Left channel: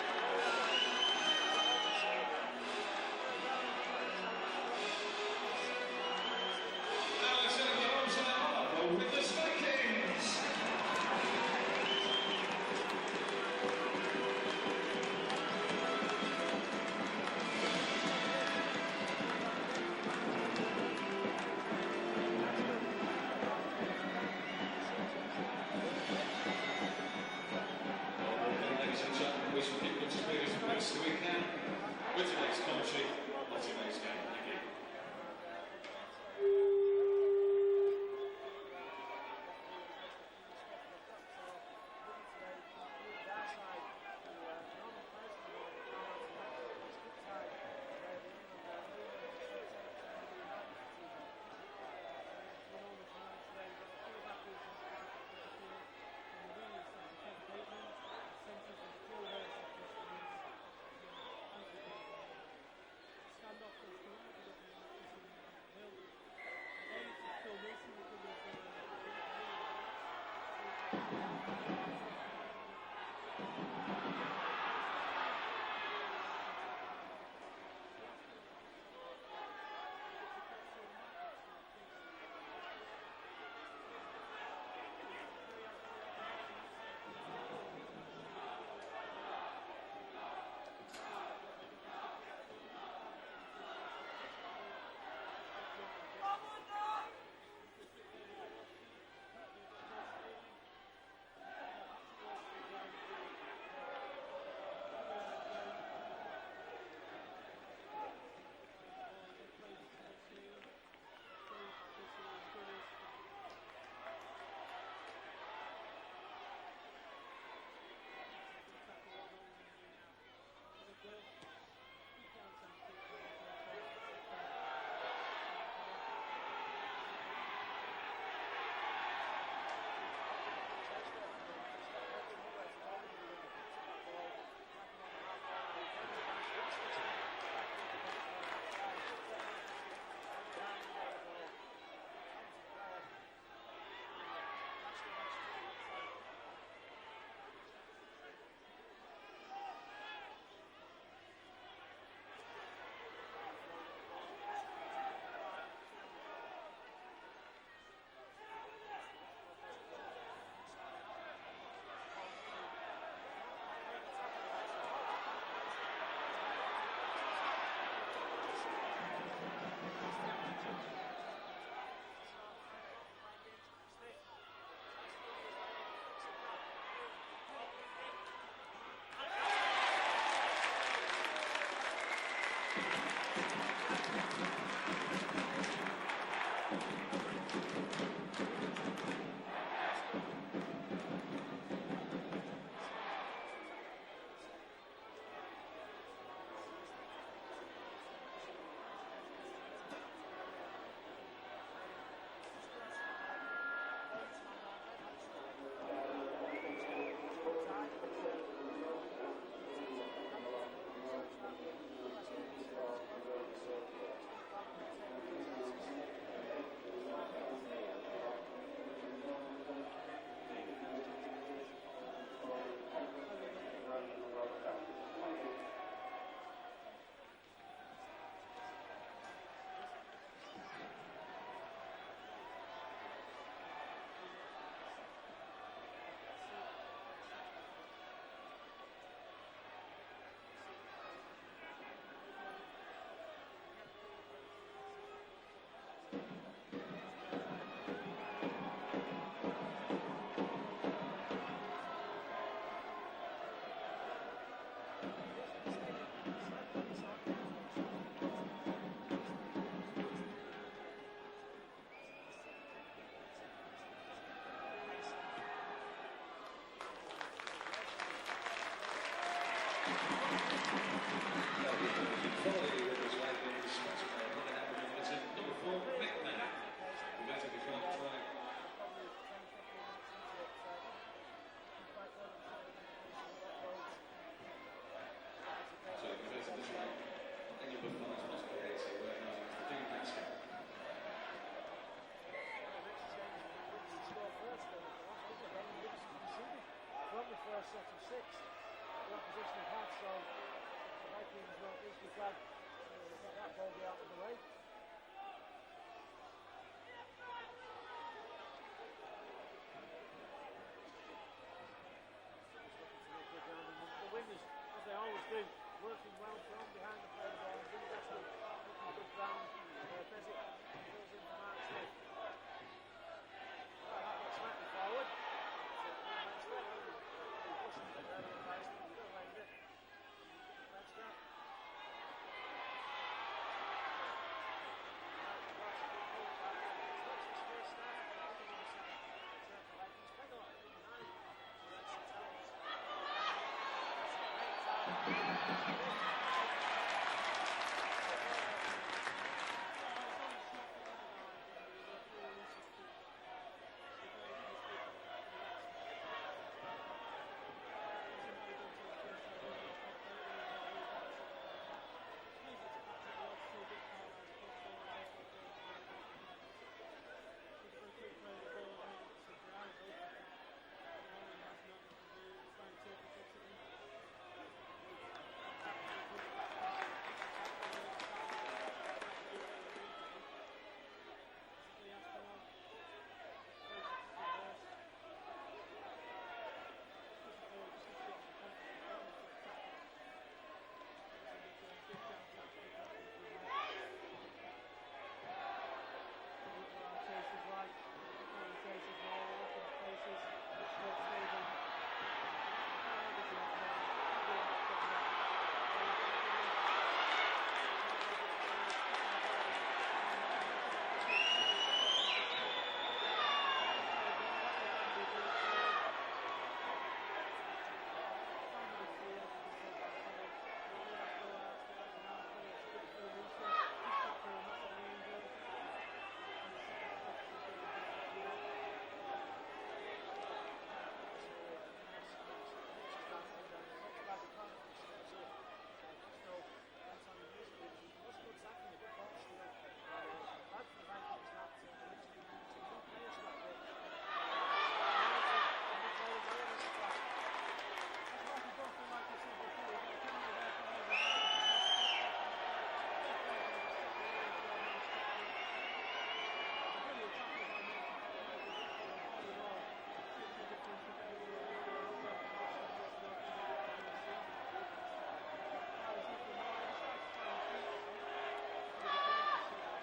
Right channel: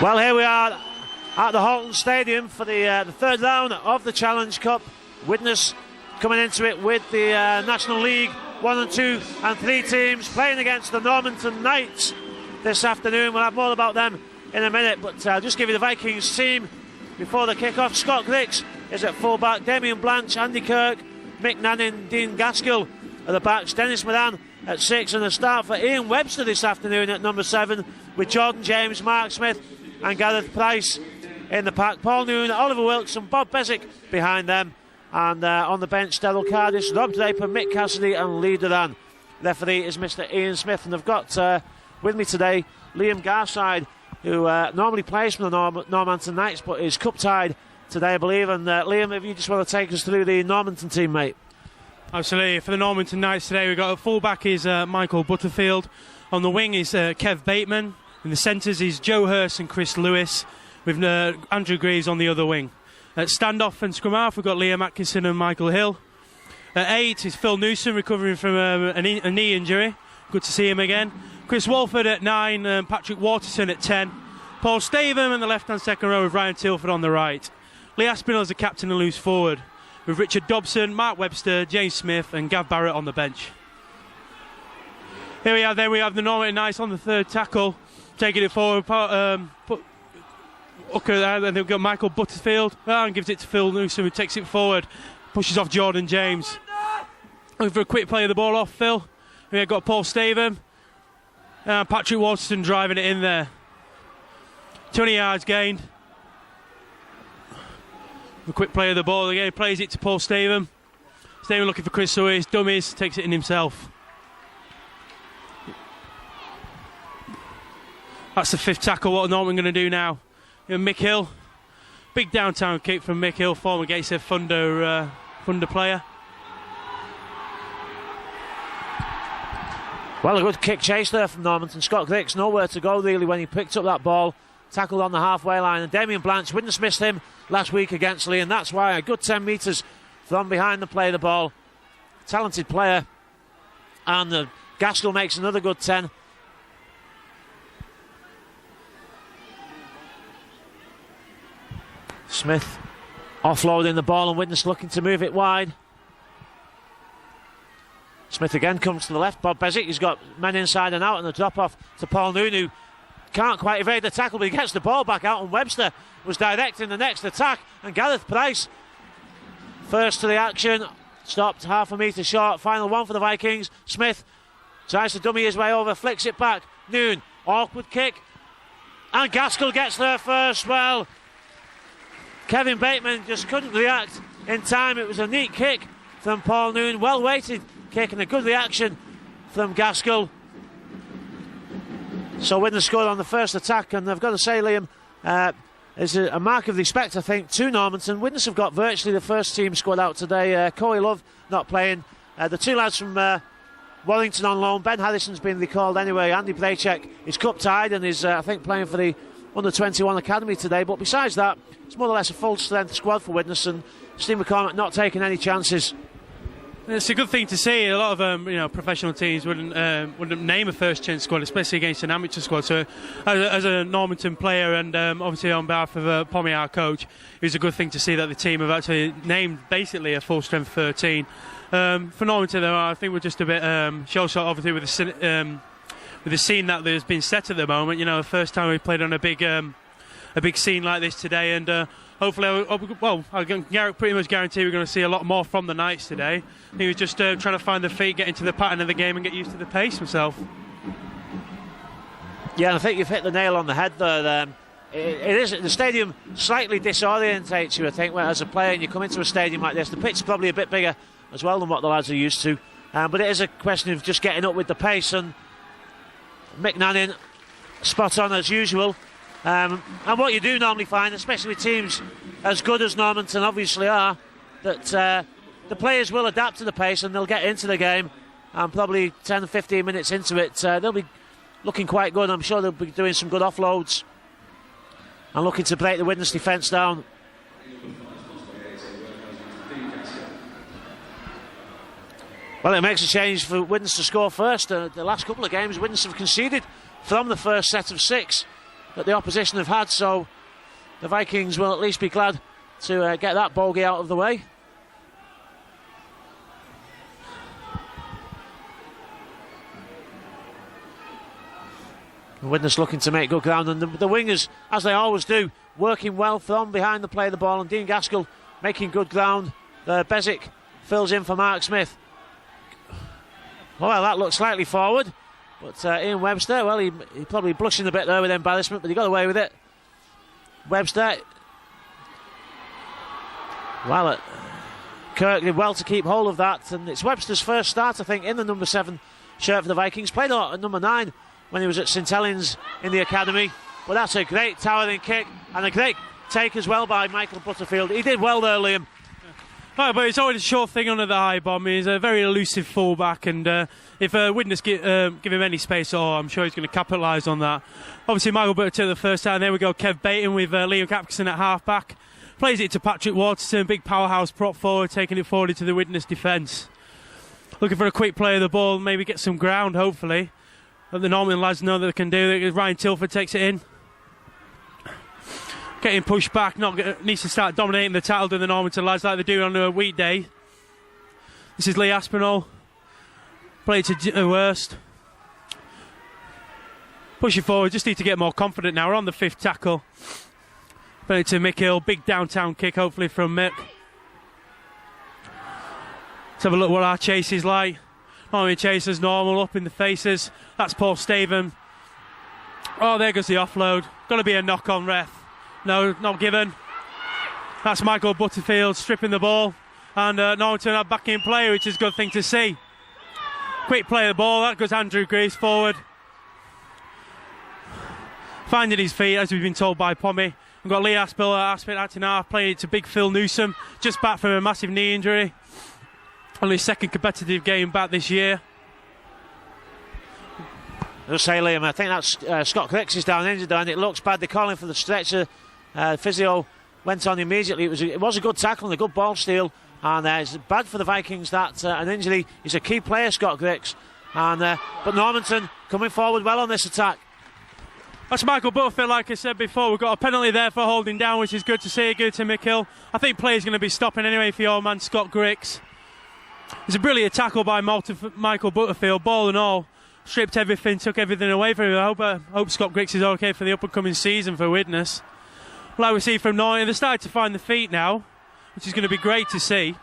Well, here we are at the Halton Stadium for the third round of the Challenge Cup. Widnes coming into it with the National League 1 and 2 and 3 teams playing against the Normanton Knights this afternoon. We'll have more about them in a minute, but I'll just give you the Vikings team before the kick-off. Scott Griggs is at full-back, Damien Blanche, Andy Kirk, Mick Nannin, Dean Gaskell at the backs, Dennis Moran at 6, and a start for Ian Webster this afternoon at number 7 with Jordan James, Mark Smith and Gareth Price in the pack. Paul Noon, Oliver Wilkes and Bob Beswick behind them, and on the bench Daryl Cardis, Rob Draper, Mick Cassidy and Lee Duran. Referee is Mr Ian Smith, and I've got with me today Liam Garside, who normally plays for the Normanton Knights but is cup tied today, I believe. And Liam, if you just want to take us through the Normanton team, mate. Absolutely. For the Normanton Knights today, we've got a full-back is Michael Butterfield. On the wing is Kev Bateman. In the centres is Joe Hurst and Chris Lewis, with Andrew Greaves on the other wing. At stand-off and scrum-half, we've got Liam Atkinson and Michael Hill. At 8 is Phil Newsom, recovering from a knee injury. Good to see him again. Chris Walford at 9, Patrick Waterson at 10. Paul Staveham in the left-hand second row with Ryan Tilford on the right. Lee Aspinall is the captain and loose forward, with Richard Dobson, Mark Webster, James Smith and Gav Barrett on the bench. Here we are, then we have the Normanton Knights on the third tackle, taking it forward. Hooker there, then they've got Michael Butterfield, and gives it to Phil Newsom, who takes it forward, pushes off Jordan James. Looking for a quick play of the ball off Phil. We've got Paul Staveham, Patrick Waterson driving it in there. 20 yards gained. A quick play of the ball again, plays it to Paul Staveham. Staveham looking for Chris Lewis, dummies, takes it in himself. That's the fifth tackle. What are Norman going to do now? Mick Hill, big downtown kick from Mick Hill, former Gateshead Thunder player. Well, a good kick chase there from Normanton. Scott Griggs nowhere to go really when he picked up that ball, tackled on the halfway line, and Damien Blanche wouldn't miss him last week against Lee, and that's why a good 10 metres from behind the play of the ball. Talented player, and Gaskell makes another good 10. Smith offloading the ball, and Widnes looking to move it wide. Smith again comes to the left. Bob Beswick, he's got men inside and out, and the drop off to Paul Noon, who can't quite evade the tackle, but he gets the ball back out, and Webster was directing the next attack, and Gareth Price first to the action, stopped half a metre short. Final one for the Vikings. Smith tries to dummy his way over, flicks it back. Noon, awkward kick, and Gaskell gets there first. Well, Kevin Bateman just couldn't react in time. It was a neat kick from Paul Noon, well weighted kick, and a good reaction from Gaskell. So Widnes scored on the first attack, and I've got to say, Liam, is a mark of respect, I think, to Normanton. Widnes have got virtually the first team squad out today. Corey Love not playing. The two lads from Warrington on loan. Ben Harrison's been recalled anyway. Andy Braychek is cup tied and is, I think, playing for the under-21 academy today. But besides that, it's more or less a full-strength squad for Widnes, and Steve McCormack not taking any chances. It's a good thing to see. A lot of professional teams wouldn't name a first-chance squad, especially against an amateur squad. So, as a Normanton player, and obviously on behalf of Pommy, our coach, it was a good thing to see that the team have actually named basically a full-strength 13. For Normanton, though, I think we're just a bit shell-shocked, obviously, with the scene that has been set at the moment. You know, the first time we played on a big scene like this today, and hopefully, I can pretty much guarantee we're going to see a lot more from the Knights today. He was just trying to find the feet, get into the pattern of the game and get used to the pace himself. Yeah, I think you've hit the nail on the head there. It is, the stadium slightly disorientates you, I think, as a player, and you come into a stadium like this. The pitch is probably a bit bigger as well than what the lads are used to, but it is a question of just getting up with the pace, and Mick Nannin spot on as usual. And what you do normally find, especially with teams as good as Normanton obviously are, that the players will adapt to the pace and they'll get into the game, and probably 10-15 minutes into it they'll be looking quite good. I'm sure they'll be doing some good offloads and looking to break the Widnes defence down. Well, it makes a change for Widnes to score first. The last couple of games Widnes have conceded from the first set of 6. that the opposition have had, so the Vikings will at least be glad to get that bogey out of the way. Widnes looking to make good ground, and the wingers, as they always do, working well from behind the play of the ball, and Dean Gaskell making good ground. Bezic fills in for Mark Smith. Well, that looks slightly forward, but Ian Webster, well, he probably blushing a bit there with embarrassment, but he got away with it. Webster, well, Kirk did well to keep hold of that, and it's Webster's first start, I think, in the number 7 shirt for the Vikings. Played a lot at number 9 when he was at St Helens in the academy, but that's a great towering kick and a great take as well by Michael Butterfield. He did well there, Liam. Right, but it's always a short thing under the high bomb. He's a very elusive fullback, and if Widnes give him any space, I'm sure he's going to capitalise on that. Obviously, Michael Butterfield took the first time. There we go, Kev Baton with Liam Capkerson at half-back. Plays it to Patrick Waterson, big powerhouse prop forward, taking it forward into the Widnes defence. Looking for a quick play of the ball, maybe get some ground, hopefully. But the Normanton lads know that they can do it. Ryan Tilford takes it in. Getting pushed back, needs to start dominating the tackle to the Normanton lads like they do on a weekday. This is Lee Aspinall. Play it to Worst. Push it forward, just need to get more confident now. We're on the 5th tackle. Play it to Mick Hill, big downtown kick hopefully from Mick. Let's have a look what our chase is like. Normally chase as normal, up in the faces. That's Paul Staven. Oh, there goes the offload. Got to be a knock on, ref. No, not given. That's Michael Butterfield stripping the ball. And Normanton have back in play, which is a good thing to see. Quick play of the ball. That goes Andrew Greaves forward. Finding his feet, as we've been told by Pommy. We've got Lee Aspin acting half, playing it to big Phil Newsom. Just back from a massive knee injury. Only his 2nd competitive game back this year. I'll say, Liam, I think that's Scott Cricks is down injured, and it looks bad. They're calling for the stretcher. Physio went on immediately. It was a good tackle and a good ball steal, and it's bad for the Vikings that an injury. He's a key player, Scott Cricks, and but Normanton coming forward well on this attack. That's Michael Butterfield, like I said before. We've got a penalty there for holding down, which is good to see. Good to Mick Hill. I think play's going to be stopping anyway for your man Scott Griggs. It's a brilliant tackle by Michael Butterfield, ball and all. Stripped everything, took everything away from him. I hope Scott Griggs is okay for the up-and-coming season for Widnes. Like we see from Normanton, they're starting to find the feet now, which is going to be great to see.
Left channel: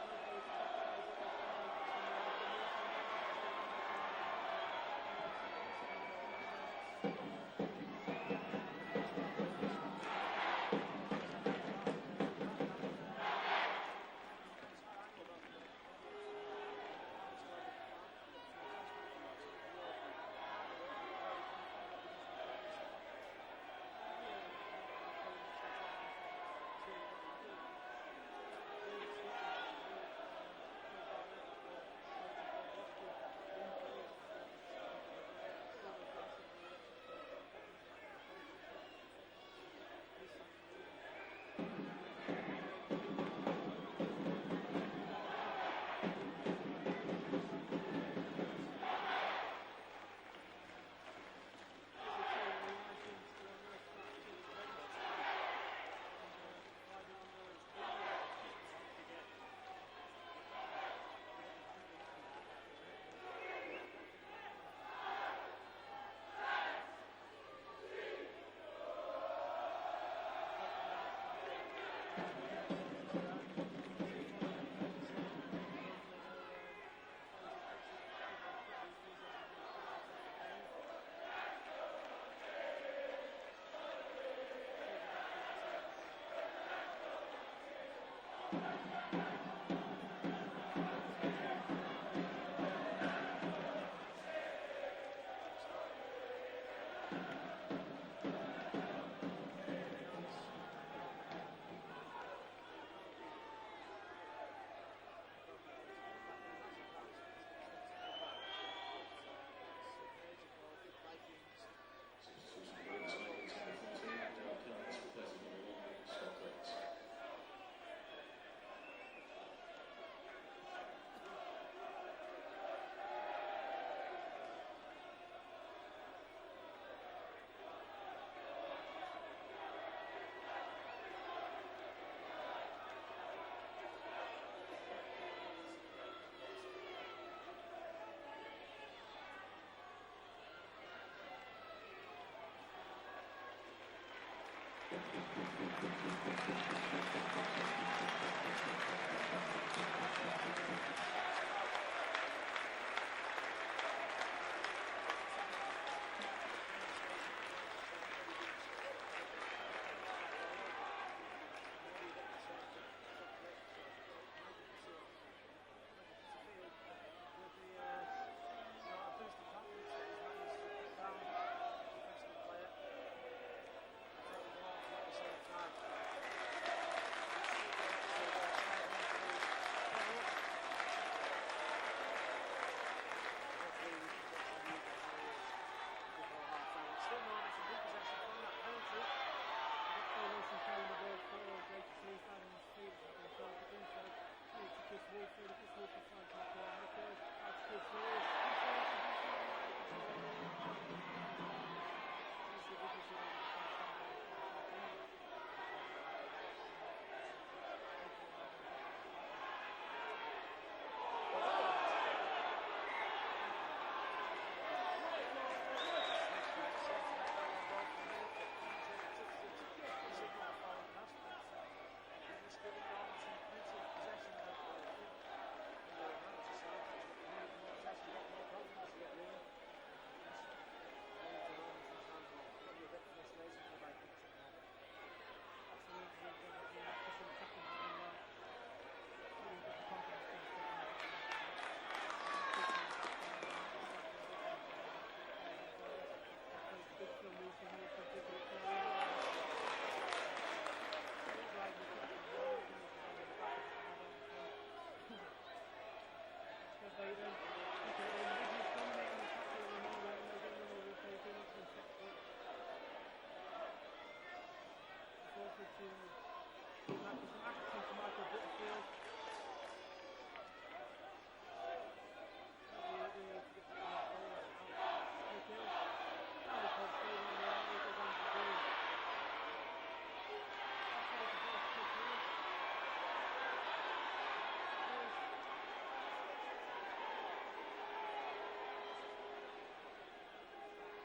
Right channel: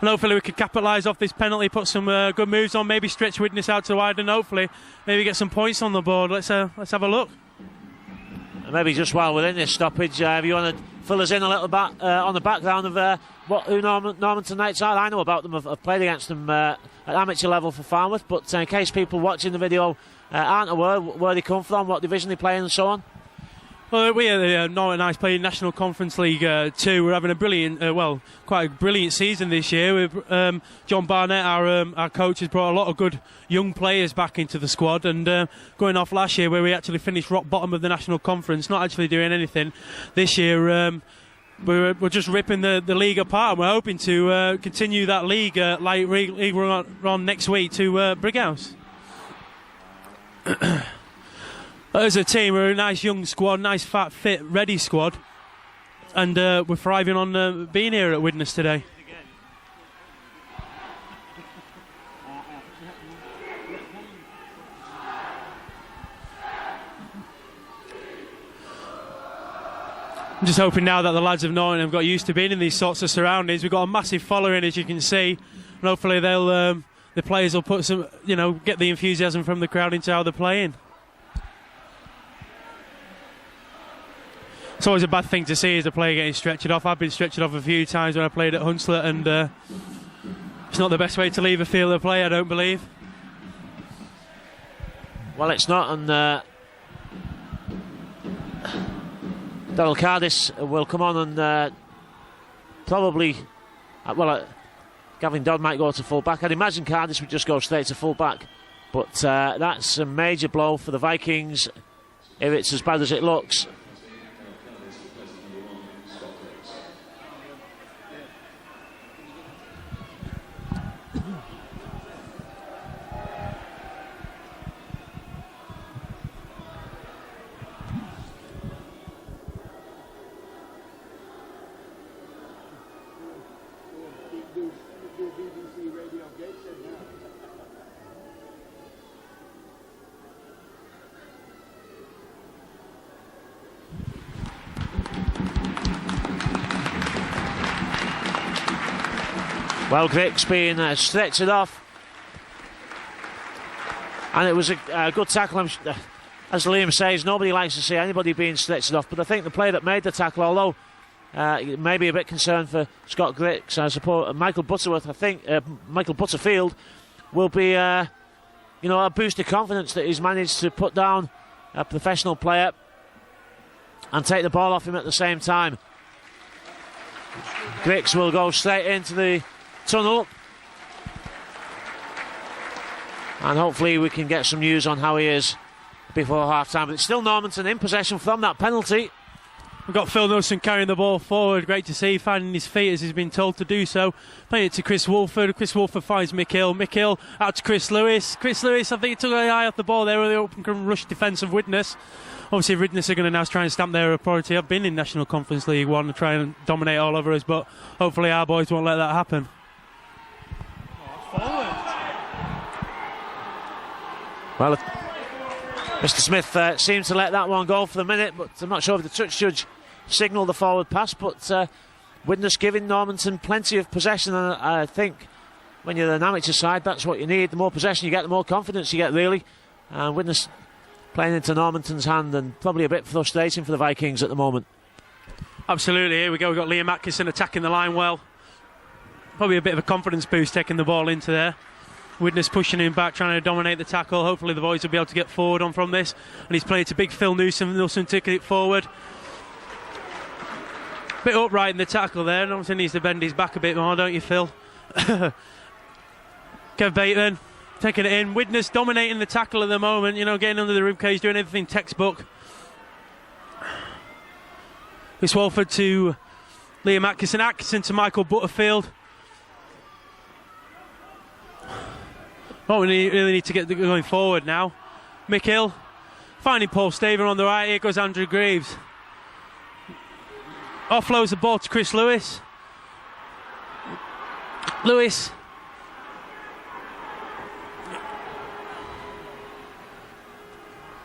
And hopefully we can capitalise off this penalty, put some good moves on, maybe stretch Widnes out to wide, and hopefully maybe get some points on the board. Let's have a look. And maybe just while we're in this stoppage, if you want to fill us in a little bit on the background of who Normanton Knights are. I know about them, I've played against them at amateur level for Farnworth, but in case people watching the video aren't aware where they come from, what division they play in and so on. Well, we are the Normanton Knights playing National Conference League 2. We're having a brilliant, quite a brilliant season this year. With John Barnett, our coach, has brought a lot of good young players back into the squad. And going off last year, where we actually finished rock bottom of the National Conference, not actually doing anything. This year, we're just ripping the league apart. And we're hoping to continue that league league run next week to Brighouse. As a team, we're a nice young squad, nice fat, fit, ready squad, and we're thriving on being here at Widnes today. I'm just hoping now that the lads of Normanton have got used to being in these sorts of surroundings. We've got a massive following, as you can see, and hopefully the players will put some, get the enthusiasm from the crowd into how they're playing. It's always a bad thing to see as a player getting stretched off. I've been stretched off a few times when I played at Hunslet, and it's not the best way to leave a field of play, I don't believe. Well, it's not, and Donald Cardis will come on and probably, Gavin Dodd might go to full back. I'd imagine Cardis would just go straight to full back, but that's a major blow for the Vikings if it's as bad as it looks. Well, Griggs being stretched off. And it was a good tackle. As Liam says, nobody likes to see anybody being stretched off, but I think the player that made the tackle, although maybe a bit concerned for Scott Griggs, I suppose Michael Butterworth, I think Michael Butterfield will be a boost of confidence that he's managed to put down a professional player and take the ball off him at the same time. Griggs will go straight into the tunnel, and hopefully we can get some news on how he is before half-time. But it's still Normanton in possession from that penalty. We've got Phil Nelson carrying the ball forward. Great to see, finding his feet as he's been told to do so. Playing it to Chris Wolford. Chris Wolford finds Mick Hill. Mick Hill out to Chris Lewis. Chris Lewis, I think he took an eye off the ball there with the open rush defence of Widnes. Obviously, Widnes are going to now try and stamp their authority. I've been in National Conference League 1 to try and dominate all over us, but hopefully our boys won't let that happen. Well, Mr. Smith seemed to let that one go for the minute, but I'm not sure if the touch judge signalled the forward pass. But Widnes giving Normanton plenty of possession, and I think when you're an amateur side, that's what you need. The more possession you get, the more confidence you get, really. And Widnes playing into Normanton's hand, and probably a bit frustrating for the Vikings at the moment. Absolutely, here we go. We've got Liam Atkinson attacking the line well. Probably a bit of a confidence boost taking the ball into there. Widnes pushing him back, trying to dominate the tackle. Hopefully the boys will be able to get forward on from this. And he's playing to big Phil Nelson. Nelson taking it forward. Bit upright in the tackle there. Nelson needs to bend his back a bit more, don't you, Phil? Kev Bateman taking it in. Widnes dominating the tackle at the moment. Getting under the ribcage, doing everything textbook. Chris Walford to Liam Atkinson. Atkinson to Michael Butterfield. Oh, we really need to get going forward now. Mick Hill finding Paul Staver on the right. Here goes Andrew Greaves. Offloads the ball to Chris Lewis. Lewis.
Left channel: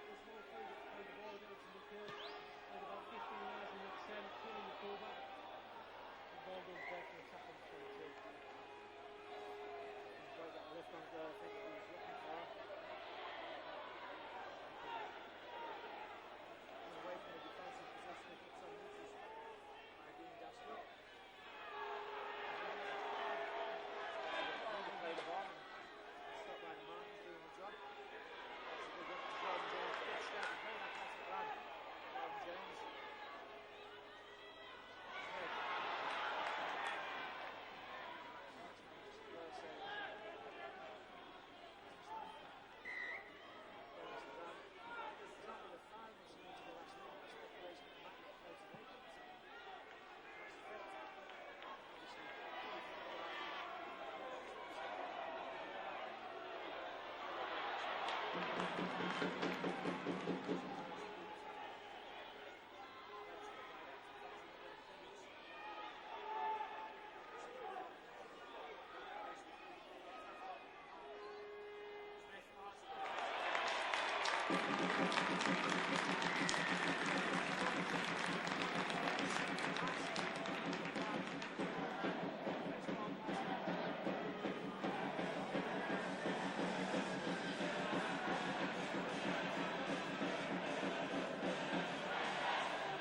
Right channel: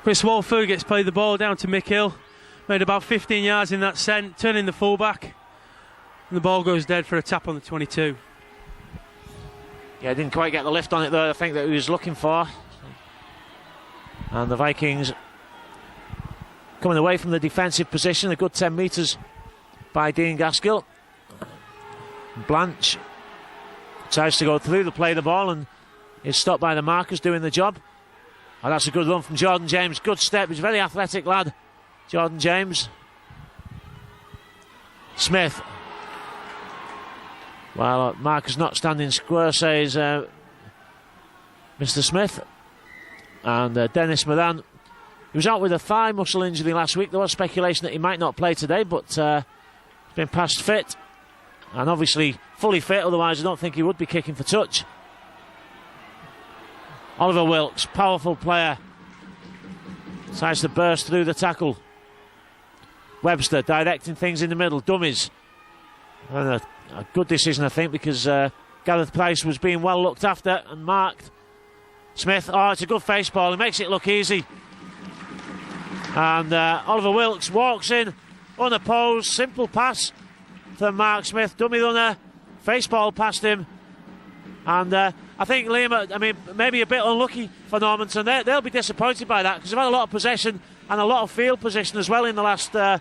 Chris Walford gets played the ball down to Mick Hill. Made about 15 yards in that sent, turning the fullback. And the ball goes dead for a tap on the 22. Yeah, didn't quite get the lift on it there, I think, that he was looking for. And the Vikings coming away from the defensive position, a good 10 metres by Dean Gaskill. Blanche tries to go through to play the ball and is stopped by the markers doing the job. Oh, that's a good run from Jordan James. Good step. He's a very athletic lad, Jordan James. Smith. Well, markers not standing square, says Mr. Smith. And Dennis Moran, he was out with a thigh muscle injury last week. There was speculation that he might not play today, but he's been past fit. And obviously fully fit, otherwise I don't think he would be kicking for touch. Oliver Wilkes, powerful player. Tries to burst through the tackle. Webster directing things in the middle, dummies. And a good decision, I think, because Gareth Price was being well looked after and marked. Smith, it's a good face ball, he makes it look easy. And Oliver Wilkes walks in, unopposed, simple pass from Mark Smith, dummy runner, face ball past him. And I think Liam, maybe a bit unlucky for Normanton. They'll be disappointed by that, because they've had a lot of possession and a lot of field position as well in the last 5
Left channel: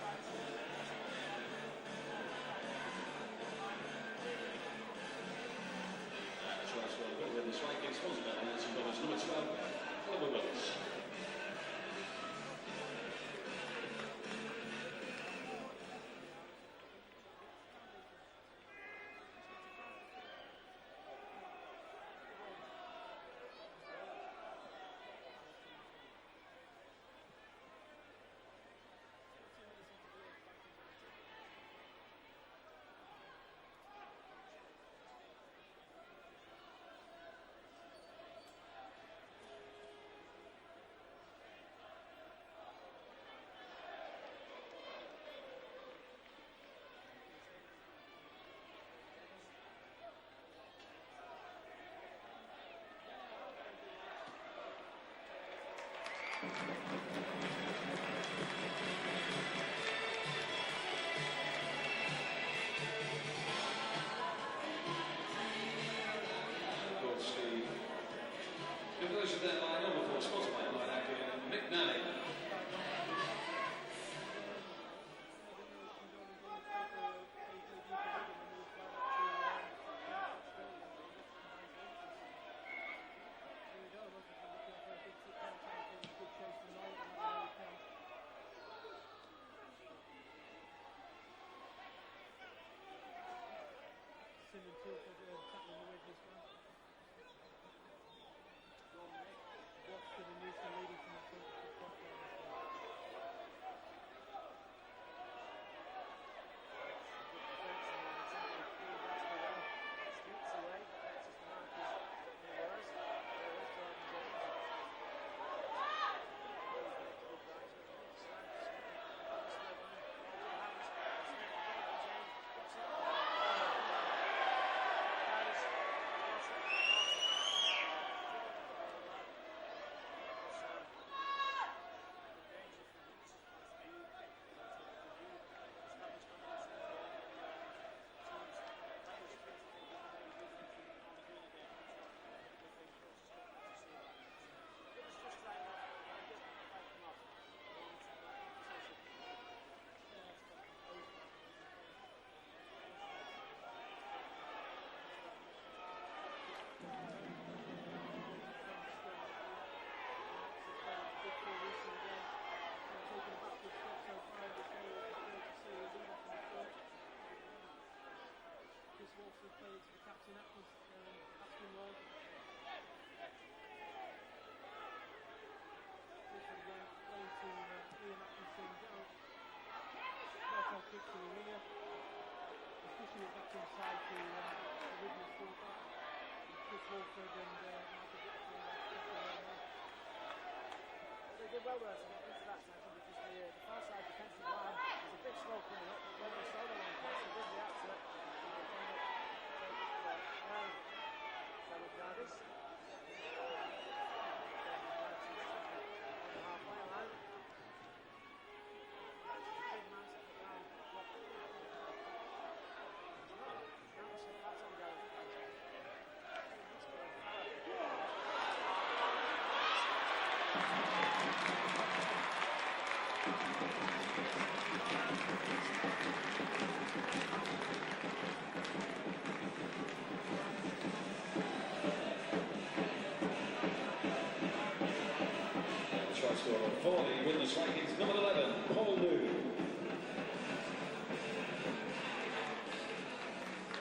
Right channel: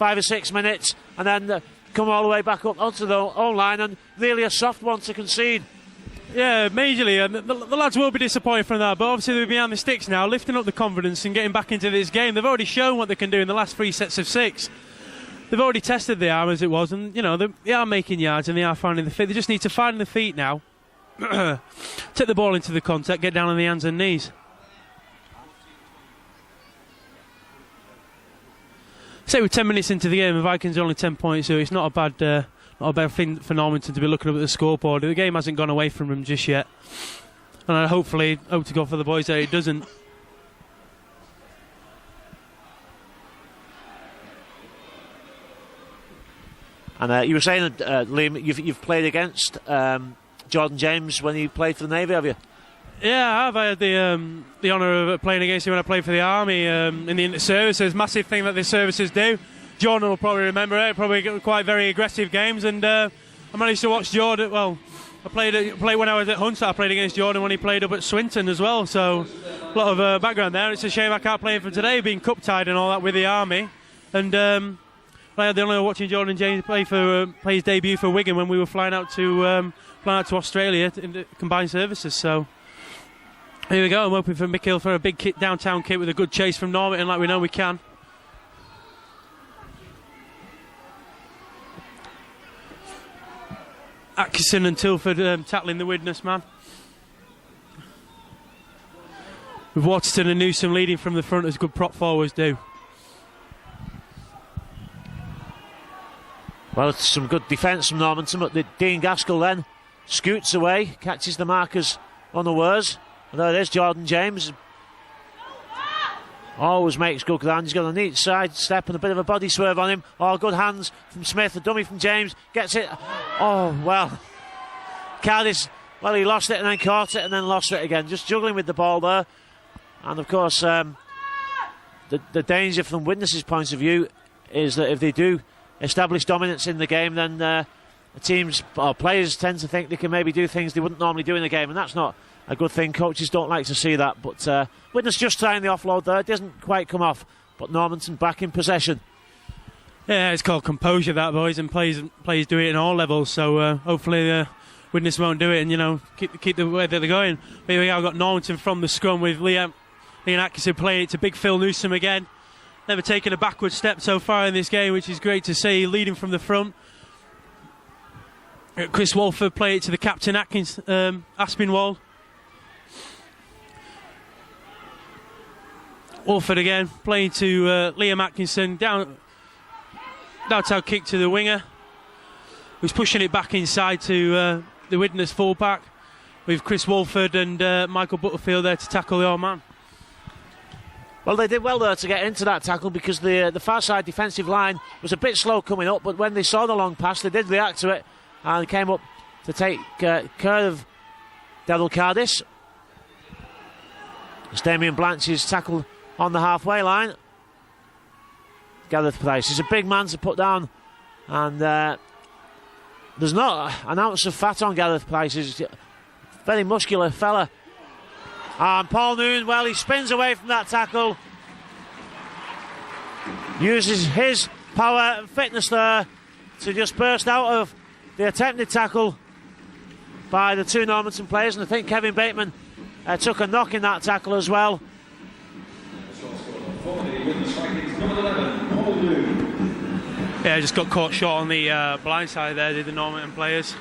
or 6 minutes, and then come all the way back up onto the own line, and really a soft one to concede. Yeah, majorly, and the lads will be disappointed from that, but obviously they're behind the sticks now, lifting up the confidence and getting back into this game. They've already shown what they can do in the last 3 sets of 6. They've already tested the arm as it was, and they are making yards and they are finding the feet. They just need to find the feet now. Take the ball into the contact, get down on the hands and knees. Say we're 10 minutes into the game, the Vikings are only 10 points, so it's not a bad thing for Normanton to be looking up at the scoreboard. The game hasn't gone away from them just yet, and I hope to God for the boys that it doesn't. And you were saying, Liam, you've played against Jordan James when you played for the Navy, have you? Yeah, I have. I had the honour of playing against him when I played for the Army in the inter-services. Massive thing that the services do. Jordan will probably remember it. Probably quite very aggressive games, and I managed to watch Jordan. Well, I played when I was at Hunslet. I played against Jordan when he played up at Swinton as well. So a lot of background there. It's a shame I can't play him for today, being cup tied and all that with the army. And I had the honour of watching Jordan James play his debut for Wigan when we were flying out to Australia in the combined services. So here we go. I'm hoping for Mick Hill for a big downtown kit with a good chase from Normanton, like we know we can. Atkinson and Tilford tackling the Widnes man. With Waterton and Newsom leading from the front as good prop forwards do. Well, it's some good defence from Normanton, but Dean Gaskell then scoots away, catches the markers unawares. And there it is, Jordan James. Always makes good ground. He's got a neat side step and a bit of a body swerve on him. Oh, good hands from Smith, a dummy from James. Gets it. Oh, well. Cardis, well, he lost it and then caught it and then lost it again. Just juggling with the ball there. And, of course, the danger from Widnes' point of view is that if they do establish dominance in the game, then the teams or players tend to think they can maybe do things they wouldn't normally do in the game, and that's not a good thing. Coaches don't like to see that, but Widnes just trying the offload there. It doesn't quite come off, but Normanton back in possession. Yeah, it's called composure, that, boys, and players do it in all levels, so hopefully Widnes won't do it and, keep the way that they're going. But here we go, I've got Normanton from the scrum with Liam Atkinson playing it to big Phil Newsom again. Never taken a backward step so far in this game, which is great to see, leading from the front. Chris Walford playing it to the captain, Aspinwall. Walford again, playing to Liam Atkinson, downtown kick to the winger, who's pushing it back inside to the Widnes fullback, with Chris Walford and Michael Butterfield there to tackle your man. Well, they did well there to get into that tackle because the far side defensive line was a bit slow coming up, but when they saw the long pass, they did react to it and came up to take care of Daryl Cardis. It's Damien Blanch's tackle on the halfway line. Gareth Price is a big man to put down, and there's not an ounce of fat on Gareth Price. He's a very muscular fella. And Paul Noon, well, he spins away from that tackle, uses his power and fitness there to just burst out of the attempted tackle by the two Normanton players, and I think Kevin Bateman took a knock in that tackle as well. Yeah, just got caught short on the blind side there, did the Normanton players.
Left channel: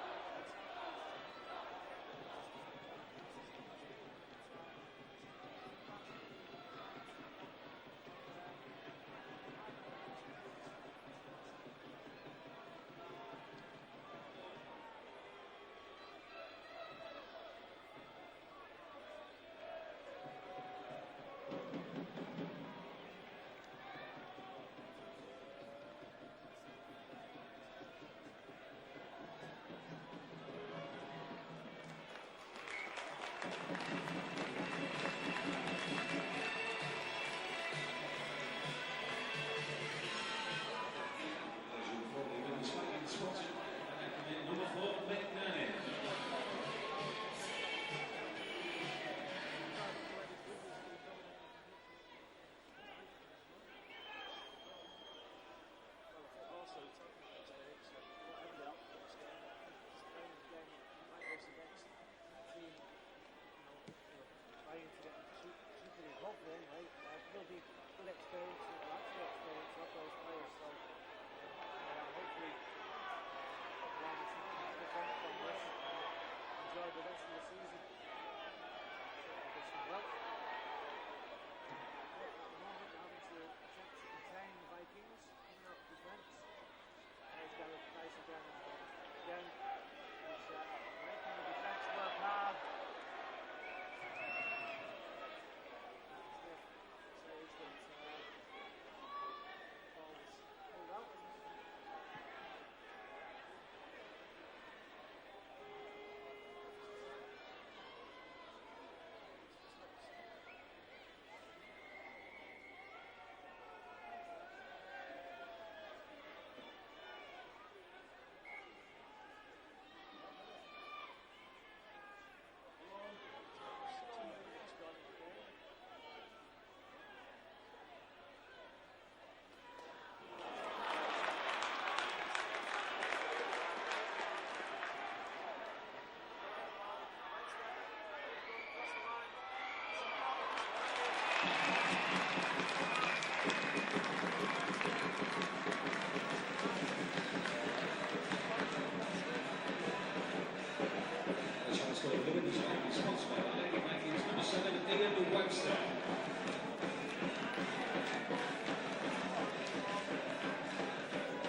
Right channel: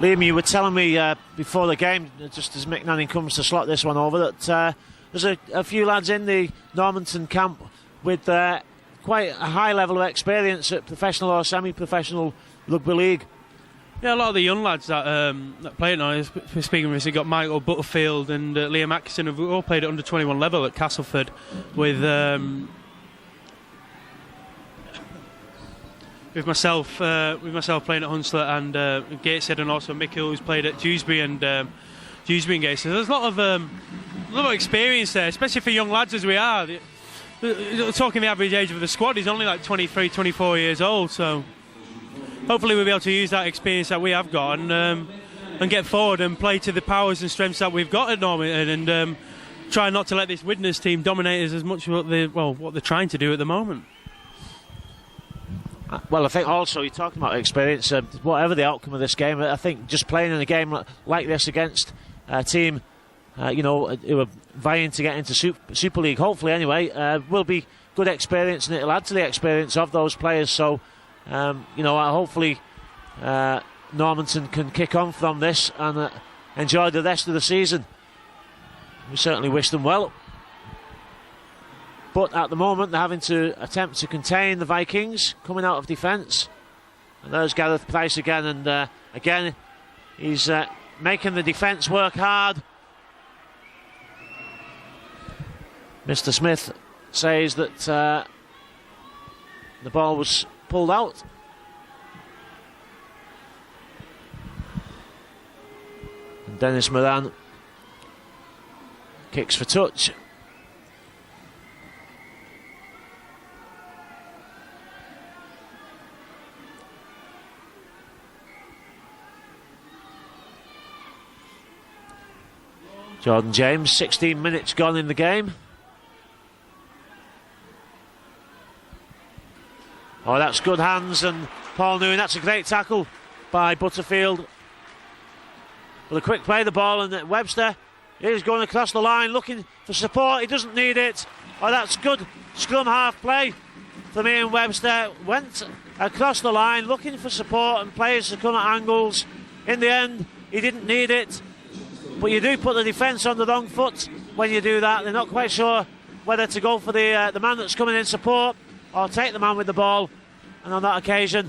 Liam, you were telling me before the game, just as Mick Nanning comes to slot this one over, that there's a few lads in the Normanton camp with quite a high level of experience at professional or semi-professional rugby league. Yeah, a lot of the young lads that play it now, speaking of this, you've got Michael Butterfield and Liam Atkinson, who've all played at under 21 level at Castleford with myself playing at Hunslet and Gateshead, and also Mick Hill, who's played at Dewsbury and Gateshead. There's a lot of experience there, especially for young lads as we are. Talking the average age of the squad, he's only like 23, 24 years old, so hopefully we'll be able to use that experience that we have got and get forward and play to the powers and strengths that we've got at Normanton, and try not to let this Widnes team dominate us as much as what they're trying to do at the moment. Well, I think also you're talking about experience. Whatever the outcome of this game, I think just playing in a game like this against a team, who are vying to get into Super League, hopefully anyway, will be good experience, and it'll add to the experience of those players. So, hopefully Normanton can kick on from this and enjoy the rest of the season. We certainly wish them well. But at the moment, they're having to attempt to contain the Vikings coming out of defence. And there's Gareth Price again, and again, He's making the defence work hard. Mr. Smith says that the ball was pulled out. And Dennis Moran kicks for touch. Jordan James, 16 minutes gone in the game. Oh, that's good hands, and Paul Newman, that's a great tackle by Butterfield. With a quick play of the ball, and Webster is going across the line looking for support. He doesn't need it. Oh, that's good scrum half play from Ian Webster. Went across the line looking for support and players to come at angles. In the end, he didn't need it. But you do put the defence on the wrong foot when you do that. They're not quite sure whether to go for the man that's coming in support or take the man with the ball. And on that occasion,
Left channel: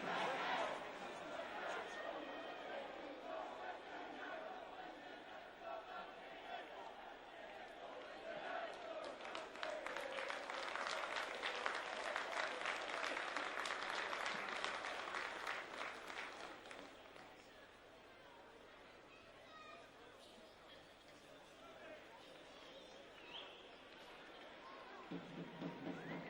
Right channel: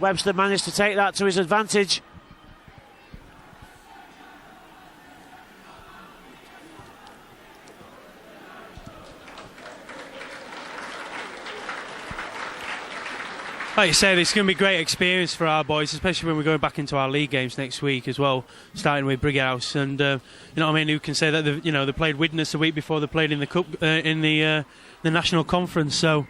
Webster managed to take that to his advantage. Like you said, it's going to be a great experience for our boys, especially when we're going back into our league games next week as well, starting with Brighouse. And you know what I mean? Who can say that they played Widnes the week before they played in the cup in the national conference? So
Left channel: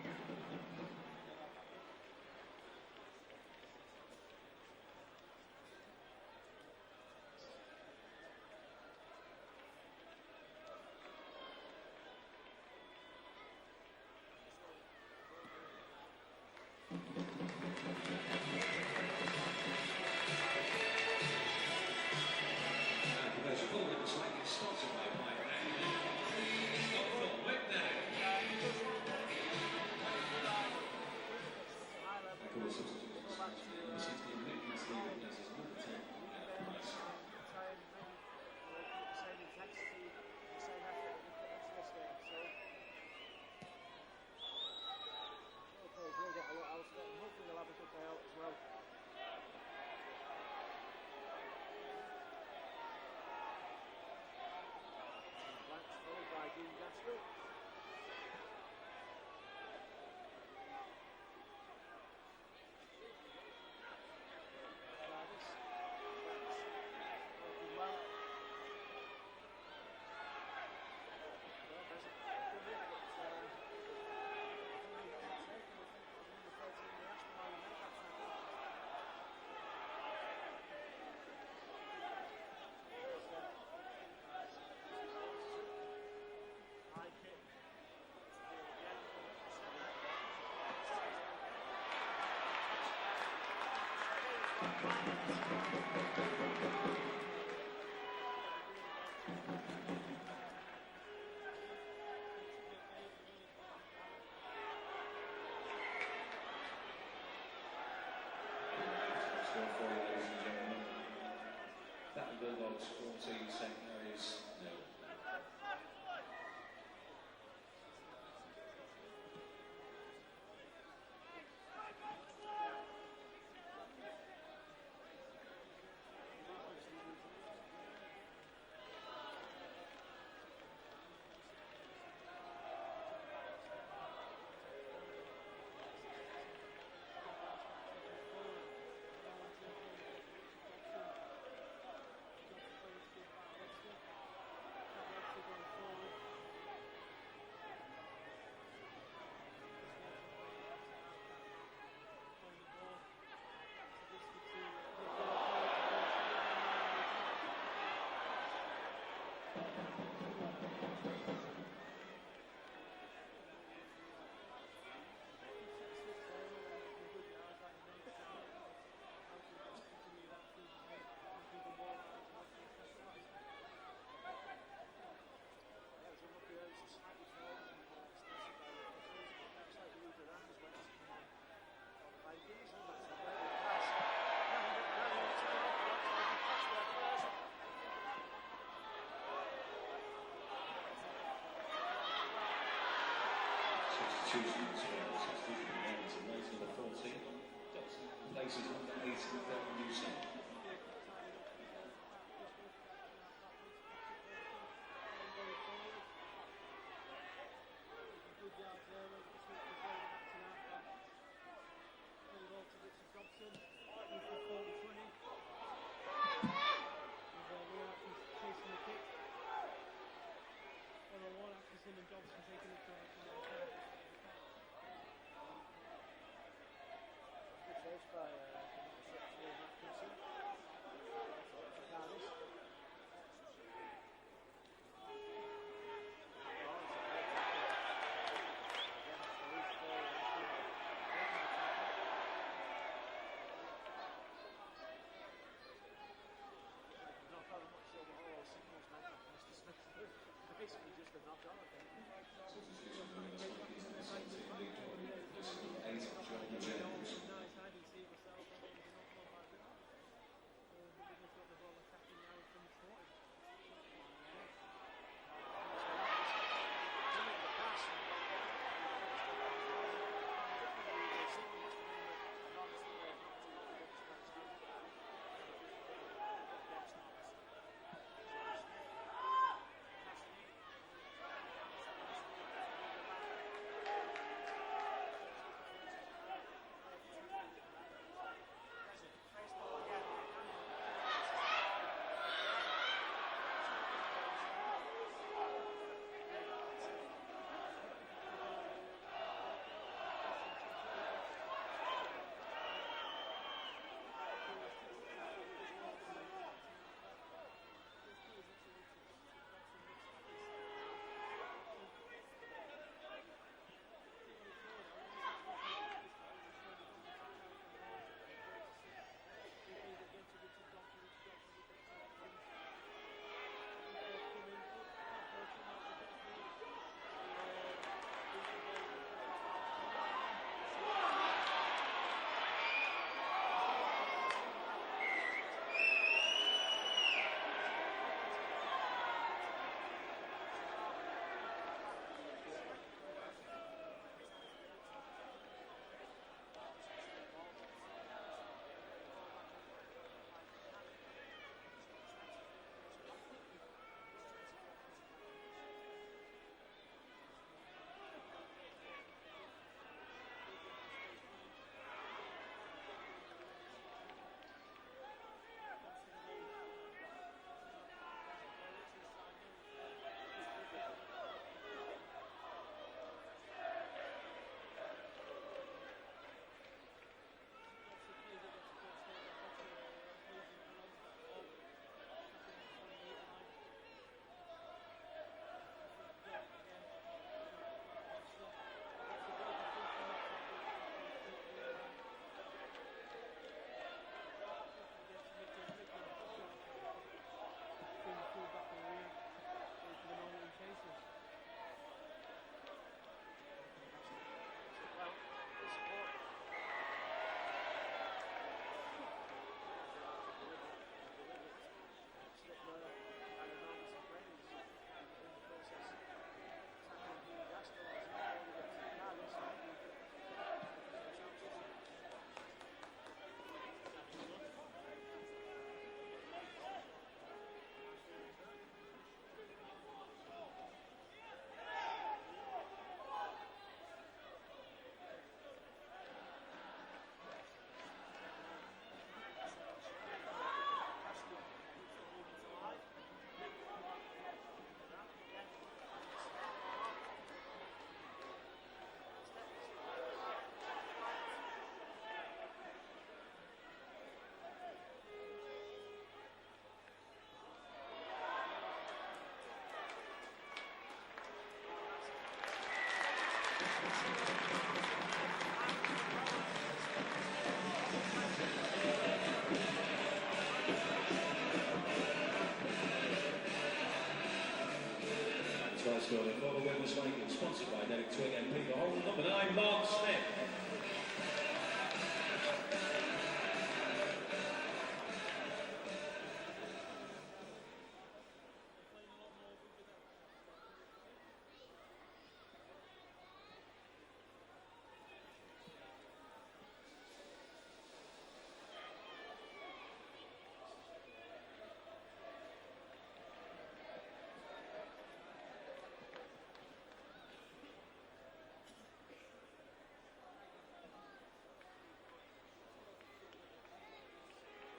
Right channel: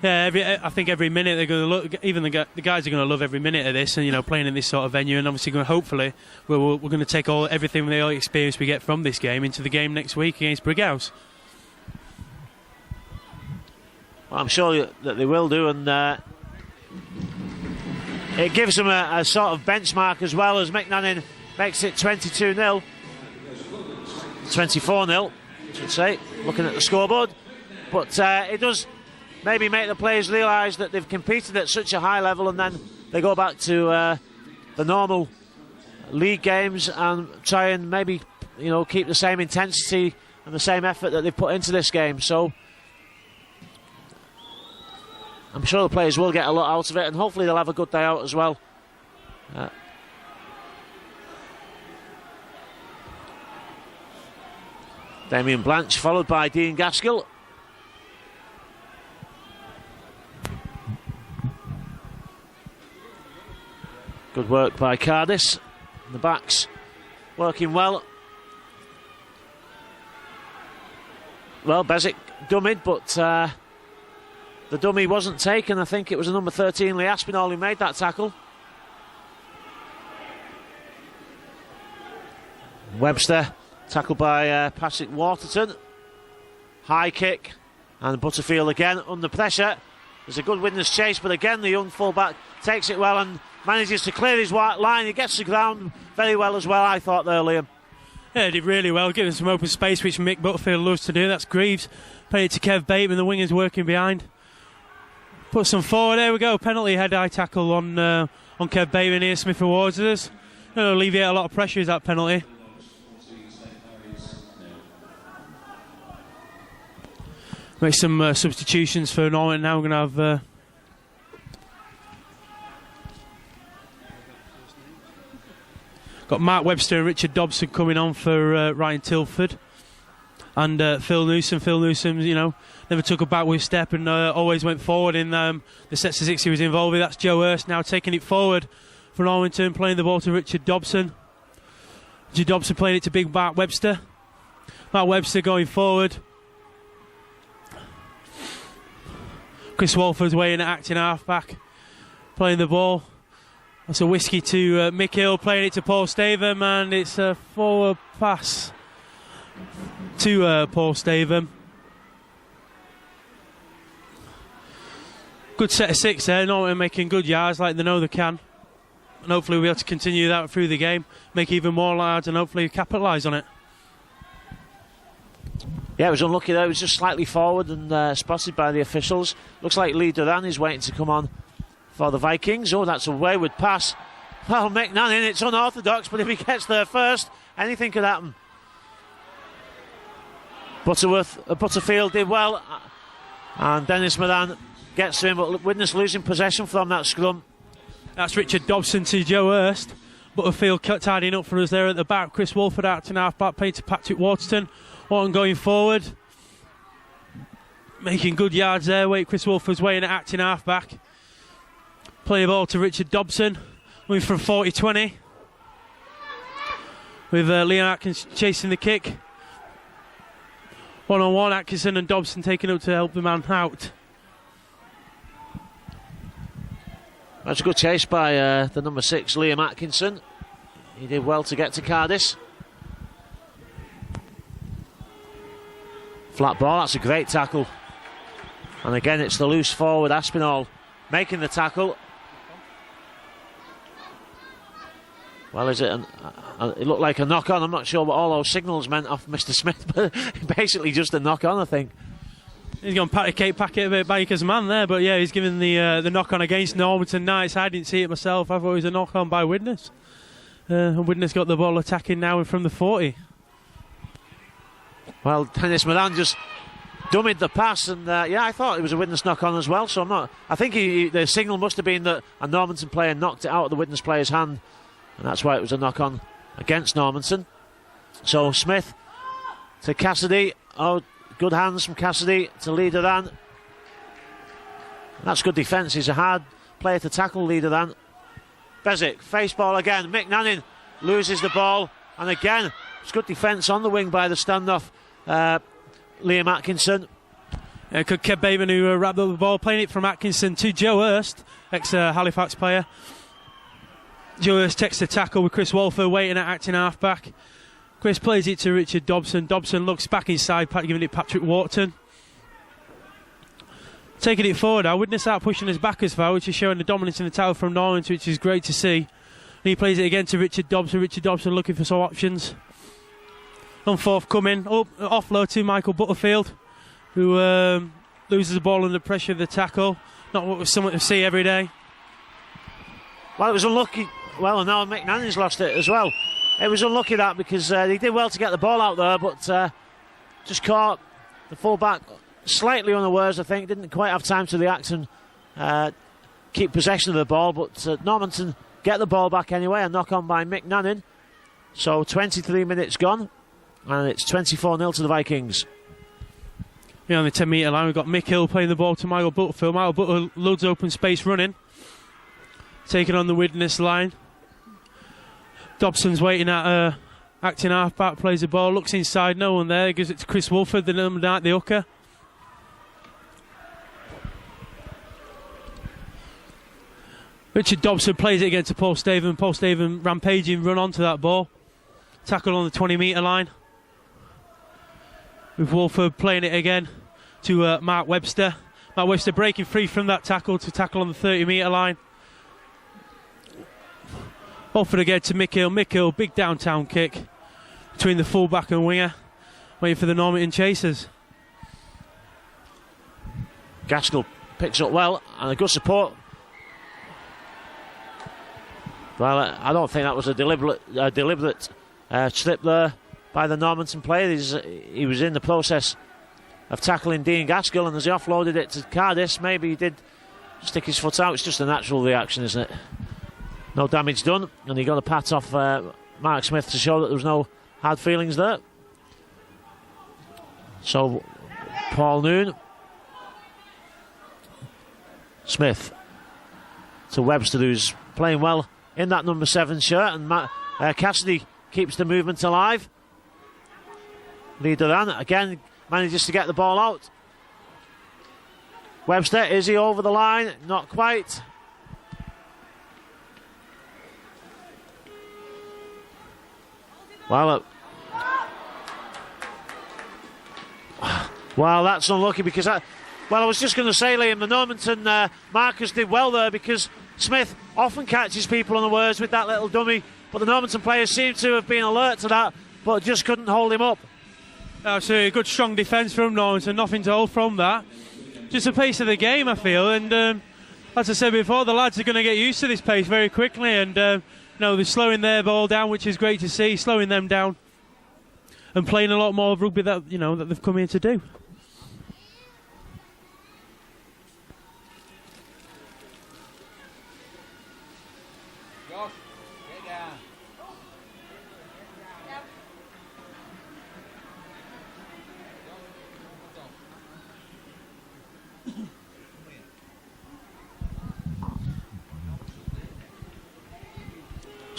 yeah, I think every minute they're going to look. Even the guys are going to love every minute of this, and playing in this sort of venue. And obviously, hopefully, we're going to take everything the experience we get from this game into the game next week against Brighouse. Well, I'm sure that they will do, and. It gives them a sort of benchmark as well, as McNannon makes it 22-0. 24-0, I should say, looking at the scoreboard. But it does maybe make the players realise that they've competed at such a high level, and then they go back to the normal league games and try and maybe keep the same intensity and the same effort that they've put into this game. So I'm sure the players will get a lot out of it, and hopefully they'll have a good day out as well. Damien Blanche followed by Dean Gaskell. Good work by Cardis. The backs working well. Well, Bezic dummied, but the dummy wasn't taken. I think it was a number 13, Lee Aspinall, who made that tackle. Webster, tackled by Patrick Waterton. High kick, and Butterfield again under pressure. There's a good Widnes chase, but again the young fullback takes it well and manages to clear his white line. He gets the ground very well as well, I thought there, Liam. Yeah, he did really well, giving some open space, which Mick Butterfield loves to do. That's Greaves. Played it to Kev Bateman, the wingers working behind. Put some forward. There we go. Penalty head-eye tackle on Kev Bateman here. Smith awards us. Going to alleviate a lot of pressure, is that penalty. Make some substitutions for Normanton now. We're going to have got Mark Webster and Richard Dobson coming on for Ryan Tilford. And Phil Newsom. Phil Newsom, never took a backward step and always went forward in the sets of six he was involved with. That's Joe Hurst now taking it forward for Normanton, playing the ball to Richard Dobson. Richard Dobson playing it to big Mark Webster. Mark Webster going forward. Chris Walford's way in at acting half-back, playing the ball. That's a whiskey to Mick Hill, playing it to Paul Stavum, and it's a forward pass to Paul Stavum. Good set of six there. Normanton making good yards like they know they can. And hopefully we'll be able to continue that through the game, make even more yards, and hopefully capitalise on it. Yeah, it was unlucky there. It was just slightly forward and spotted by the officials. Looks like Lee Duran is waiting to come on for the Vikings. Oh, that's a wayward pass. Well, McNannon, it's unorthodox, but if he gets there first, anything could happen. Butterfield did well, and Dennis Moran gets to him, but Widnes losing possession from that scrum. That's Richard Dobson to Joe Hurst. Butterfield tidying up for us there at the back. Chris Wolford acting half-back, playing to Patrick Waterton. Waterton going forward. Making good yards there. Chris Wolford's weighing at acting half-back. Play the ball to Richard Dobson. Moving from 40-20. With Liam Atkins chasing the kick. One-on-one, Atkinson and Dobson taking up to help the man out. That's a good chase by the number 6, Liam Atkinson. He did well to get to Cardis. Flat ball, that's a great tackle. And again, it's the loose forward, Aspinall, making the tackle. Well, is it? It looked like a knock-on. I'm not sure what all those signals meant off Mr. Smith, but basically just a knock-on, I think. He's gone patty cake packet a bit Baker's man there, but yeah, he's given the knock-on against Normanton Knights. I didn't see it myself. I thought it was a knock-on by Widnes. And Widnes got the ball attacking now from the 40. Well, Dennis Moran just dummied the pass, and yeah, I thought it was a Widnes knock-on as well. So I'm not. I think the signal must have been that a Normanton player knocked it out of the Widnes player's hand, and that's why it was a knock-on against Normanton. So Smith to Cassidy. Oh, good hands from Cassidy to Leaderan. That's good defence. He's a hard player to tackle, Leaderan. Bezic, face ball again. Mick Nannin loses the ball, and again, it's good defence on the wing by the standoff. Liam Atkinson. Kev Baven who wrapped up the ball, playing it from Atkinson to Joe Hurst, ex-Halifax player. Joe Hurst takes the tackle with Chris Wolfer waiting at acting half-back. Chris plays it to Richard Dobson. Dobson looks back inside, giving it Patrick Waterton. Taking it forward now, Widnes out pushing us back as far, which is showing the dominance in the tower from Normanton, which is great to see. And he plays it again to Richard Dobson. Richard Dobson looking for some options. Unforthcoming. Offload to Michael Butterfield, who loses the ball under pressure of the tackle. Not what was something to see every day. Well, it was unlucky. Well, and now Mick Nannin's lost it as well. It was unlucky that because he did well to get the ball out there, but just caught the full-back slightly unawares, I think. Didn't quite have time to react and keep possession of the ball, but Normanton get the ball back anyway. A knock-on by Mick Nannin. So 23 minutes gone, and it's 24-0 to the Vikings. Yeah, on the 10-metre line, we've got Mick Hill playing the ball to Michael Butterfield. Michael Butterfield loads open space running. Taking on the Widnes line. Dobson's waiting at acting half-back, plays the ball, looks inside, no one there, gives it to Chris Wolford, the number 9, the hooker. Richard Dobson plays it again to Paul Staven. Paul Staven rampaging, run onto that ball. Tackle on the 20-metre line. With Wolford playing it again to Mark Webster. Mark Webster breaking free from that tackle to tackle on the 30-metre line. Wolford again to Mick Hill. Mick Hill, big downtown kick between the full-back and winger. Waiting for the Normanton chasers. Gaskell picks up well, and a good support. Well, I don't think that was a deliberate slip there by the Normanton player. He was in the process of tackling Dean Gaskell, and as he offloaded it to Cardis, maybe he did stick his foot out. It's just a natural reaction, isn't it? No damage done, and he got a pat off Mark Smith to show that there was no hard feelings there. So, Paul Noon. Smith to Webster, who's playing well in that number 7 shirt, and Cassidy keeps the movement alive. Leaderan again manages to get the ball out. Webster, is he over the line? Not quite. Well, that's unlucky because I was just going to say, Liam, the Normanton markers did well there because Smith often catches people unawares with that little dummy, but the Normanton players seem to have been alert to that, but just couldn't hold him up. Absolutely, a good strong defence from Normanton, nothing to hold from that. Just the pace of the game, I feel, and as I said before, the lads are going to get used to this pace very quickly, and they're slowing their ball down, which is great to see, slowing them down and playing a lot more rugby that that they've come here to do.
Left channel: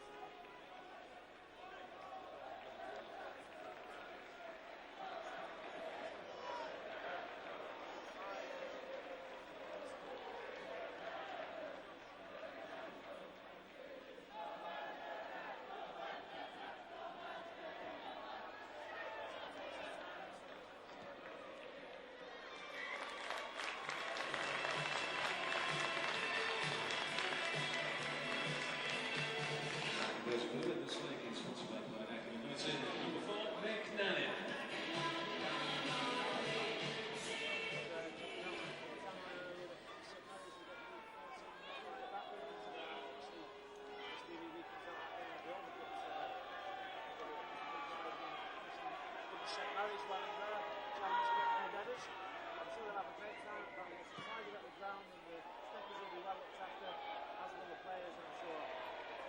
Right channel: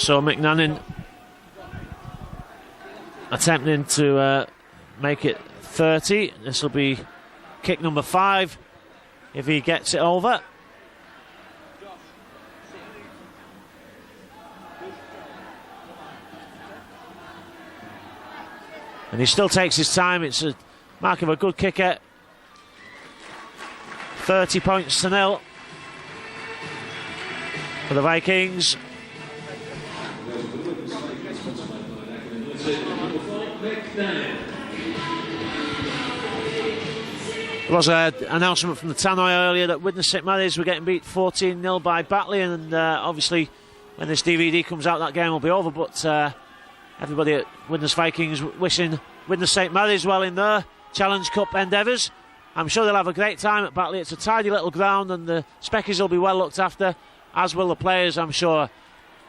So McNannon attempting to make it 30. This will be kick number 5 if he gets it over. And he still takes his time. It's a mark of a good kicker. 30 points to 0 for the Vikings. There was an announcement from the Tannoy earlier that Widnes St Mary's were getting beat 14-0 by Batley, and obviously when this DVD comes out that game will be over, but everybody at Widnes Vikings wishing Widnes St Mary's well in their Challenge Cup endeavours. I'm sure they'll have a great time at Batley. It's a tidy little ground and the Speckies will be well looked after, as will the players, I'm sure.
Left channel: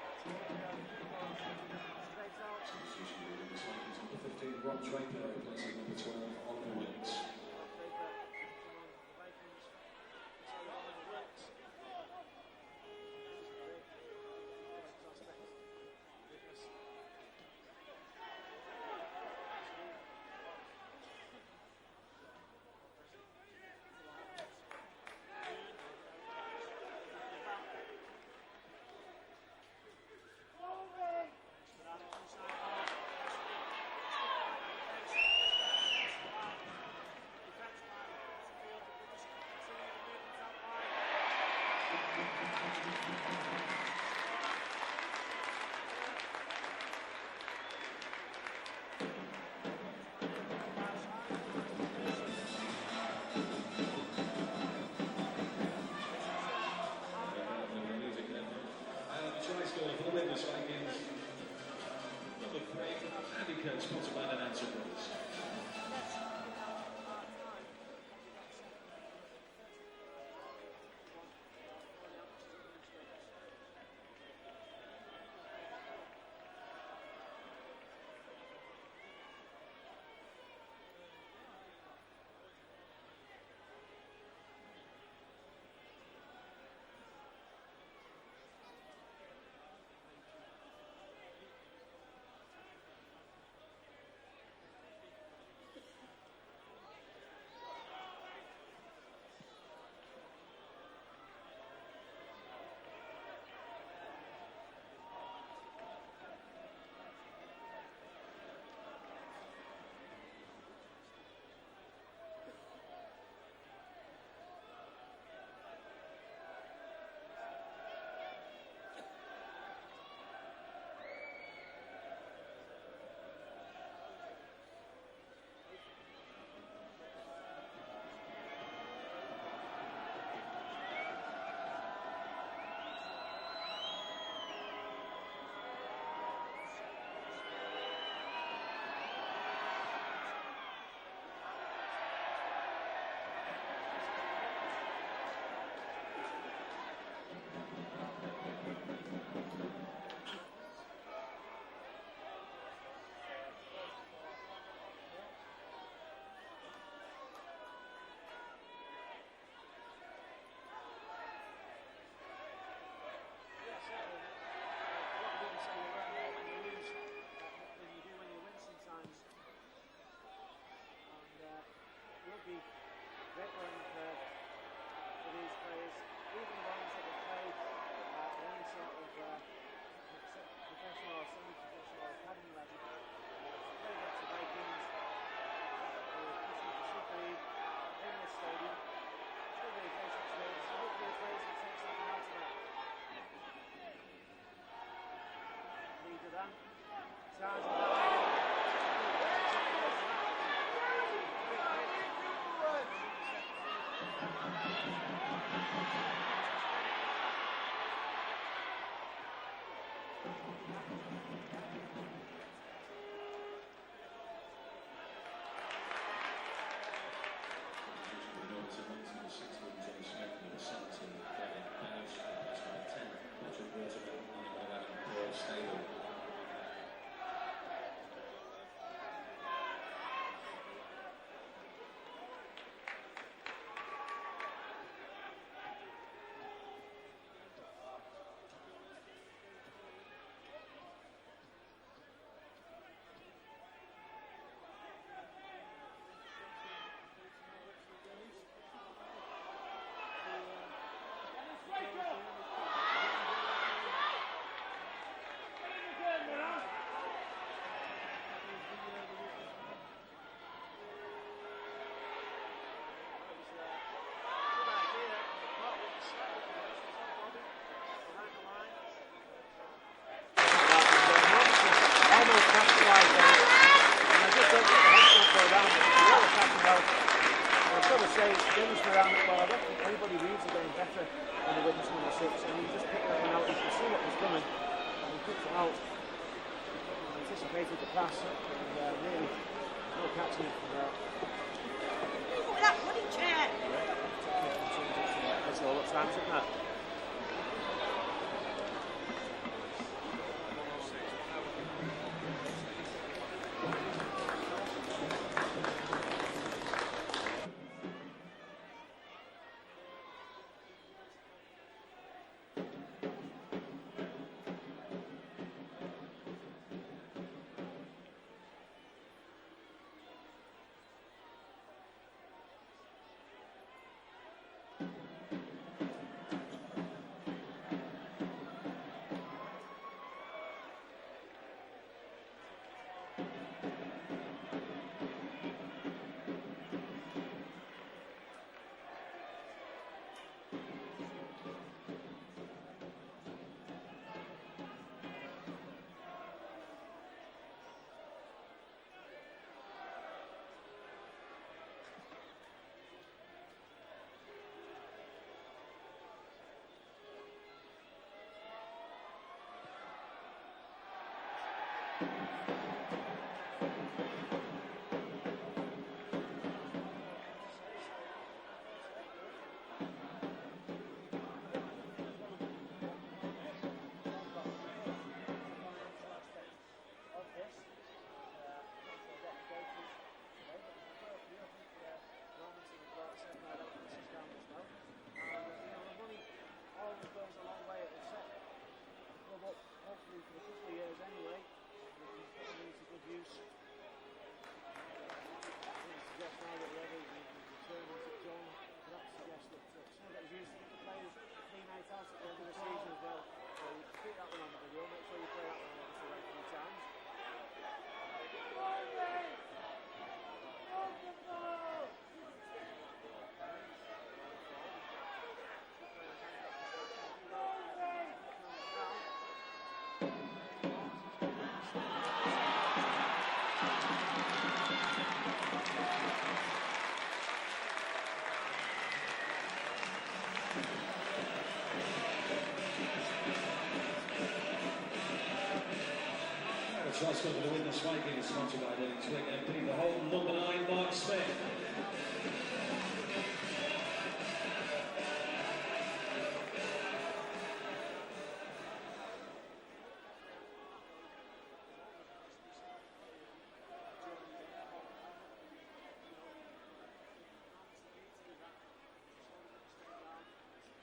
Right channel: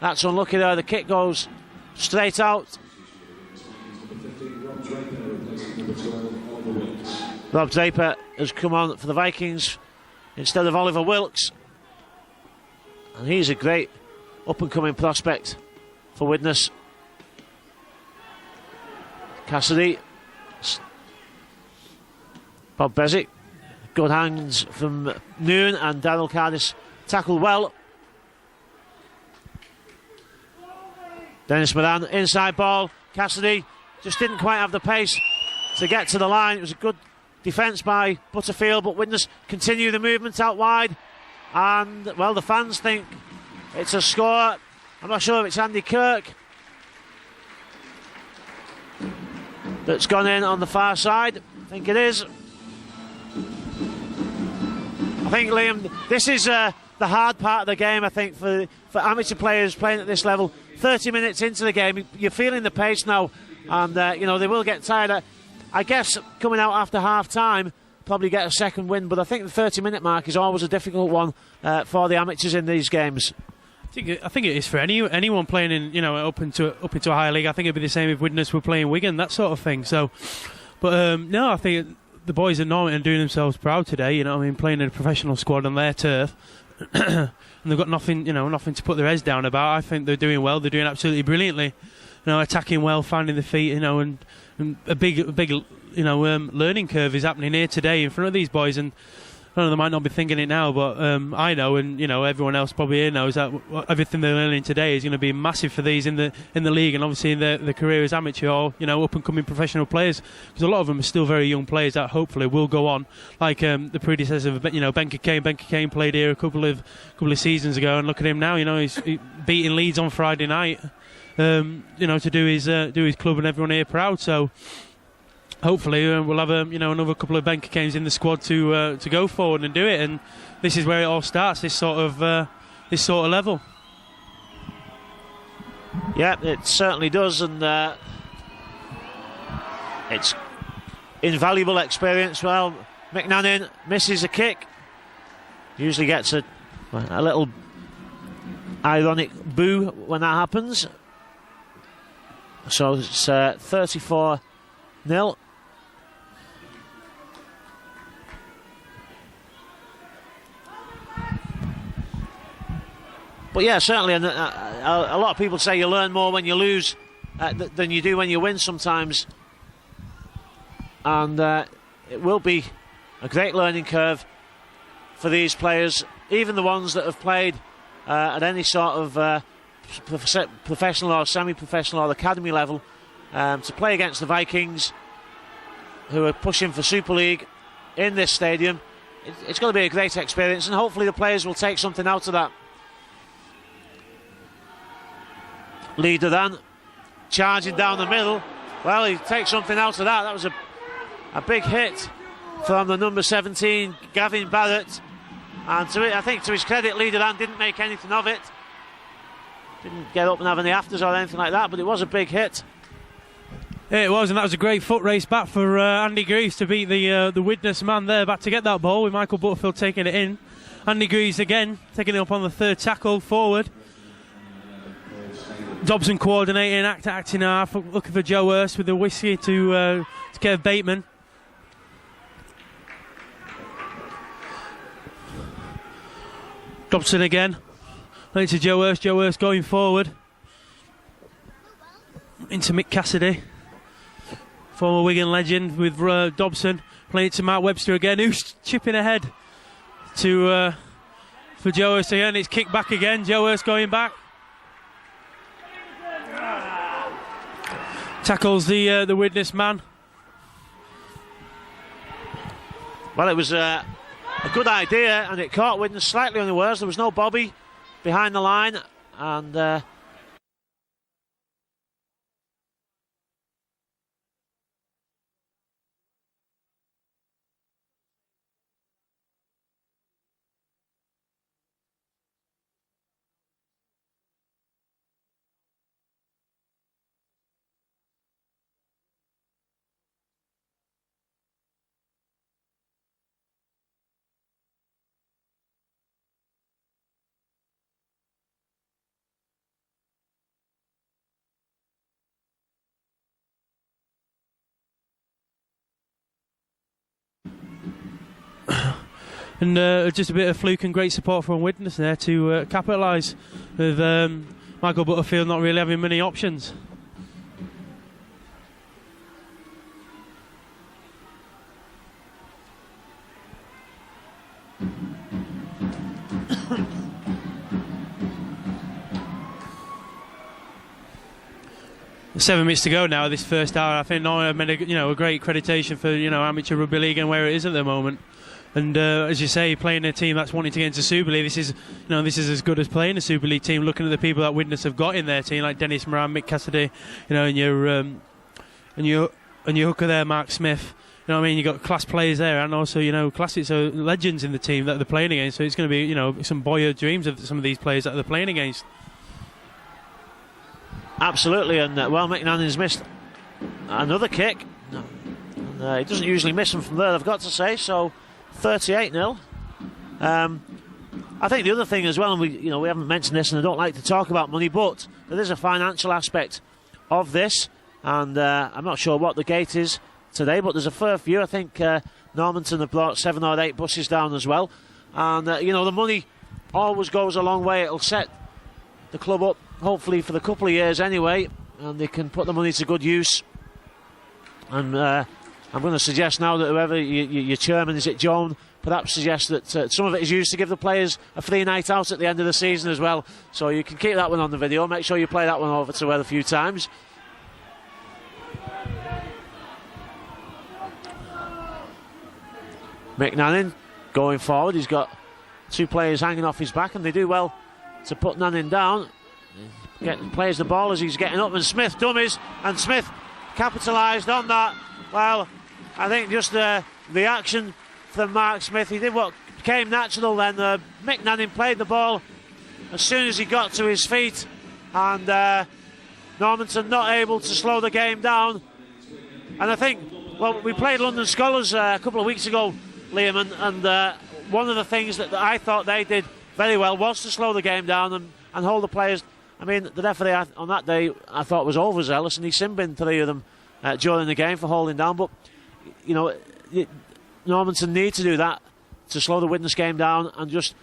That's unlucky there. The kick goes straight out. Rob Draper has come on for the Vikings instead of Oliver Wilkes, and he's a great up-and-coming prospect for Widnes. Cassidy, Bob Bezic, good hands from Noon, and Daryl Cardis tackled well. Dennis Moran, inside ball. Cassidy just didn't quite have the pace to get to the line. It was a good defence by Butterfield, but Widnes continue the movement out wide, and well, the fans think it's a score. I'm not sure if it's Andy Kirk that's gone in on the far side. I think it is. I think, Liam, this is the hard part of the game, I think, for amateur players playing at this level. 30 minutes into the game, you're feeling the pace now, and you know, they will get tired. I guess coming out after half-time, probably get a second win, but I think the 30-minute mark is always a difficult one for the amateurs in these games. I think it is for anyone playing in, you know, up into a higher league. I think it'd be the same if Widnes were playing Wigan, that sort of thing. So, but no, I think the boys at Normanton are doing themselves proud today. You know, I mean, playing in a professional squad on their turf, and they've got nothing to put their heads down about. I think they're doing well. They're doing absolutely brilliantly. You know, attacking well, finding the feet. You know, and a big learning curve is happening here today in front of these boys, and I know they might not be thinking it now, but I know, and you know, everyone else probably here knows that everything they're learning today is going to be massive for these in the league, and obviously in their career as amateur or, you know, up and coming professional players, because a lot of them are still very young players that hopefully will go on, like the predecessor of, you know, Benker Kane played here a couple of seasons ago, and look at him now. You know, he's beating Leeds on Friday night. You know, to do his club and everyone here proud. So hopefully we'll have another couple of Benker Kanes in the squad to go forward and do it. And this is where it all starts. This sort of level. Yeah, it certainly does, and it's invaluable experience. Well, McNannon misses a kick. Usually gets a little ironic boo when that happens. So it's 34-0. But yeah, certainly, and a lot of people say you learn more when you lose than you do when you win sometimes. And it will be a great learning curve for these players, even the ones that have played at any sort of professional or semi-professional or academy level, to play against the Vikings, who are pushing for Super League in this stadium. It's going to be a great experience, and hopefully the players will take something out of that. Leader then charging down the middle. Well, he takes something out of that. That was a big hit from the number 17, Gavin Barrett. And I think to his credit, Leader then didn't make anything of it. Didn't get up and have any afters or anything like that, but it was a big hit. Yeah, it was, and that was a great foot race back for Andy Greaves to beat the Widnes man there back to get that ball, with Michael Butterfield taking it in. Andy Greaves again taking it up on the third tackle forward. Dobson coordinating, acting half, looking for Joe Hurst with the whiskey to Kev Bateman. Dobson again, to Joe Hurst going forward. into Mick Cassidy, former Wigan legend, with Dobson playing it to Mark Webster again, who's chipping ahead to for Joe Hurst again. It's kicked back again. Joe Hurst going back, tackles the Widnes man. Well, it was a good idea, and it caught Widnes slightly unawares. There was no Bobby behind the line, and And just a bit of fluke and great support from Widnes there to capitalise, with Michael Butterfield not really having many options. Seven minutes to go now this first hour. I think Norman made a great accreditation for amateur rugby league and where it is at the moment. And as you say, playing a team that's wanting to get into Super League, this is as good as playing a Super League team. Looking at the people that Widnes have got in their team, like Dennis Moran, Mick Cassidy, and your hooker there, Mark Smith. You know what I mean? You got class players there, and also classics, so legends in the team that they're playing against. So it's going to be some boyhood dreams of some of these players that they're playing against. Absolutely, and McNannan's missed another kick. He doesn't usually miss them from there, I've got to say. So 38-0. I think the other thing as well, and we haven't mentioned this, and I don't like to talk about money, but there is a financial aspect of this, and I'm not sure what the gate is today, but there's a fair few. I think Normanton have brought 7 or 8 buses down as well, and the money always goes a long way. It'll set the club up, hopefully for the couple of years anyway, and they can put the money to good use. And I'm going to suggest now that whoever your chairman, is it Joan, perhaps suggest that some of it is used to give the players a free night out at the end of the season as well. So you can keep that one on the video. Make sure you play that one over to Ed a few times. McNannon going forward. He's got 2 players hanging off his back, and they do well to put Nannon down. Plays the ball as he's getting up, and Smith dummies, and Smith capitalised on that. Well, I think just the action from Mark Smith, he did what came natural then. McNannon played the ball as soon as he got to his feet, and Normanton not able to slow the game down. And I think, well, we played London Scholars a couple of weeks ago, Liam, and one of the things that I thought they did very well was to slow the game down and hold the players. I mean, the referee on that day I thought was overzealous, and he sin-binned 3 of them during the game for holding down. But Normanton need to do that to slow the Widnes game down and just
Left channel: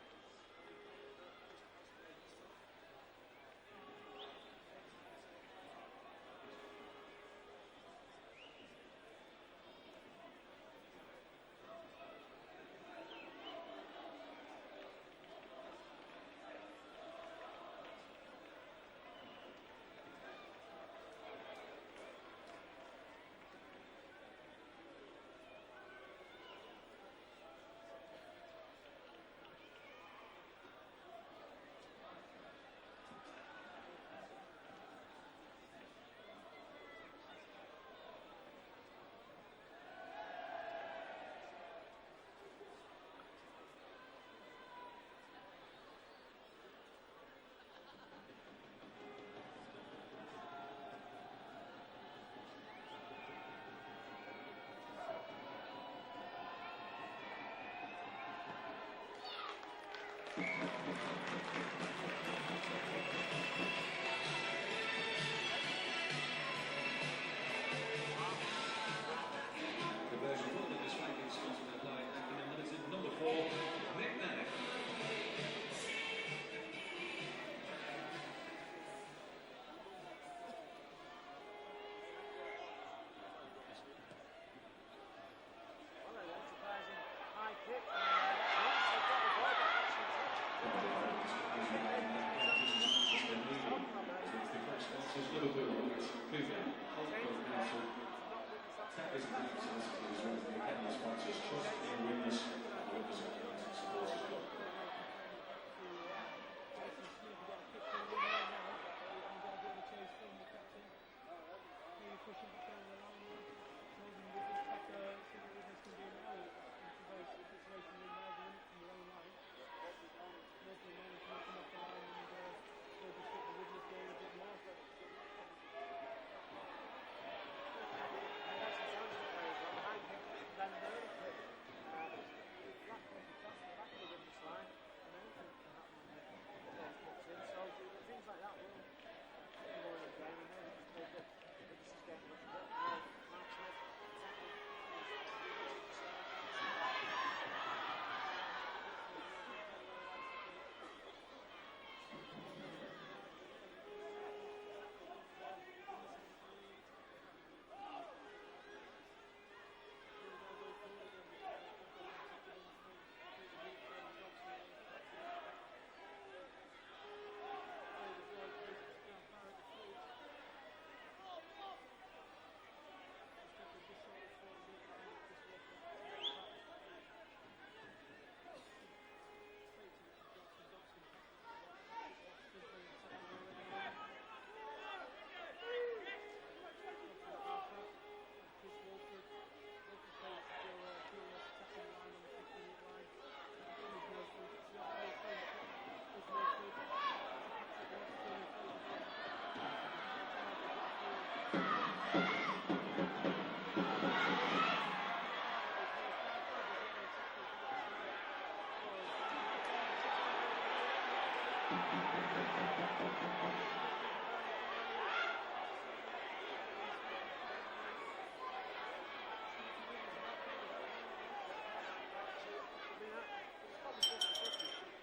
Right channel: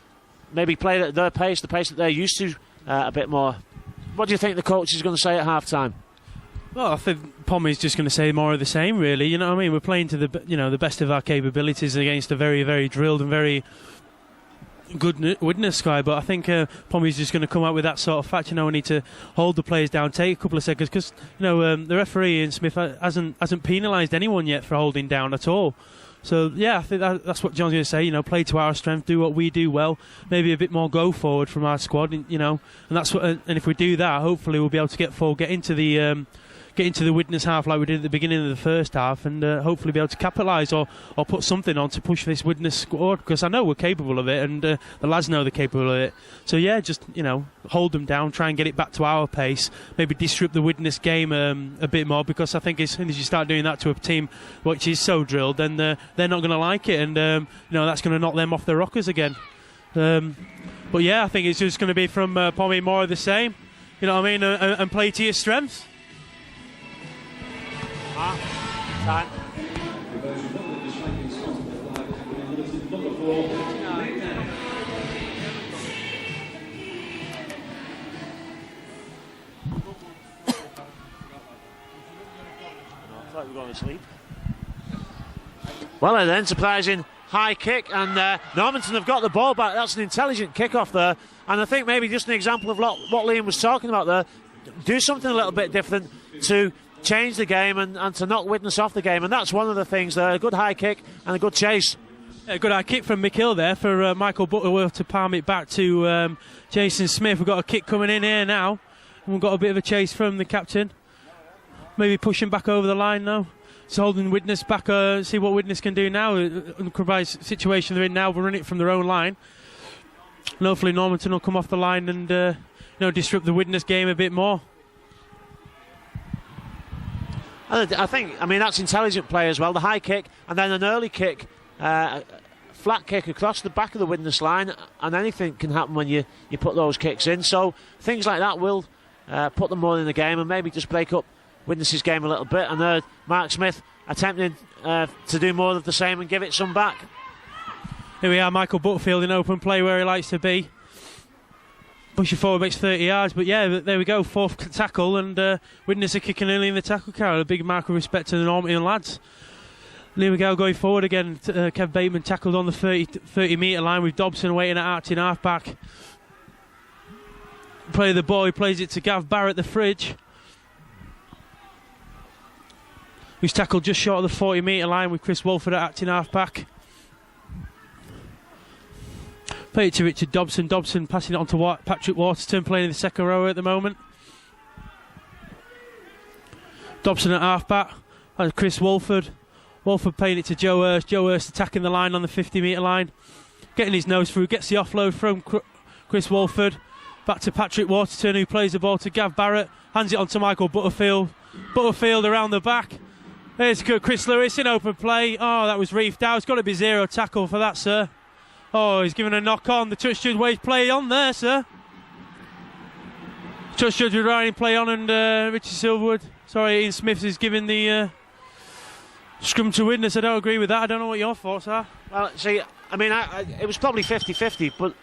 maybe play at their pace, the pace that they're used to a bit more. What do you think the coach is going to say at half-time? Well, I think Pommy's just going to say more of the same, really. You know what I mean? We're playing to the best of our capabilities against a very, very drilled and very good Widnes sky, but I think Pommy's just going to come out with that sort of fact. We need to hold the players down, take a couple of seconds, because the referee Ian Smith hasn't penalised anyone yet for holding down at all. So yeah, I think that's what John's going to say. Play to our strength, do what we do well. Maybe a bit more go forward from our squad. And that's what. And if we do that, hopefully we'll be able to get into the Widnes half like we did at the beginning of the first half, and hopefully be able to capitalise or put something on to push this Widnes squad, because I know we're capable of it, and the lads know they're capable of it. So yeah, just hold them down, try and get it back to our pace, maybe disrupt the Widnes game a bit more, because I think as soon as you start doing that to a team which is so drilled, then they're not going to like it, and that's going to knock them off their rockers again. But yeah, I think it's just going to be from Pommy more of the same, and play to your strengths. Time. go to sleep. Well, an enterprising high kick, and Normanton have got the ball back. That's an intelligent kick-off there, and I think maybe just an example of what Liam was talking about there. Do something a little bit different to change the game and to knock Widnes off the game, and that's one of the things there. A good high kick and a good chase. A good high kick from McHill there for Michael Butterworth to palm it back to Jason Smith. We've got a kick coming in here now, and we've got a bit of a chase from the captain. Maybe pushing back over the line now. It's holding Widnes back, see what Widnes can do now. The situation they're in now, we're running it from their own line. And hopefully Normanton will come off the line and disrupt the Widnes game a bit more. I think, that's intelligent play as well. The high kick and then an early kick, flat kick across the back of the Widnes line, and anything can happen when you put those kicks in. So things like that will put them more in the game and maybe just break up Widnes' game a little bit. And Mark Smith attempting to do more of the same and give it some back. Here we are, Michael Butterfield in open play where he likes to be. Pushing forward, makes 30 yards, but yeah, there we go, fourth tackle, and Widnes are kicking early in the tackle carry. A big mark of respect to the Normanton lads. And here we go, going forward again. Kev Bateman tackled on the 30 metre line with Dobson waiting at Archie half back. Play the ball, he plays it to Gav Barrett, the fridge, who's tackled just short of the 40 metre line with Chris Wolford at acting half back. Play it to Richard Dobson. Dobson passing it on to Patrick Waterton, playing in the second row at the moment. Dobson at half back. And Chris Wolford. Wolford playing it to Joe Hurst. Joe Hurst attacking the line on the 50 metre line. Getting his nose through. Gets the offload from Chris Wolford. Back to Patrick Waterton, who plays the ball to Gav Barrett. Hands it on to Michael Butterfield. Butterfield around the back. There's Chris Lewis in open play. Oh, that was reefed out. It's got to be zero tackle for that, sir. Oh, he's given a knock on. The touch judge wage play on there, sir. Touch judge with Ryan play on, and Richard Silverwood. Sorry, Ian Smith is giving the scrum to Widnes. I don't agree with that. I don't know what your thoughts are. Well, see, it was probably 50-50,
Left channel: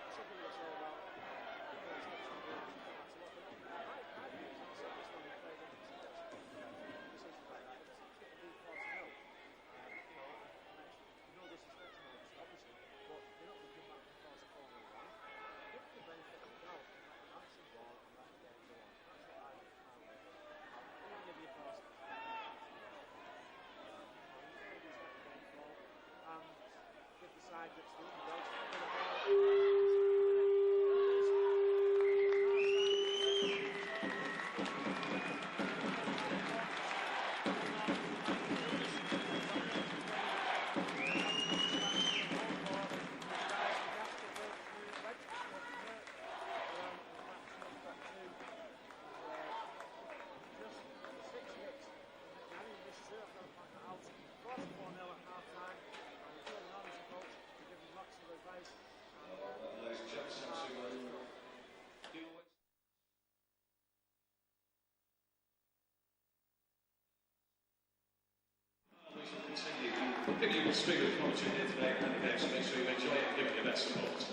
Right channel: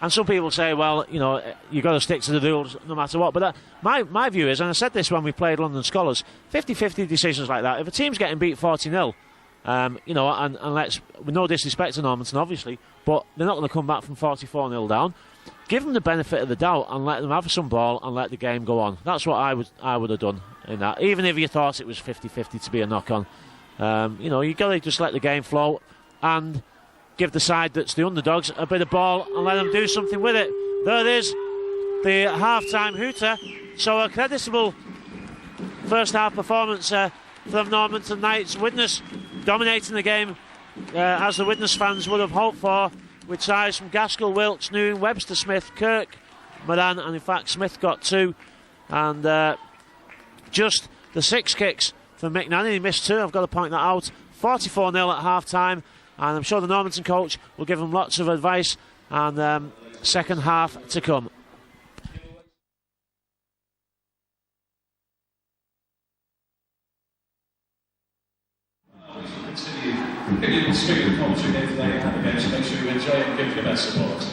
and some people say, well, you've got to stick to the rules no matter what. But my view is, and I said this when we played London Scholars, 50-50 decisions like that. If a team's getting beat 40-0, and with no disrespect to Normanton, obviously, but they're not going to come back from 44-0 down. Give them the benefit of the doubt and let them have some ball and let the game go on. That's what I would have done in that. Even if you thought it was 50-50 to be a knock-on, you got to just let the game flow and give the side that's the underdogs a bit of ball and let them do something with it. There it is, the half-time hooter. So a creditable first half performance from Normanton Knights. Widnes dominating the game as the Widnes fans would have hoped for, with tries from Gaskell, Wilkes, Noon, Webster, Smith, Kirk, Moran, and in fact Smith got two. And just the 6 kicks from Mick Nanny. He missed 2, I've got to point that out. 44-0 at half-time, and I'm sure the Normanton coach will give them lots of advice, and second half to come. If you can speak with commentary here today and have events, make sure you enjoy it and give your best support.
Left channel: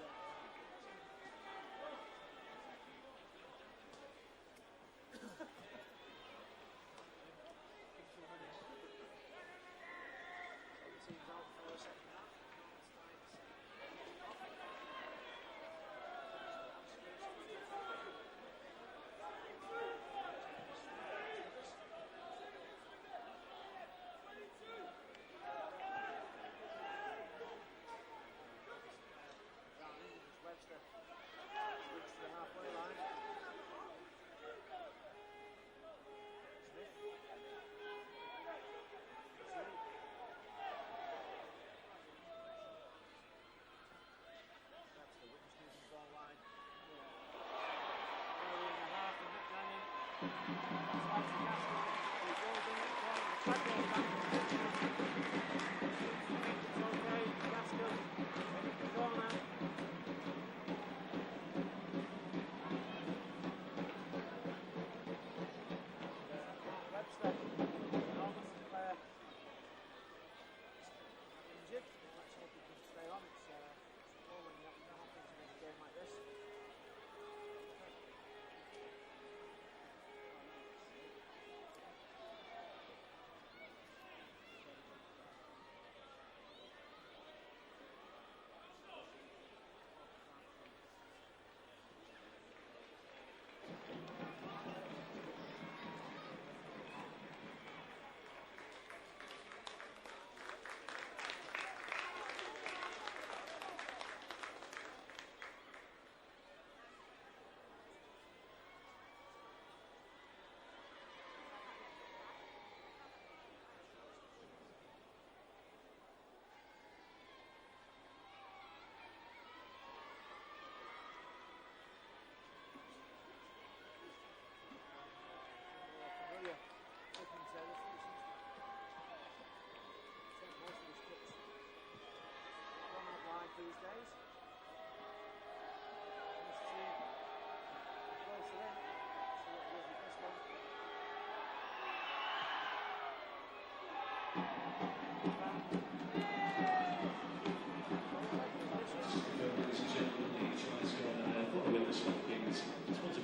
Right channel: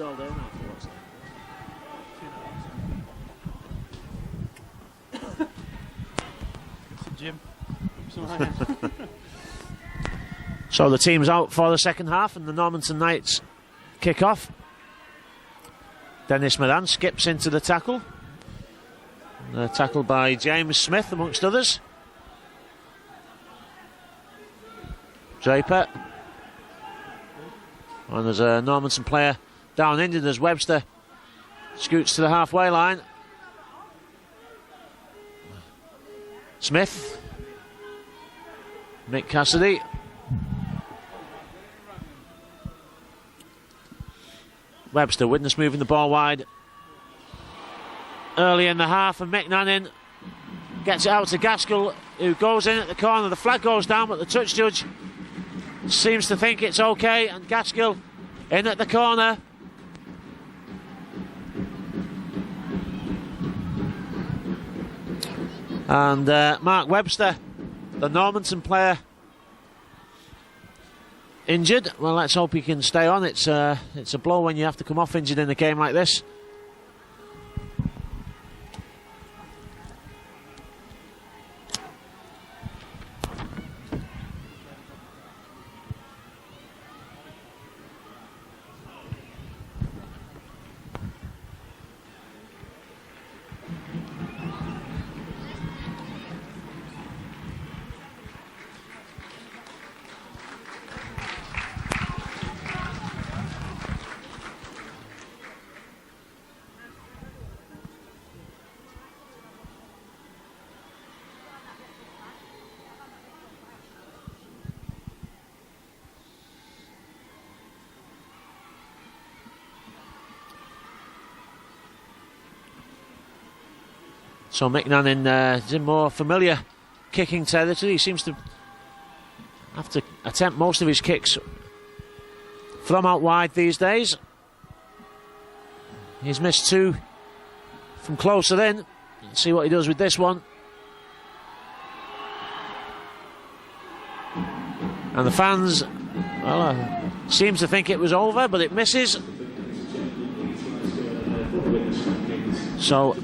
All day now for what's Jim. So the team's out for the second half, and the Normanton Knights kick off. Dennis Moran skips into the tackle. Tackled by James Smith, amongst others. Draper. And there's a Normanton player down injured as Webster scoots to the halfway line. Smith. Mick Cassidy. Webster, Widnes moving the ball wide early in the half, and Mick Nannin gets it out to Gaskell, who goes in at the corner. The flag goes down, but the touch judge seems to think it's okay, and Gaskell in at the corner. And Mark Webster, the Normanton player, injured. Well, let's hope he can stay on. It's a blow when you have to come off injured in a game like this. So Micnan is in more familiar kicking territory. He seems to have to attempt most of his kicks from out wide these days. He's missed 2 from closer in. Let's see what he does with this one. And the fans, well, seems to think it was over, but it misses. So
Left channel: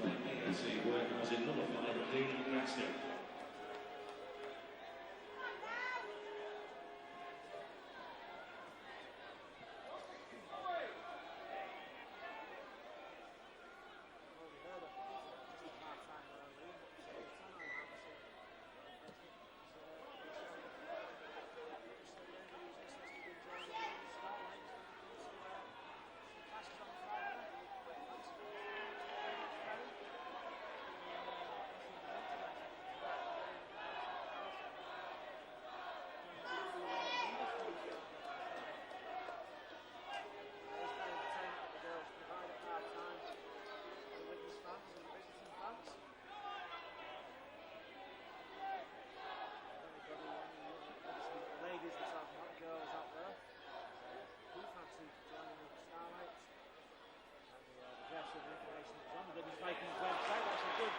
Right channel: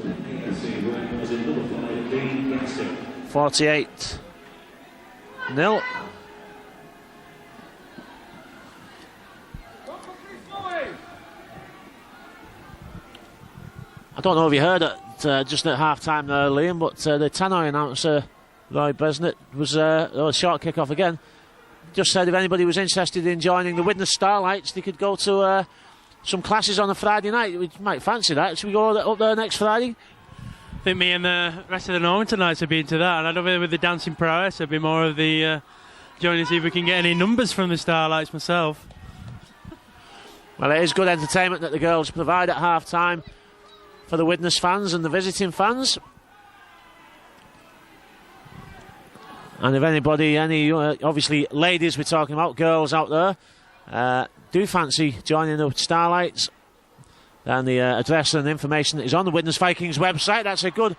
48-0. I don't know if you heard it just at half-time there, Liam, but the Tannoy announcer, Roy Besnett, was a short kick-off again. Just said if anybody was interested in joining the Widnes Starlights, they could go to some classes on a Friday night. We might fancy that. Should we go up there next Friday? I think me and the rest of the Normanton nights have been to that, and I don't know with the dancing prowess, it'd be more of the joining to see if we can get any numbers from the Starlights myself. Well, it is good entertainment that the girls provide at half-time for the Widnes fans and the visiting fans. And if anybody, obviously ladies we're talking about, girls out there, do fancy joining the Starlights, then the address and information is on the Widnes Vikings website. That's a good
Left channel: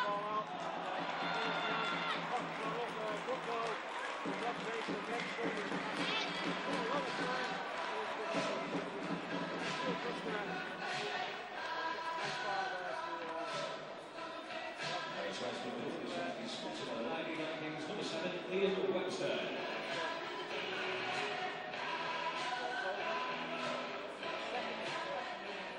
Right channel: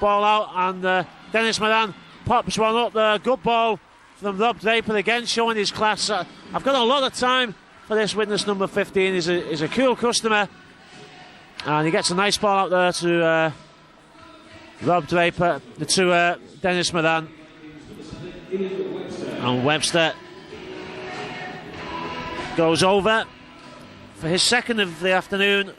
ball out, and Dennis Moran pops one up there. Good ball from Rob Draper, again showing his class. I've got a lot of time for this Widnes number 15. He's a cool customer, and he gets a nice ball out there to Rob Draper, to Dennis Moran. And Webster goes over for his second of the afternoon.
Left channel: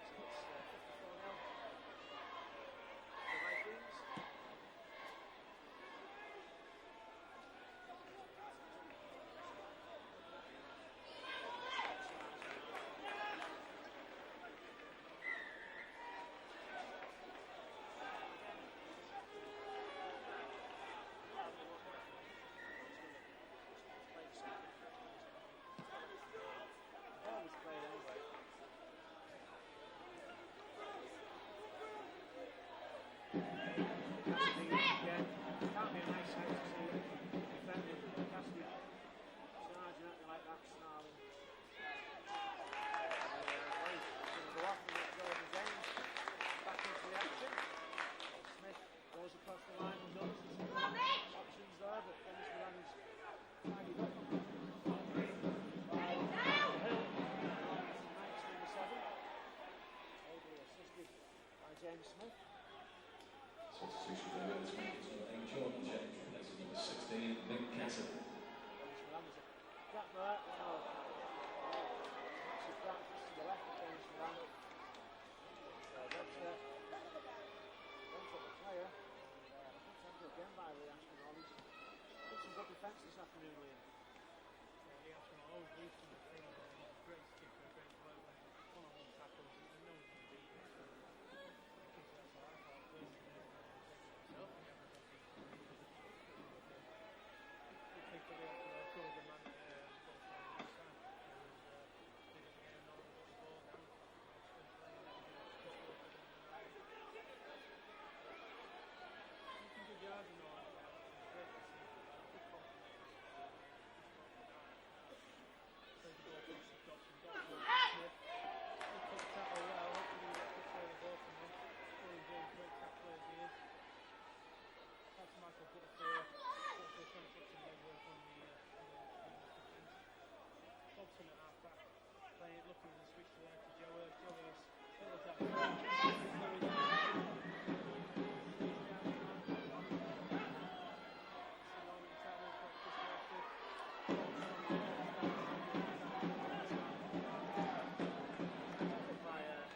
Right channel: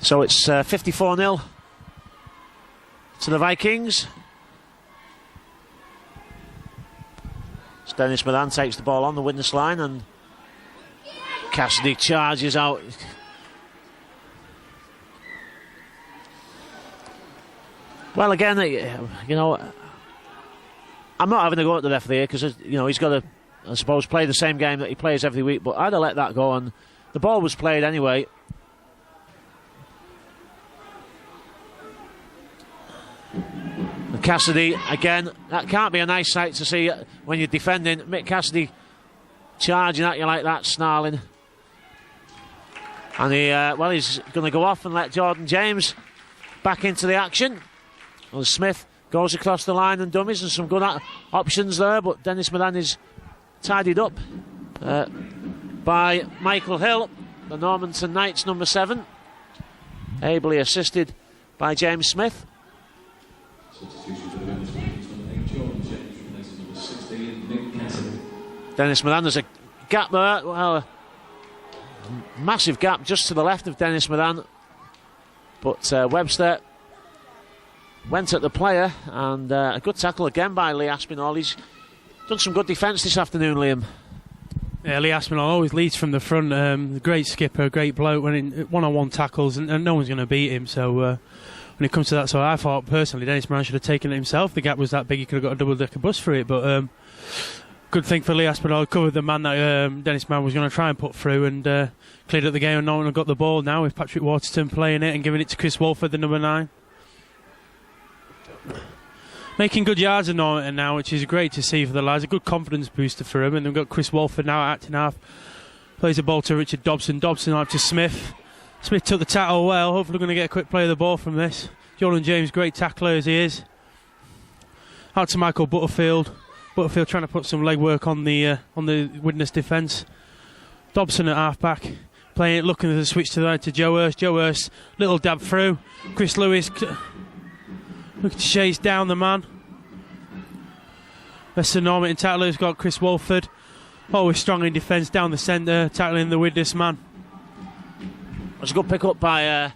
So it's 54-0 to the Vikings. Dennis Moran takes the ball on the Widnes line, and Cassidy charges out. Well, again, you know, I'm not having a go at the referee because, you know, he's got to, I suppose, play the same game that he plays every week, but I'd have let that go, and the ball was played anyway. Cassidy, again, that can't be a nice sight to see when you're defending. Mick Cassidy charging at you like that, snarling. And he's going to go off and let Jordan James back into the action. Well, Smith goes across the line and dummies, and some good options there, but Dennis Moran is tidied up by Michael Hill, the Normanton Knights number 7, ably assisted by James Smith. Dennis Moran. There's a gap there. Well, a massive gap just to the left of Dennis Moran. But Webster went at the player, and a good tackle again by Lee Aspinall. He's done some good defence this afternoon, Liam. Yeah, Lee Aspinall always leads from the front. Great skipper, great bloke. When in one-on-one tackles, and no one's going to beat him. So when it comes to that, so I thought personally Dennis Moran should have taken it himself. The gap was that big, he could have got a double-decker bus for it. But good thing for Lee Aspinall, covered the man that Dennis Moran was going to try and put through, and cleared up the game. And Norman have got the ball now with Patrick Waterton playing it and giving it to Chris Walford, the number 9. Making good yards in Normanton now, which is great to see for the lads. A good confidence booster for him. And they've got Chris Walford now acting half. Plays the ball to Richard Dobson. Dobson out to Smith. Smith took the tackle well. Hopefully we're going to get a quick play of the ball from this. Jordan James, great tackler as he is. Out to Michael Butterfield. Butterfield trying to put some legwork on the Widnes defence. Dobson at half back. Playing it, looking at the switch to the right to Joe Hurst. Joe Hurst, little dab through. Chris Lewis looking to chase down the man. Western Normanton tackler's got Chris Walford. Always strong in defence down the centre, tackling the Widnes man. It was a good pick up by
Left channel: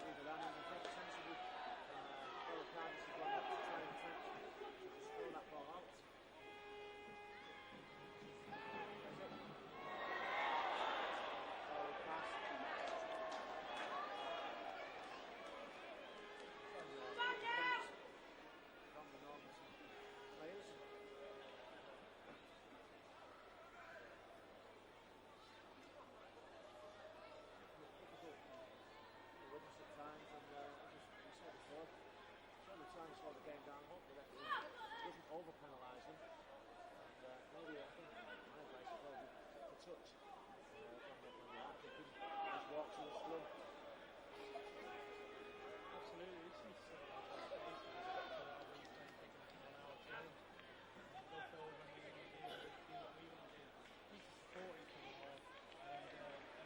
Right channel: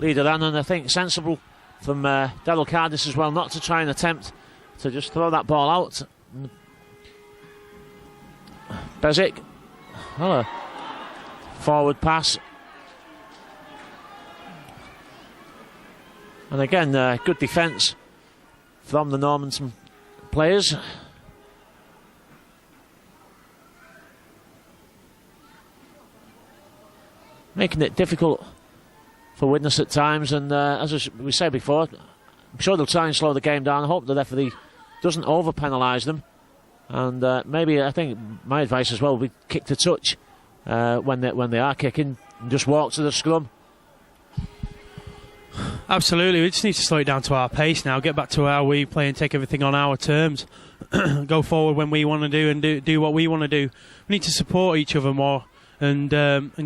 Lee Duran, and I think sensible from Daryl Cardis as well, not to try and attempt to just throw that ball out. Bezic, a forward pass. And again, good defence from the Normanton players. Making it difficult for Widnes at times, and as we said before, I'm sure they'll try and slow the game down. I hope the referee doesn't over-penalise them. And maybe, I think my advice as well would be kick to touch when they are kicking, and just walk to the scrum. Absolutely, we just need to slow it down to our pace now, get back to how we play and take everything on our terms. Go forward when we want to do and do what we want to do. We need to support each other more and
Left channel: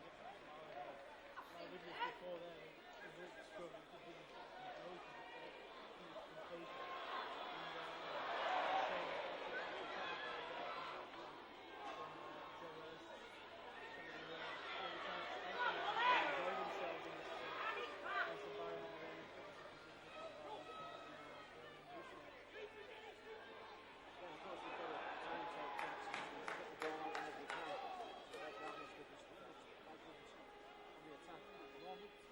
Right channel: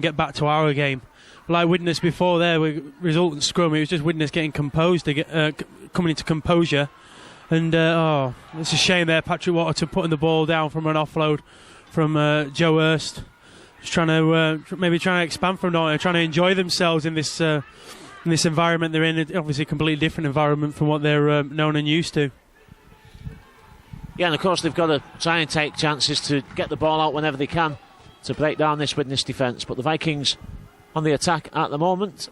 get back to our game. Like Widnes before there, with resultant scrum, it was just Widnes getting composed, coming into composure. And it's a shame there, Patrick Waterton putting the ball down from an offload from Joe Hurst. Just trying to expand from Norton, trying to enjoy themselves in this environment they're in. Obviously a completely different environment from what they're known and used to. Yeah, and of course they've got to try and take chances to get the ball out whenever they can to break down this Widnes defence. But the Vikings on the attack at the moment.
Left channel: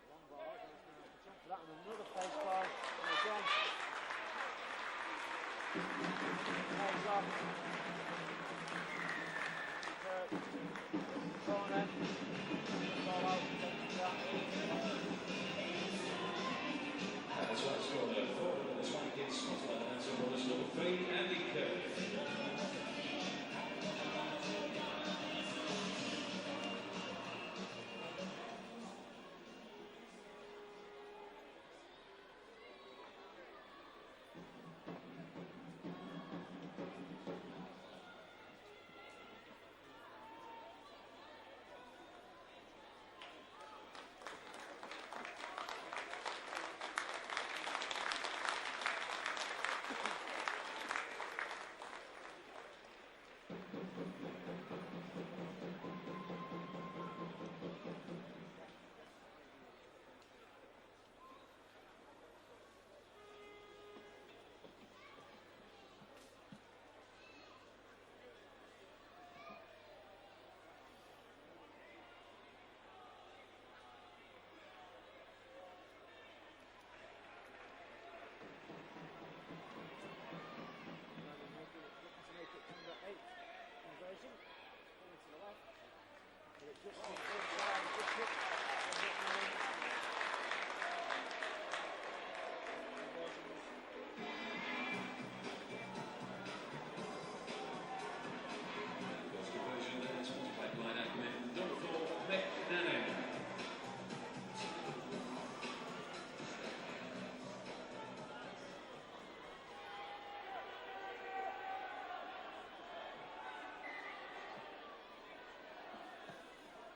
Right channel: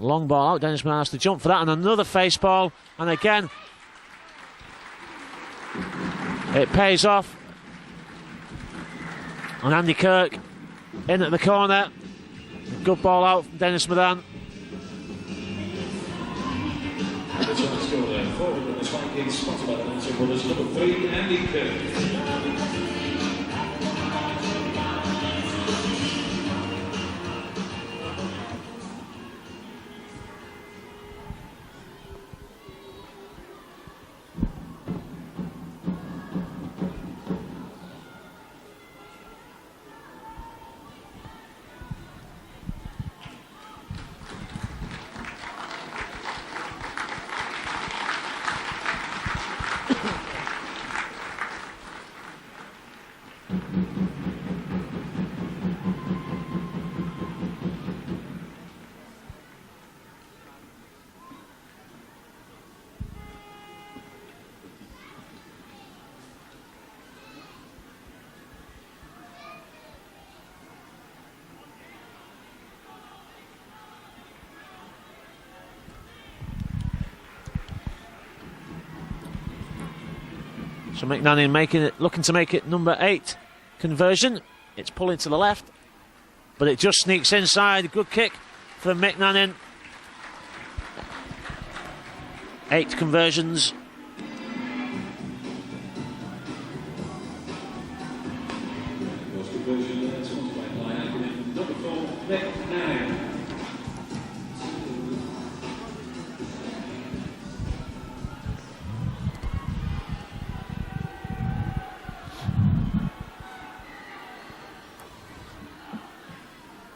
Long ball out, Dennis Moran has to jump for that, and another face ball, and again it pays off. And Andy Kirk in at the corner. Good ball out from Dennis Moran. This one is still there. Forward with this Vikings, spotted by the Normanton brothers. Number 3, Andy Kirk. So McNannon looking to make it number 8 conversion. It's pulling to the left, but it just sneaks inside. Good kick from McNannon. 8 conversions.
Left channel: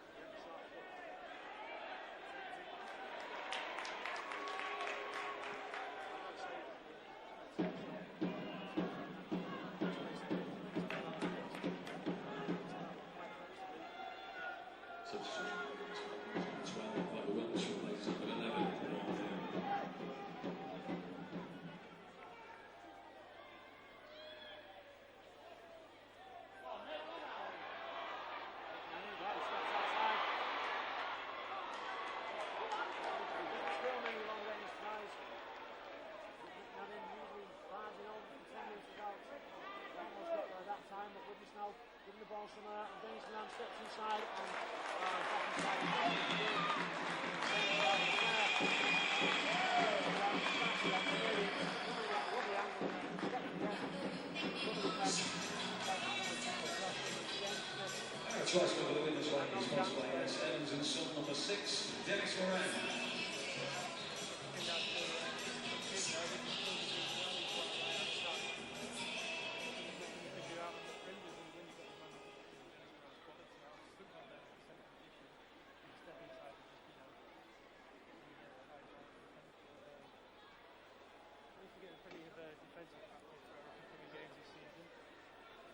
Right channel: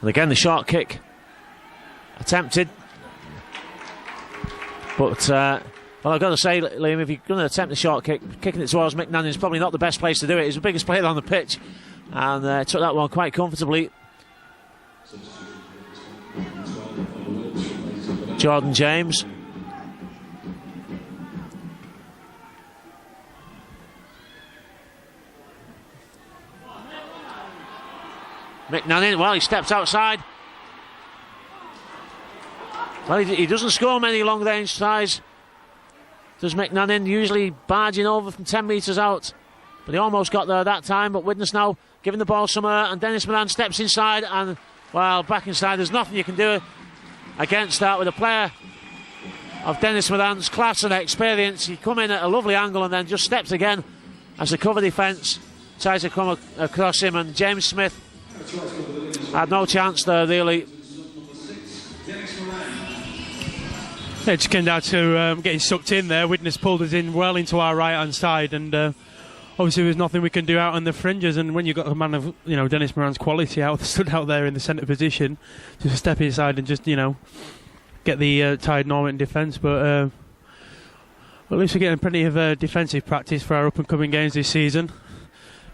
And again, the short kick attempted, but Well, I've got to say, Liam, if you're going to attempt a short kick, kicking it towards McNannon is probably not the best place to do it. He's the biggest player on the pitch, and took that one quite comfortably. Jordan James. McNannon, well, he steps outside. Well, he doesn't score many long-range tries, does McNannon, usually barging over from 10 metres out. But he almost got there that time. But Widnes now giving the ball somewhere, and Dennis Moran steps inside, and, well, back inside. There's nothing you can do against that with a player of Dennis Moran's class and experience. He come in at a lovely angle and then just steps again as the cover defence tries to come across him, and James Smith had no chance there, really. Yeah, it just came down to getting sucked in there. Widnes pulled us in well into our right-hand side, and obviously there's nothing we can do out on the fringes. And when you've got a man of, Dennis Moran's quality stood out there in the centre position, just step inside and just, get the tired Normanton defence. But at least we're getting plenty of defensive practice for our up-and-coming games this season,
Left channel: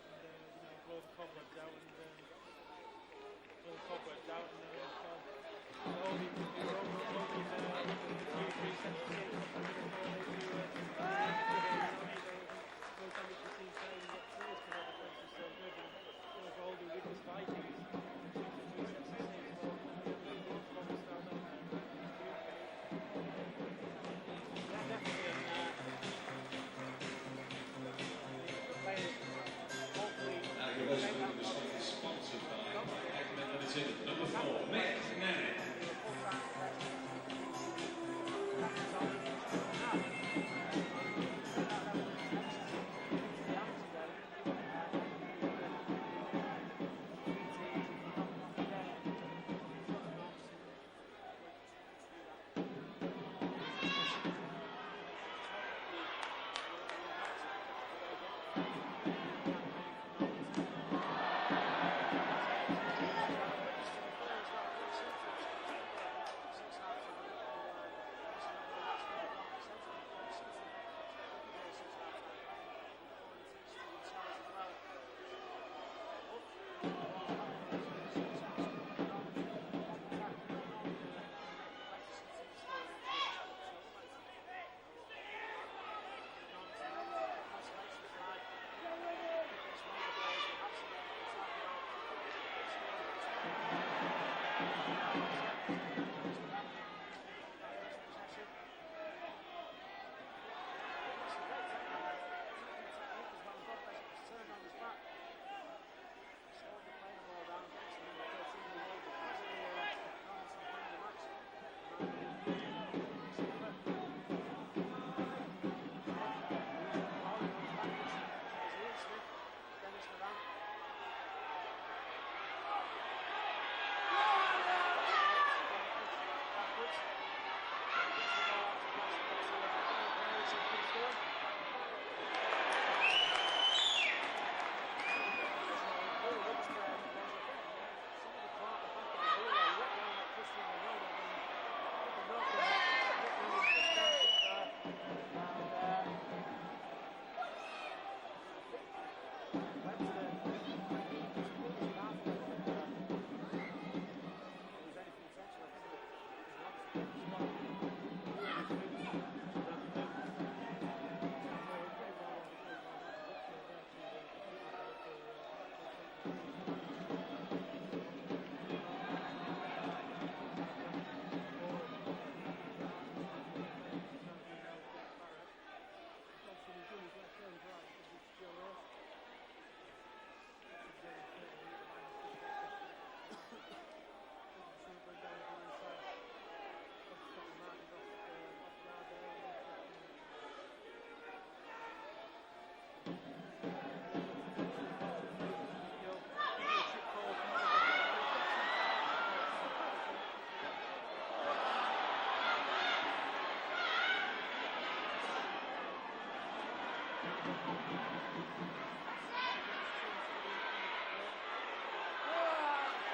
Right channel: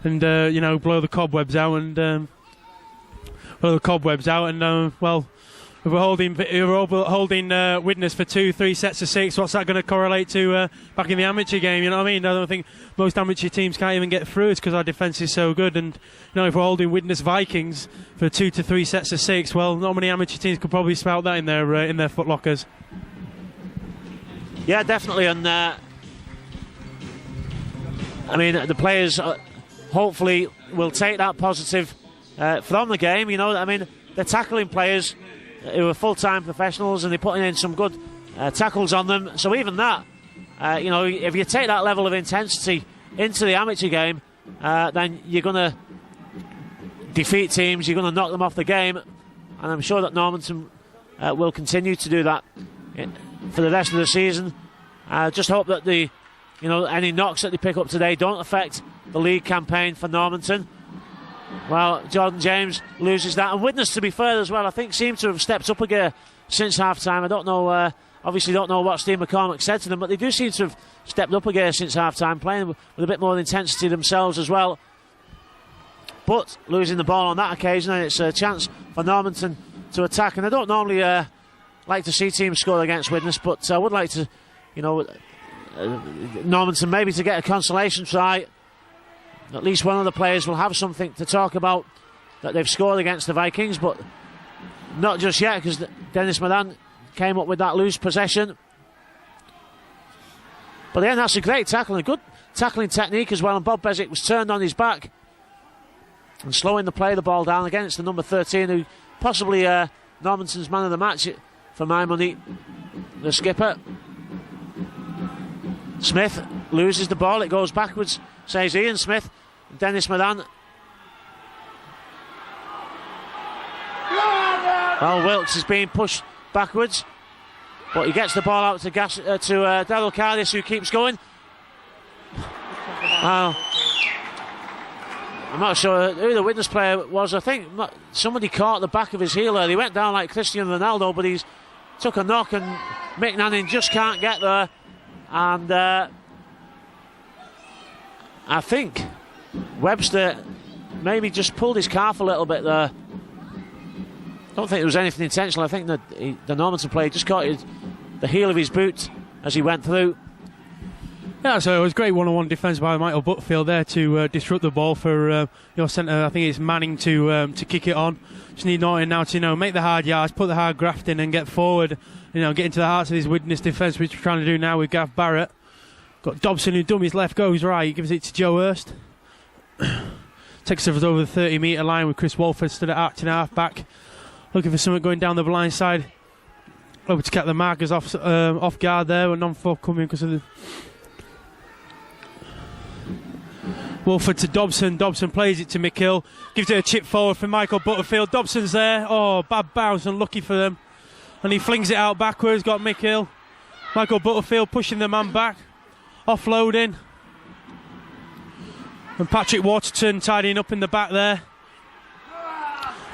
and blow the cobwebs out and well. If we're holding Widnes for 2-3 sets of 6, what's that going to correlate to back in the amateur game? You know what I mean? I don't think most amateur teams can't even get through. It's because our defence is so good. And if we're holding Widnes Vikings for 2 to 3 sets of 6, well, not many amateur teams could probably spout that in their footlockers. Yeah, definitely. And the players hopefully will take that positive from the game. They're tackling players who are full-time professionals, and they're putting in some good tackles on them. So even that, if you take that level of intensity into the amateur game, then you're going to defeat teams, you're going to knock them off the game, and I'm sure that Normanton will continue to do that for the rest of the season. Just hope that any knocks that they pick up today don't affect the league campaign for Normanton. Well, Jordan James loses that, and Widnes, to be fair as well, I think seem to have stepped up a gear since half-time. I don't know, obviously don't know what Steve McCormack said to them, but they do seem to have stepped up a gear since half-time, playing with a bit more intensity themselves as well. But losing the ball on that occasion, and it's a chance for Normanton to attack. And I don't normally like to see teams score against Widnes, but I would like to, Normanton maybe to get a consolation try. At least one of the players will have something to talk about that they've scored against the Vikings, but not just yet, because Dennis Moran came up with that loose possession. But then that's a great tackle, a good tackling technique as well, and Bob Bezic was turned on his back and slowing the ball down against the number 13, who possibly Normanton's man of the match for my money, the skipper. Smith loses the ball, it goes backwards, says Ian Smith. Dennis Moran. Well, Wilkes is being pushed backwards, but he gets the ball out to Daryl Cardis, who keeps going. I'm not sure who the Widnes player was. I think somebody caught the back of his heel there. He went down like Cristiano Ronaldo, but he's took a knock, and McNannon just can't get there. And I think Webster maybe just pulled his calf a little bit there. Don't think there was anything intentional. I think that the Normanton player just caught the heel of his boot as he went through. Yeah, so it was great one-on-one defence by Michael Butterfield there to disrupt the ball for your centre. I think it's Manning to kick it on. Just need Norton now to make the hard yards, put the hard graft in, and get forward. Get into the hearts of his Widnes defence, which we're trying to do now with Gav Barrett. Got Dobson, who dummies left, goes right. He gives it to Joe Hurst. Takes us over the 30-metre line with Chris Walford stood at acting half-back, looking for something going down the blind side. Over to cap the markers off guard there, with non-forthcoming because of the... Walford to Dobson. Dobson plays it to McHill. Gives it a chip forward for Michael Butterfield. Dobson's there. Oh, bad bounce, unlucky for them. And he flings it out backwards, got McHill. Michael Butterfield pushing the man back. Offloading. And Patrick Waterton tidying up in the back there.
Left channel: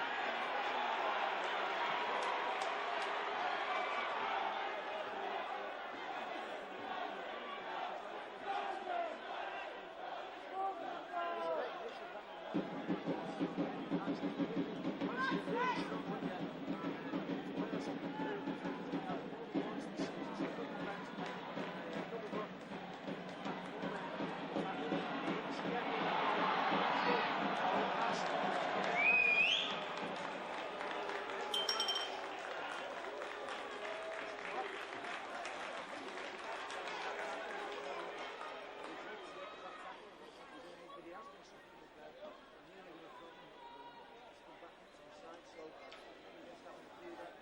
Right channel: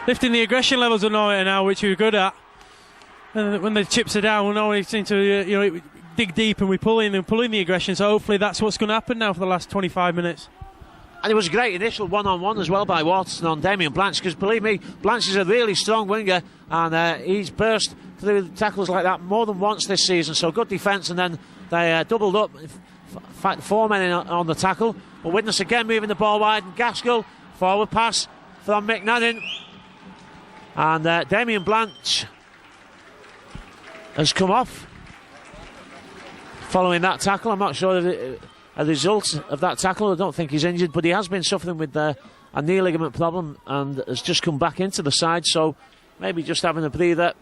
Lifting the aggression levels of Normanton now, which we're good at. And when the chips are down, we seem to dig deep and we pull in the aggression. So hopefully that's what's going to happen now for the last 25 minutes. And it was a great initial one-on-one as well by Waterton on Damien Blanche, because believe me, Blanche is a really strong winger, and he's burst through tackles like that more than once this season. So good defence, and then they doubled up. In fact, 4 men on the tackle. But Widnes again moving the ball wide. And Gaskell, forward pass from McNannon. And Damien Blanche has come off following that tackle. I'm not sure of a result of that tackle. I don't think he's injured, but he has been suffering with a knee ligament problem and has just come back into the side, so maybe just having a breather.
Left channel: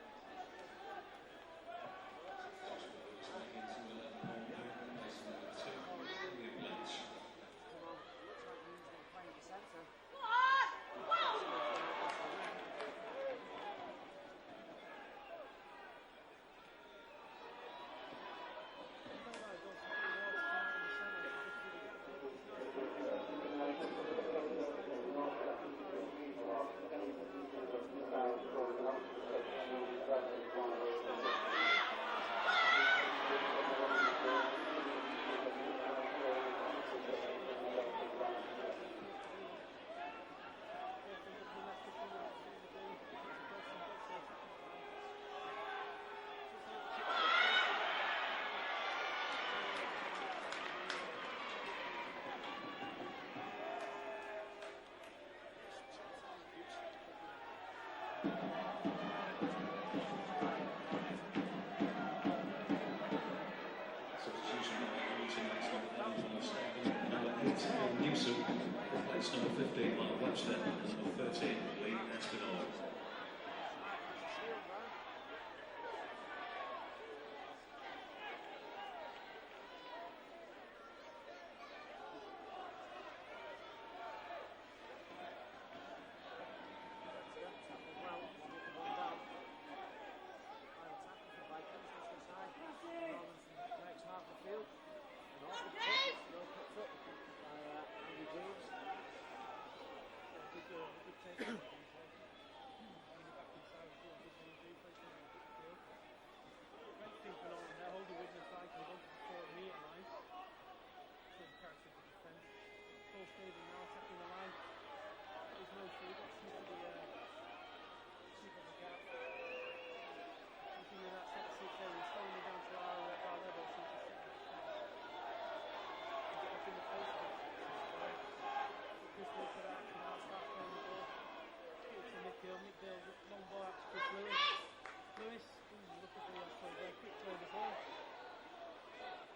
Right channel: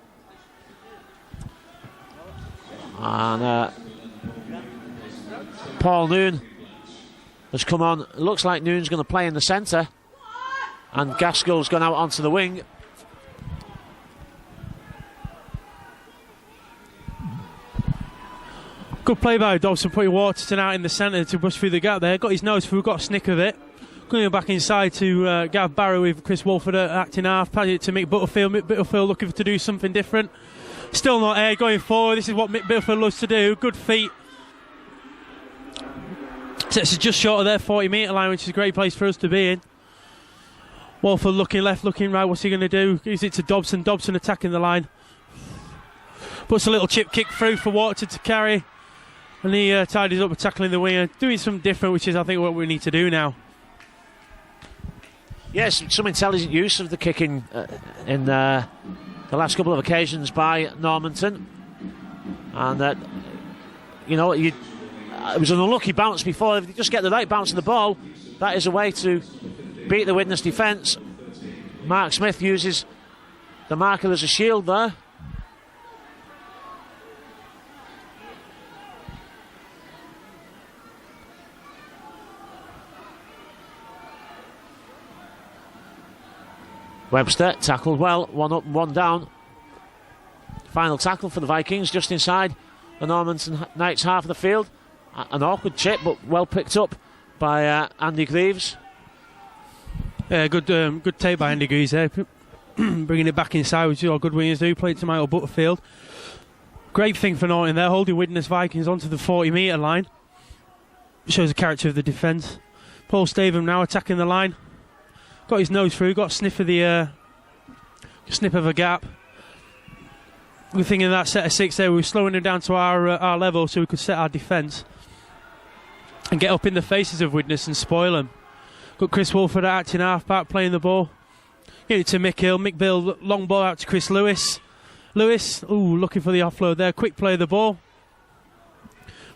And Paul Noon has come on. It looks like Noon's going to play in the centre, and Gaskell's gone out onto the wing. Good play by Dobson, putting Waterton out in the centre to push through the gap there. Got his nose through, got a snick of it. Going back inside to Gav Barrow with Chris Walford acting half. Passing it to Mick Butterfield. Mick Butterfield looking to do something different. Still not air going forward. This is what Mick Butterfield loves to do. Good feet. Sets us just short of their 40-metre line, which is a great place for us to be in. Walford looking left, looking right. What's he going to do? Gives it to Dobson. Dobson attacking the line. Puts a little chip kick through for Waterton to carry. And he tidies up with tackling the winger, doing something different, which is, I think, what we need to do now. Yes, some intelligent use of the kicking in the last couple of occasions by Normanton. And, you know, it was an unlucky bounce before. If you just get the right bounce of the ball, that is a way to beat the Widnes defence. Mark Smith uses the marker as a shield there. Webster tackled well, one up and one down. Final tackle for the Vikings just inside the Normanton Knights half of the field. An awkward chip, but well picked up by Andy Greaves. Yeah, good take by Andy Greaves there. Bringing it back inside, which is all good wingers do. Played to Michael Butterfield. Great thing for Norton there, holding Widnes Vikings onto the 40-metre line. Shows the character of the defence. Paul Stavum now attacking the line. Got his nose through, got a sniff of a gap. We're thinking that set of 6 there, we were slowing him down to our level so we could set our defence and get up in the faces of Widnes and spoil them. Got Chris Walford acting half-back, playing the ball. Get it to Mick Hill. Mick Bill, long ball out to Chris Lewis. Lewis, looking for the offload there. Quick play of the ball.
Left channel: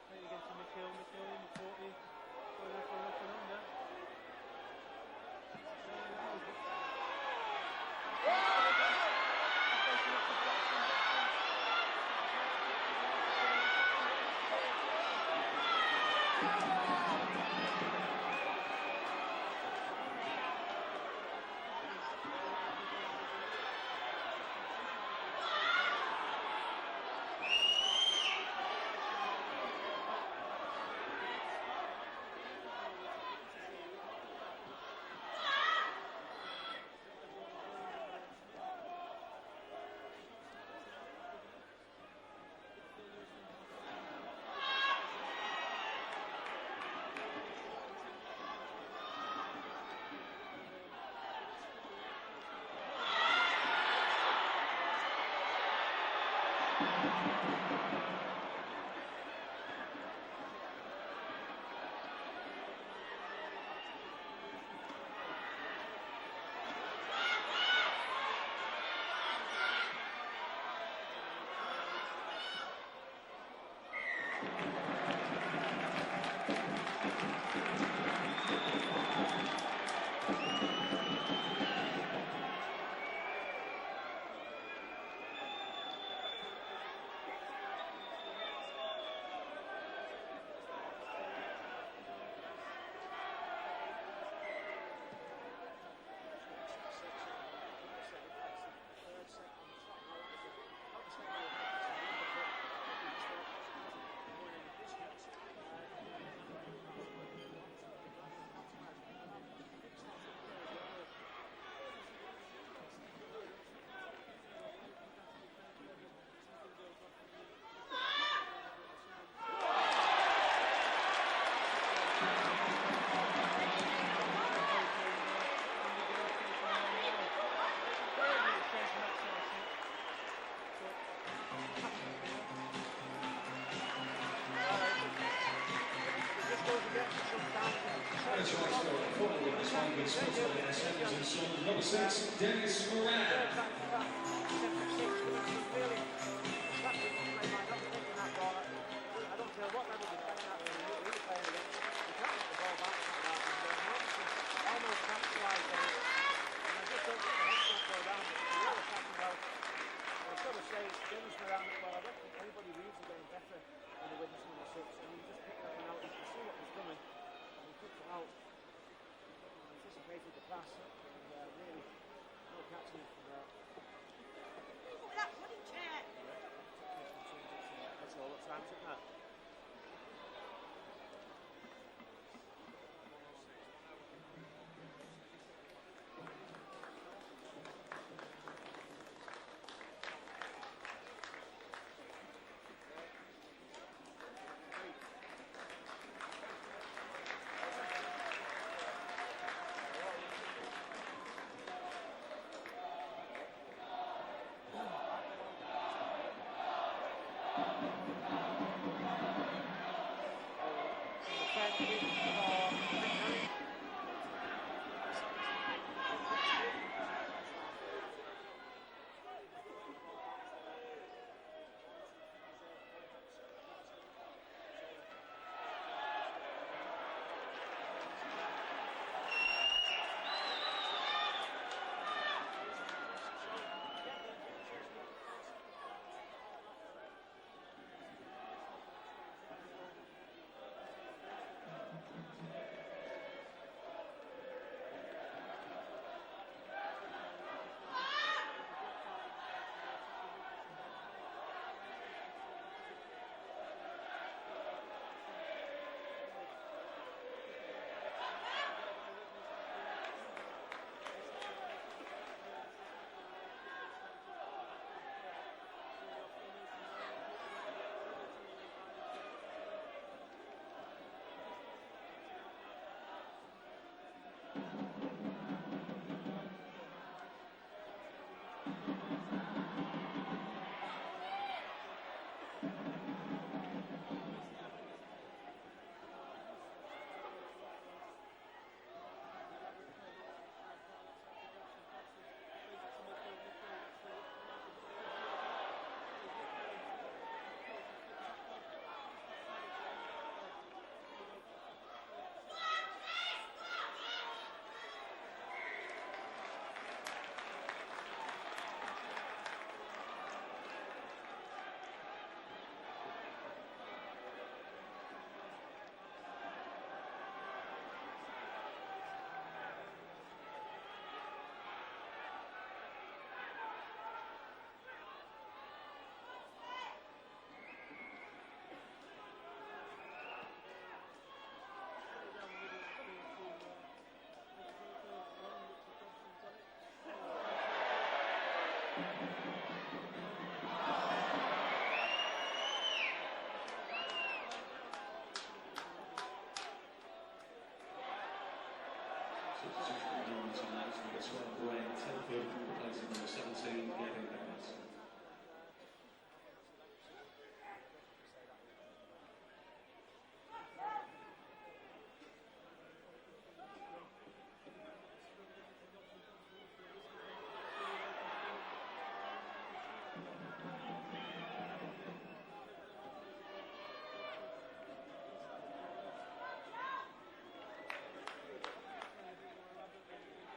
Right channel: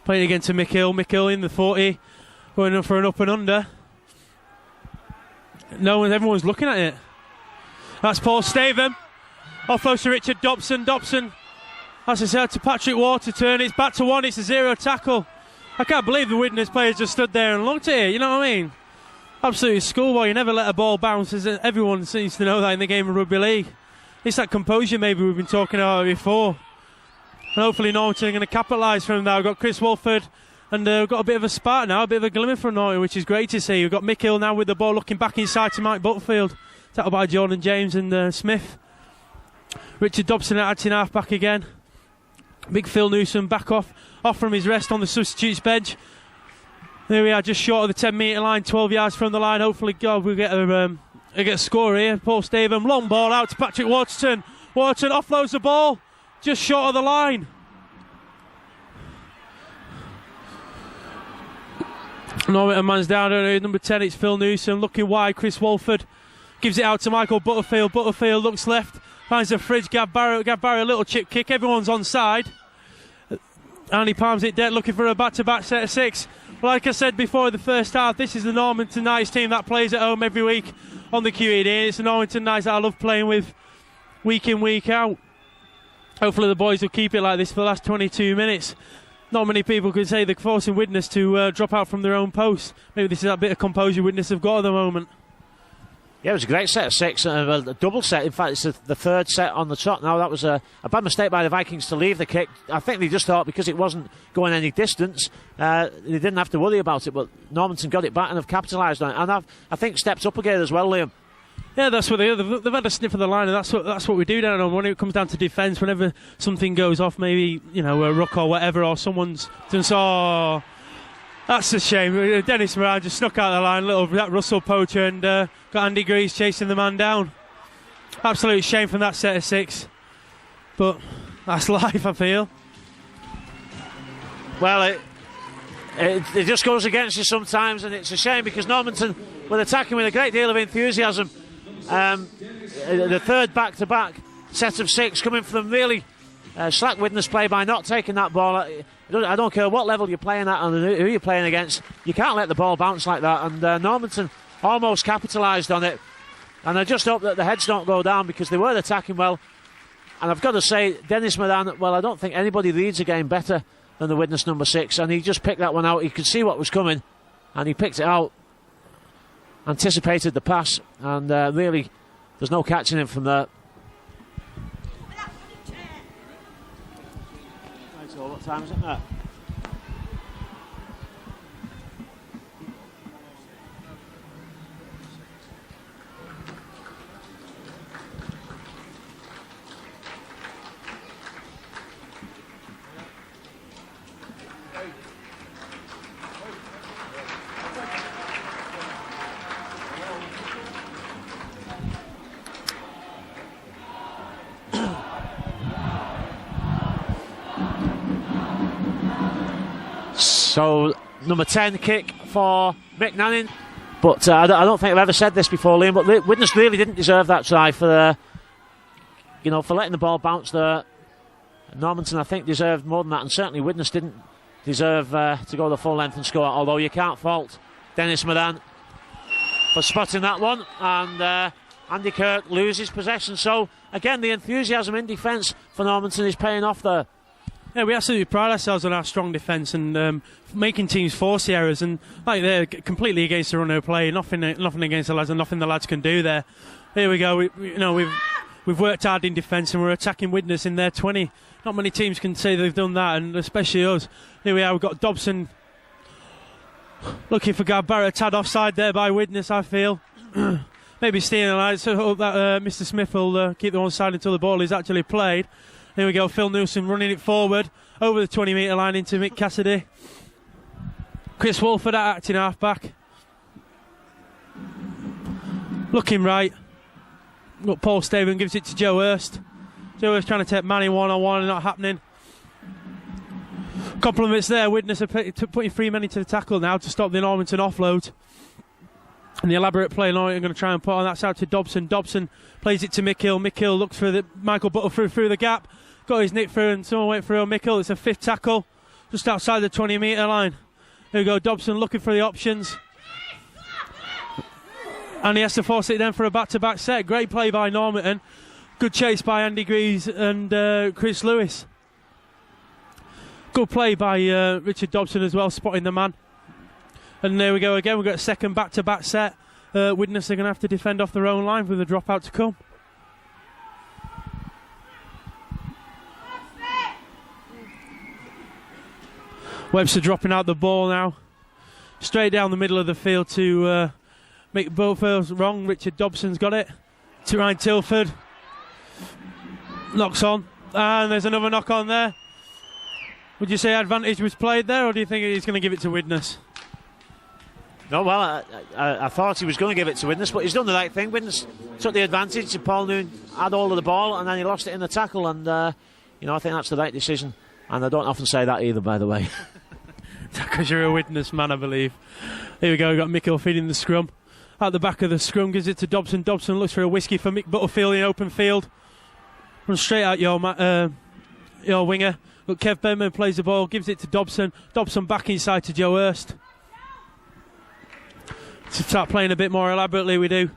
Playing again to Mick Hill. Mick Hill in the 40, going up for an up and under. Everyone's looking at it. That's Paul Stavum. Offload to Richard Dobson. Dobson, as I said, to Patrick Waterton. It's back to 1. It's a 0 tackle. I can't believe the Widnes players just stood there and looked at it. You know what I mean? Absolutely schoolboy. You never let a ball bounce. Everyone seems to know that in the game of rugby league. It's that composure maybe we've been talking about before. And hopefully Normanton are going to capitalise from that. We've got Chris Walford. And we've got a bit of a spark now, a bit of a glimmer from Norton, which is great to see. We've got Mick Hill now with the ball looking back inside to Mike Butterfield. Tackled by Jordan James and Smith. Richard Dobson acting half back again. Big Phil Newsom back off from his rest on the substitutes bench. There we are, just short of the 10-metre line, 12 yards from the line. Hopefully, God, we'll get a score here. Paul Stavum, long ball out to Patrick Waterton. Waterton offloads the ball, just short of the line. Normanton man's down, number 10, it's Phil Newsom, looking wide, Chris Walford gives it out to Michael Butterfield. Butterfield looks left, finds the fridge, Gav Barrow, a little chip kick, everyone's onside. And he palms it dead, looking for a back-to-back set of 6. Like I said before, the first half, this is the Normanton Knights team that plays at home every week on the QED. It's the Normanton Knights that I love playing with week in, week out. Hopefully the boys will keep it like this for the last 22 minutes. Not many people could say they're forcing Widnes to drop out from their own post. Maybe this is that bit of composure Widnes have got at the moment. Yeah, it was a great set of 6, a double set. In fact, it's the third set on the trot now. That was a bad mistake by the Vikings to leave the kick. I think they just thought because it wasn't going any distance, they didn't have to worry about it. But Normanton got it back and have capitalised on it. And I think stepped up again as well, Liam. Yeah, that's what they've had a sniff of the line, and that's what we do down on when it comes down to defence. Whenever something goes off, maybe a ruck or whatever, or someone's done so. Oh, that's a shame. Dennis Moran just snuck out of the line, that Russell poacher, and got Andy Greaves chasing the man down. Absolute shame from that set of 6, but that's life, I feel. Well, it just goes against you sometimes, and it's a shame because Normanton were attacking with a great deal of enthusiasm. The third back-to-back set of 6 coming from really slack Widnes play by not taking that ball. I don't care what level you're playing at and who you're playing against, you can't let the ball bounce like that, and Normanton almost capitalised on it, and I just hope that the heads don't go down because they were attacking well. And I've got to say, Dennis Moran, well, I don't think anybody leads a game better than the Widnes number 6, and he just picked that one out. He could see what was coming and he picked it out, anticipated the pass, and really there's no catching him from there. So what time is it now? So, number 10 kick for Mick Nanning. But I don't think I've ever said this before, Liam, but Widnes really didn't deserve that try for letting the ball bounce there. Normanton, I think, deserved more than that, and certainly Widnes didn't deserve to go the full length and score, although you can't fault Dennis Moran for spotting that one, and Andy Kirk loses possession. So, again, the enthusiasm in defence for Normanton is paying off there. Yeah, we absolutely pride ourselves on our strong defence and making teams force the errors, and like they're completely against the run of play, nothing against the lads, and nothing the lads can do there. Here we go. We've worked hard in defence and we're attacking Widnes in their 20. Not many teams can say they've done that, and especially us. Here we are. We've got Dobson looking for Gav Barrett, tad offside there by Widnes, I feel. Maybe stealing the line, so hope that Mr. Smith will keep the one side until the ball is actually played. Here we go, Phil Newsom running it forward over the 20-metre line into Mick Cassidy. Chris Wolford at acting half-back. Looking right. Look, Paul Staven gives it to Joe Hurst. Joe Hurst trying to take Manning one-on-one and not happening. Compliments there. Widnes are putting 3 men into the tackle now to stop the Normanton offload. And the elaborate play Normanton going to try and put on. That's out to Dobson. Dobson plays it to Mick Hill. Mick Hill looks for Michael Buttle through the gap. Got his nick through and someone went through on Mick Hill. It's a 5th tackle just outside the 20-metre line. Here we go, Dobson looking for the options. And he has to force it then for a back-to-back set. Great play by Normanton. Good chase by Andy Greaves and Chris Lewis. Good play by Richard Dobson as well, spotting the man. And there we go again. We've got a second back-to-back set. Widnes are going to have to defend off their own line with a dropout to come. Webster dropping out the ball now. Straight down the middle of the field to make both fields wrong. Richard Dobson's got it. To Ryan Tilford. Knocks on. And there's another knock on there. Would you say advantage was played there, or do you think he's going to give it to Widnes? No, well, I thought he was going to give it to Widnes, but he's done the right thing. Widnes took the advantage, and Paul Noon had all of the ball, and then he lost it in the tackle, and I think that's the right decision. And I don't often say that either, by the way. Because you're a Widnes man, I believe. Here we go, we've got Mick feeding the scrum. At the back of the scrum, gives it to Dobson. Dobson looks for a whiskey for Mick Butterfield in open field. Runs straight out your winger. But Kev Benman plays the ball, gives it to Dobson. Dobson back inside to Joe Hurst. To start playing a bit more elaborately, we do.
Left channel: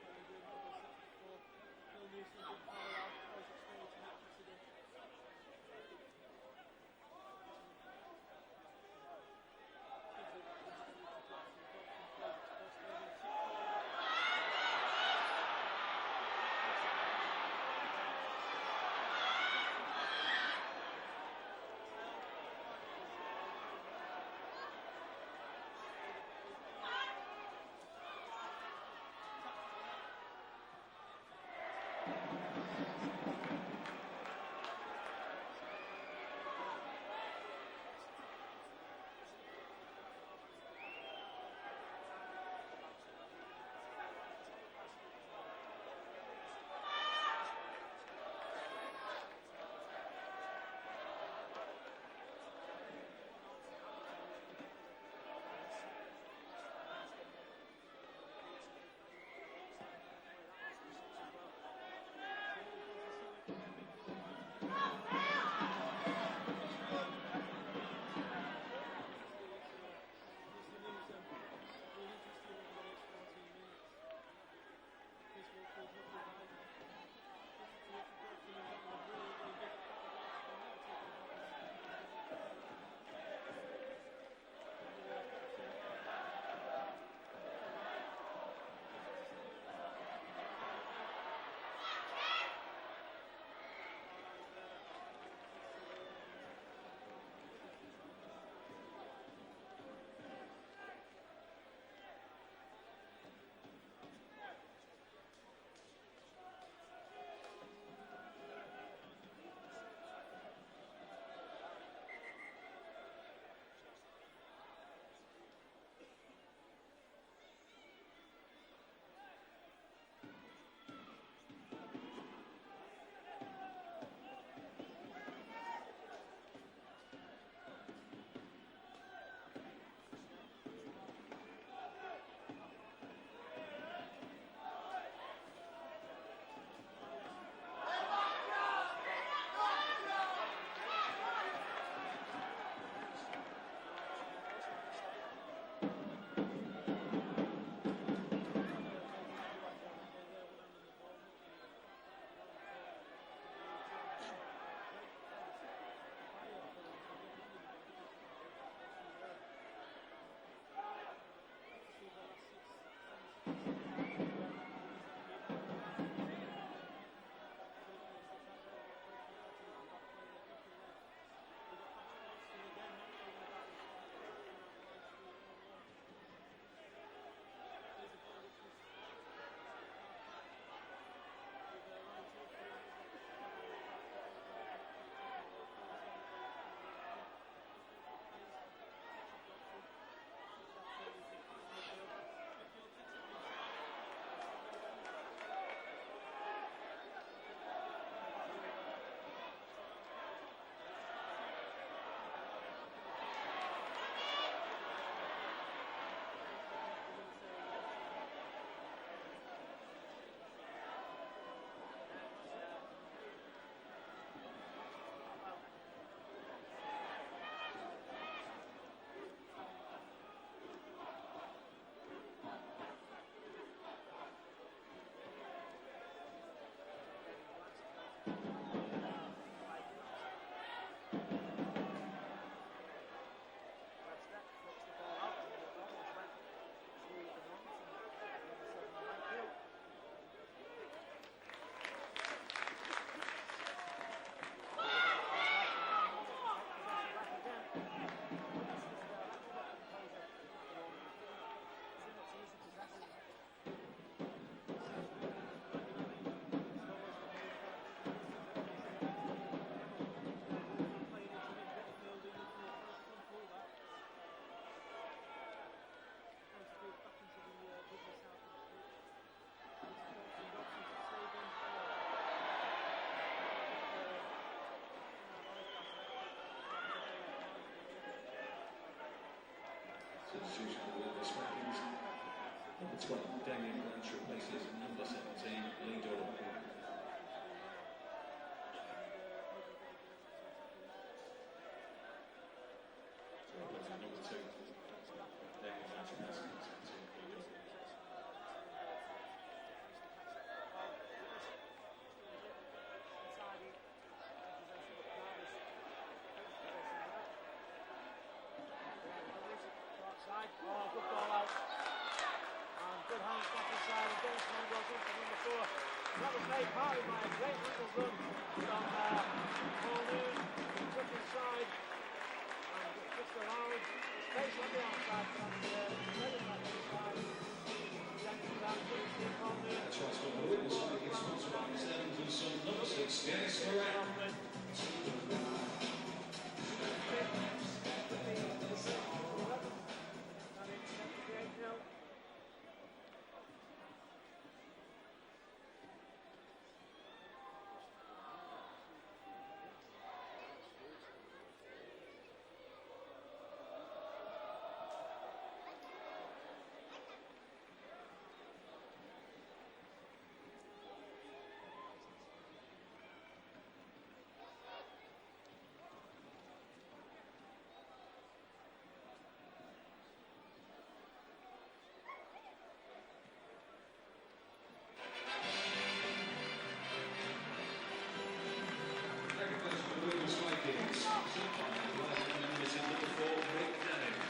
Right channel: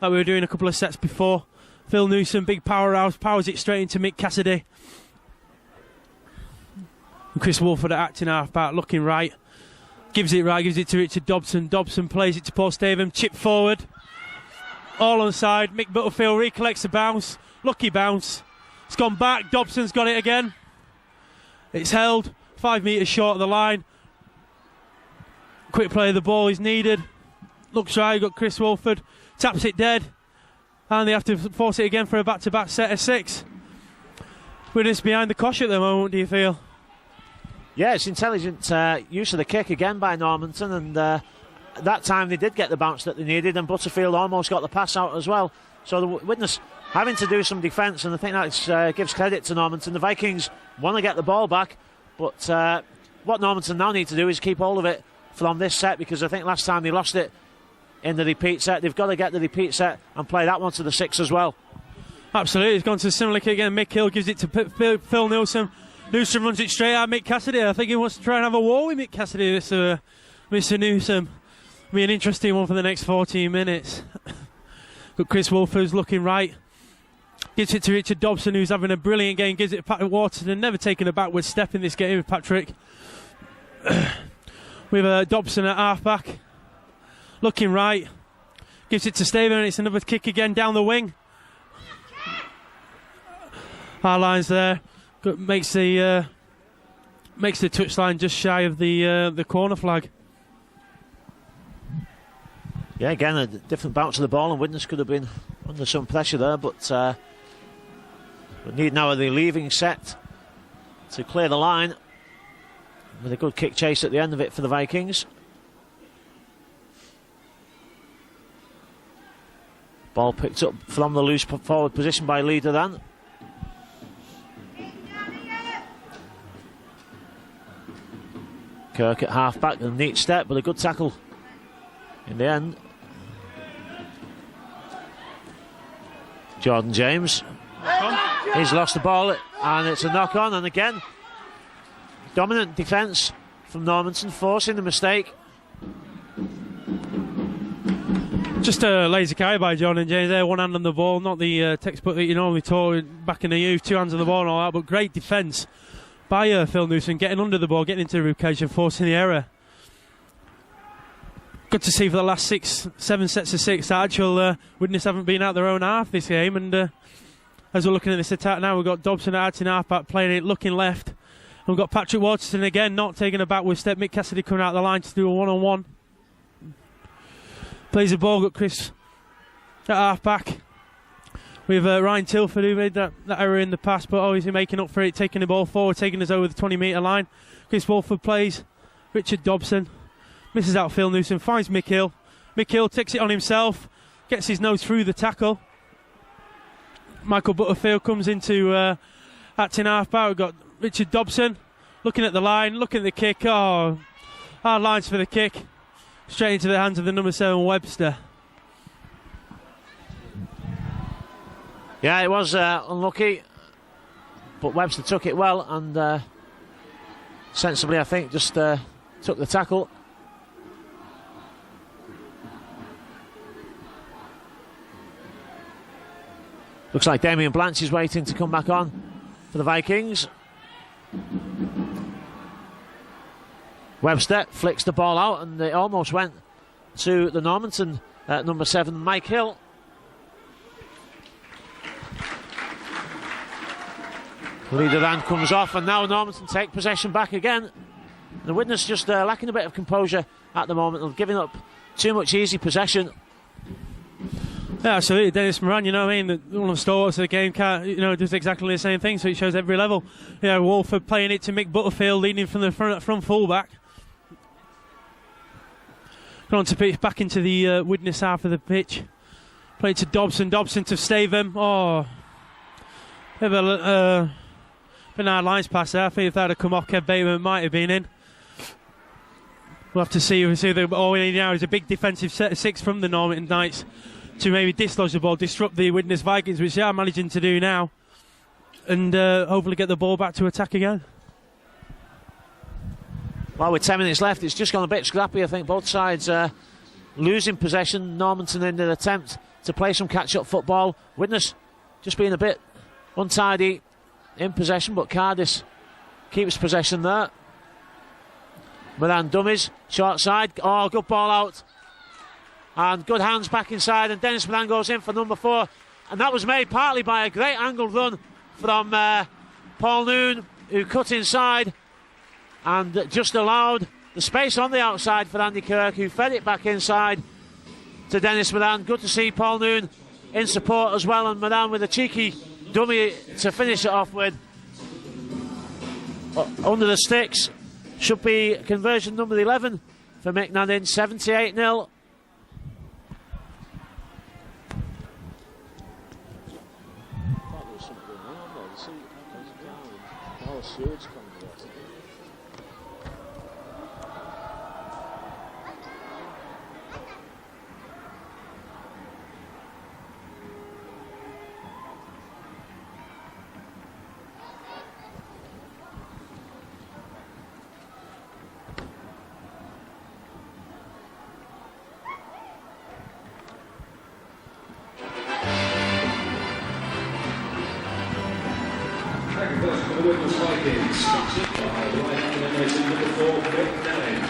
Like we were doing a couple of sets before. Phil Newsom, big powerhouse, powers it straight into Mick Cassidy. And Chris Wolford at acting half-back, looking right. Gives it to Richard Dobson. Dobson plays it to Paul Staven, chip forward. All on side, Mick Butterfield recollects the bounce. Lucky bounce. It's gone back, Dobson's got it again. It's held, 5 metres short of the line. Quick play of the ball is needed. Looks right, got Chris Wolford. Taps it dead. and they have to force it again for a back-to-back set of 6. Widnes behind the cosh at the moment, do you feel? Yeah, it's intelligent use of the kick again by Normanton, and that time they did get the bounce that they needed, and Butterfield almost got the pass out as well. So the Widnes having to do some defence, and I think that gives credit to Normanton. The Vikings want to get the ball back, but what Normanton now need to do is keep hold of it from this set, because I think last time they lost it in the repeat set. They've got to get the repeat set and play that one to the 6 as well. Absolutely, he's gone to a similar kick again. Mick Hill gives it to Phil Nilsson. Newsom runs it straight at Mick Cassidy. I think he wants to try and have a war with Mick Cassidy, this Mr. Newsom. It'll be an interesting one for the next 14 minutes. But Chris Wolfers looking right. Gives it to Richard Dobson, who's having a brilliant game. Gives it to Patrick Waterton. Never taken a backward step in this game with Patrick. With Dobson at half-back. Looking right. Gives it to Staven, and it's another kick again down the wing. Our lines there. Makes the touchline just shy of the corner flag. Yeah, again a different bounce of the ball, and Widnes could have been under some pressure there, but we need now a relieving set to clear the line with a good kick chase at the end of it for the Vikings. Ball picked up from the loose forward position by Leader then. Kirk at half-back, a neat step, but a good tackle in the end. Jordan James. He's lost the ball, and it's a knock-on, and again, dominant defence from Normanton, forcing the mistake. Just a lazy carry by Jordan James there, one hand on the ball, not the textbook that you normally taught back in the youth, 2 hands on the ball and all that, but great defence by Phil Newsom, getting under the ball, getting into the rib cage and forcing the error. Good to see for the last 7 sets of 6 that actual Widnes haven't been out their own half this game, and as we're looking at this attack now, we've got Dobson out in half-back playing it, looking left. And we've got Patrick Waterton again, not taking a backward step. Mick Cassidy coming out the line to do a one-on-one. Plays the ball, got Chris at half-back. With Ryan Tilford, who made that error in the past, but obviously making up for it, taking the ball forward, taking us over the 20-metre line. Chris Wolford plays Richard Dobson. Misses out Phil Newsom, finds Mick Hill. Mick Hill takes it on himself, gets his nose through the tackle. Michael Butterfield comes into acting half-back. We've got Richard Dobson looking at the line, looking at the kick. Oh, hard lines for the kick. Straight into the hands of the number 7 Webster. Yeah, it was unlucky, but Webster took it well and sensibly, I think, just took the tackle. Looks like Damien Blanche is waiting to come back on for the Vikings. Webster flicks the ball out, and it almost went to the Normanton number 7, Mike Hill. Leader then comes off, and now Normanton take possession back again. The Widnes just lacking a bit of composure at the moment and giving up too much easy possession. Yeah, absolutely. Dennis Moran, you know what I mean? One of the stalwarts of the game does exactly the same thing, so it shows every level. Yeah, Wolford playing it to Mick Butterfield, leading from the front fullback. Going on to pitch back into the Widnes half of the pitch. Play to Dobson, Dobson to Staven. Oh, bit of a hard lines pass there. I think if that had come off, Kev Bateman might have been in. We'll have to see. All we need now is a big defensive set of 6 from the Normanton Knights to maybe dislodge the ball, disrupt the Widnes Vikings, which they are managing to do now, and hopefully get the ball back to attack again. Well, with 10 minutes left, it's just gone a bit scrappy. I think both sides losing possession. Normanton in an attempt to play some catch-up football. Widnes just being a bit untidy in possession, but Cardis keeps possession there. Moran dummies, short side. Oh, good ball out. And good hands back inside, and Dennis Moran goes in for number 4. And that was made partly by a great angled run from Paul Noon, who cut inside and just allowed the space on the outside for Andy Kirk, who fed it back inside to Dennis Moran. Good to see Paul Noon in support as well, and Madame with a cheeky dummy to finish it off with. Under the sticks should be conversion number 11 for Mick Nadin, 78-0. The Widnes Vikings, sponsored by the Life Commemorating number 4, Mick Nadin.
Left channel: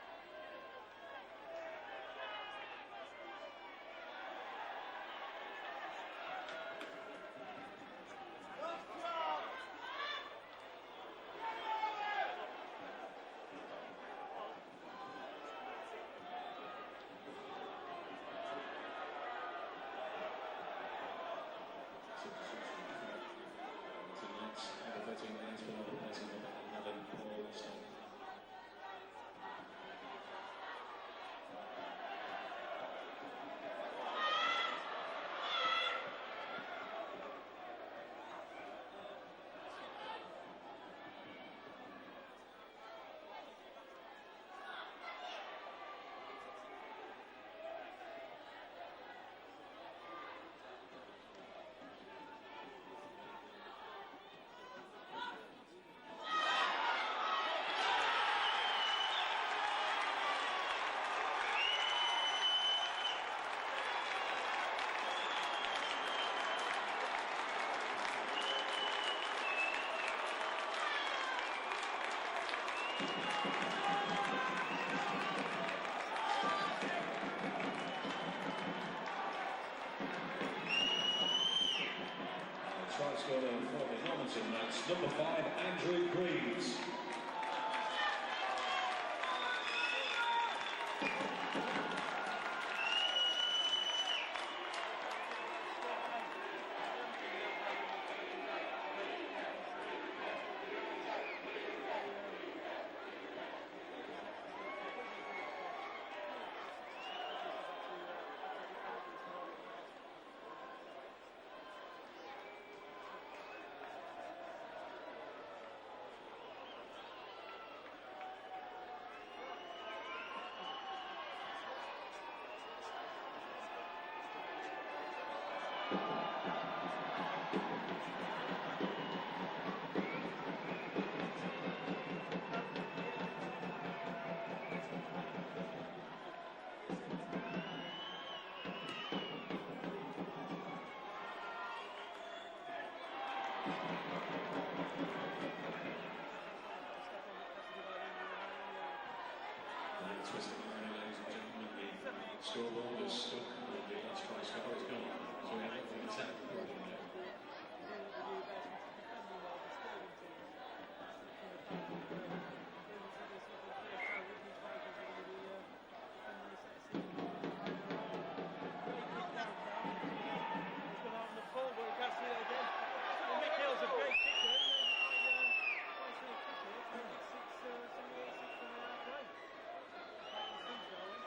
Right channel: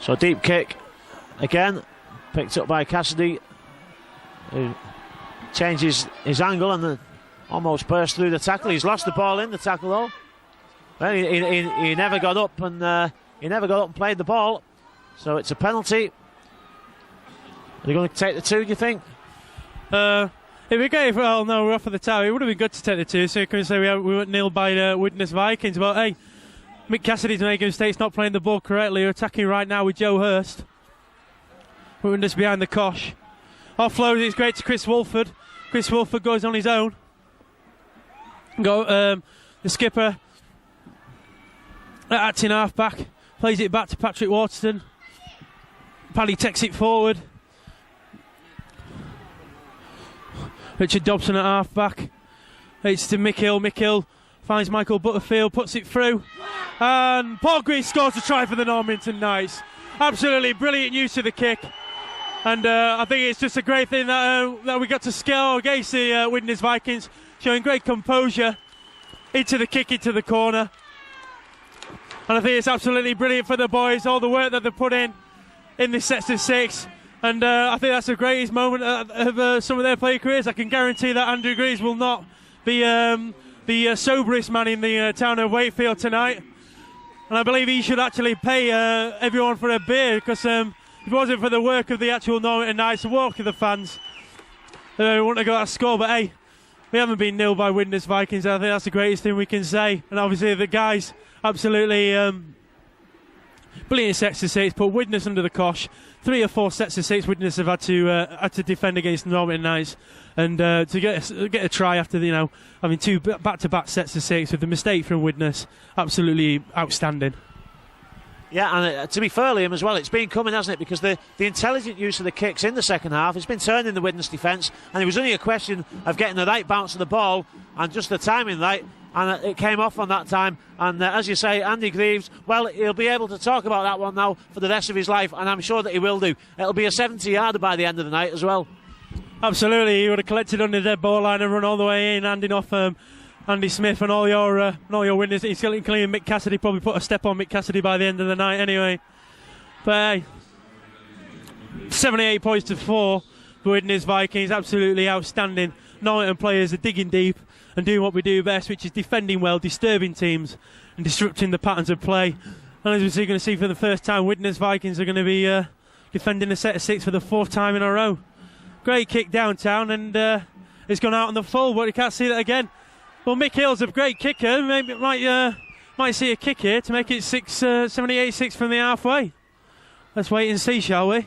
So deep kick again, picked up by Cassidy, who changes his angle and then almost burst through the tackle. He's lost the ball in the tackle though. Well, he never got up and played the ball, so it's a penalty. Are they going to take the two, do you think? If we go, well, no, we're off of the tower. It would have been good to take the two, so you can say we weren't nil by Widnes Vikings. But hey, Mick Cassidy's making mistakes, not playing the ball correctly. We're attacking right now with Joe Hurst. Widnes behind the cosh. Offload, it's great to Chris Wolford. Chris Wolford goes on his own. The skipper, acting half back, plays it back to Patrick Waterston. Paddy takes it forward. Richard Dobson at half back. It's to Mick Hill. Mick Hill finds Michael Butterfield, puts it through. And Paul Green scores a try for the Normanton Knights. Absolutely brilliant use of the kick. And I think it's just a great thing that we got to scale against the Widnes Vikings, showing great composure into the kick, into the corner. And I think it's absolutely brilliant for the boys, all the work that they've put in this sets of six. And I think that's the greatest moment of some of their play careers. I can guarantee that Andrew Greaves will not be the soberest man in the town of Wakefield tonight. And I believe he should actually pay everyone for a beer, because if it wasn't for the work of the actual Normanton Knights and walk to the fans, they wouldn't have got a score. But hey, we haven't been nil by Widnes Vikings. I think that's the greatest thing we can say. And obviously the guys absolutely brilliant sets of six, put Widnes under the cosh. 3 or 4 sets of six Widnes have had to defend against the Normanton Knights, and to get a try after having 2 back-to-back sets of six with the mistake from Widnes, absolutely outstanding. Yeah, and to be fair, Liam, as well, it's been coming, hasn't it? Because the intelligent use of the kicks in the second half has been turning the Widnes defence, and it was only a question of getting the right bounce of the ball and just the timing right, and it came off on that time. And as you say, Andy Greaves, well, he'll be able to talk about that one now for the rest of his life, and I'm sure that he will do. It'll be a 70-yarder by the end of the night as well. Absolutely, he would have collected on the dead ball line and run all the way in, handing off Andy Smith and all your winners. He's clean. Mick Cassidy probably put a step on Mick Cassidy by the end of the night anyway. But hey, 78 points to 4 for Widnes Vikings, absolutely outstanding. Normanton players are digging deep and doing what we do best, which is defending well, disturbing teams and disrupting the patterns of play. And as we're going to see for the first time, Widnes Vikings are going to be defending a set of 6 for the 4th time in a row. Great kick downtown, and it's gone out on the full, but you can't see that again. Well, Mick Hill's a great kicker. Maybe might see a kick here to make it 78-6 from the halfway. Let's wait and see, shall we?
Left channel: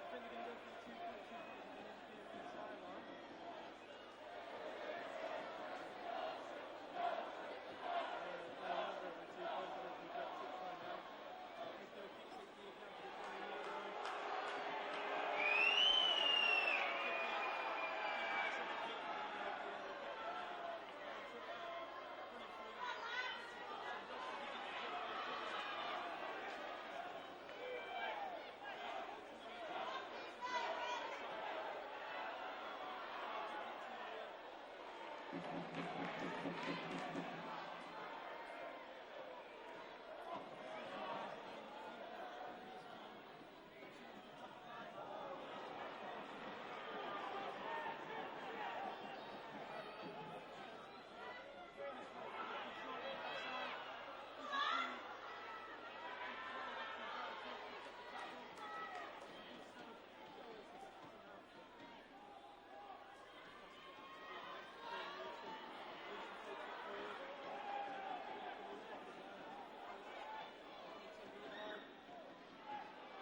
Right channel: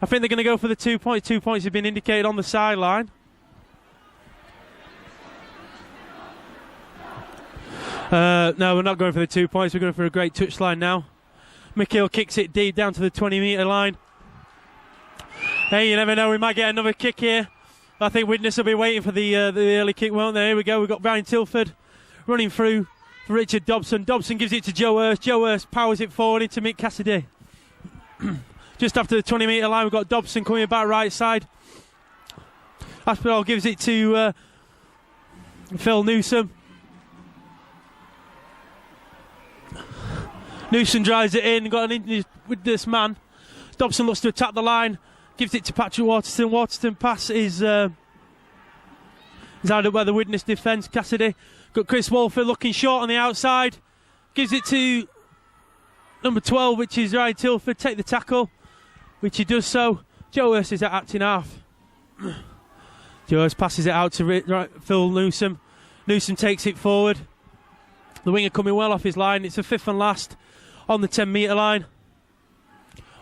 I think they're going to go for the 2 points. 2 points have been indicated on the sideline. No, we're not going for the 2 points. We're going for a great touchline now. Mick Hill kicks it deep down to the 20-metre line. Hey, you never know. We might get another kick here. I think Widnes will be waiting for the early kick, won't they? Here we go. We've got Brian Tilford running through for Richard Dobson. Dobson gives it to Joe Hurst. Joe Hurst powers it forward into Mick Cassidy. Just after the 20-metre line, we've got Dobson coming back right side. Aspinall gives it to Phil Newsom. Newsom drives it in, got an injury with this man. Dobson looks to attack the line, gives it to Patrick Waterston. Waterston pass is held up by the Widnes defence. Cassidy got Chris Walford looking short on the outside, gives it to number 12, which is Ryan Tilford. Take the tackle, which he does so. Joe Hurst is at acting half. Joe Hurst passes it out to Phil Newsom. Newsom takes it forward. The winger coming well off his line. It's a fifth and last on the 10-metre line.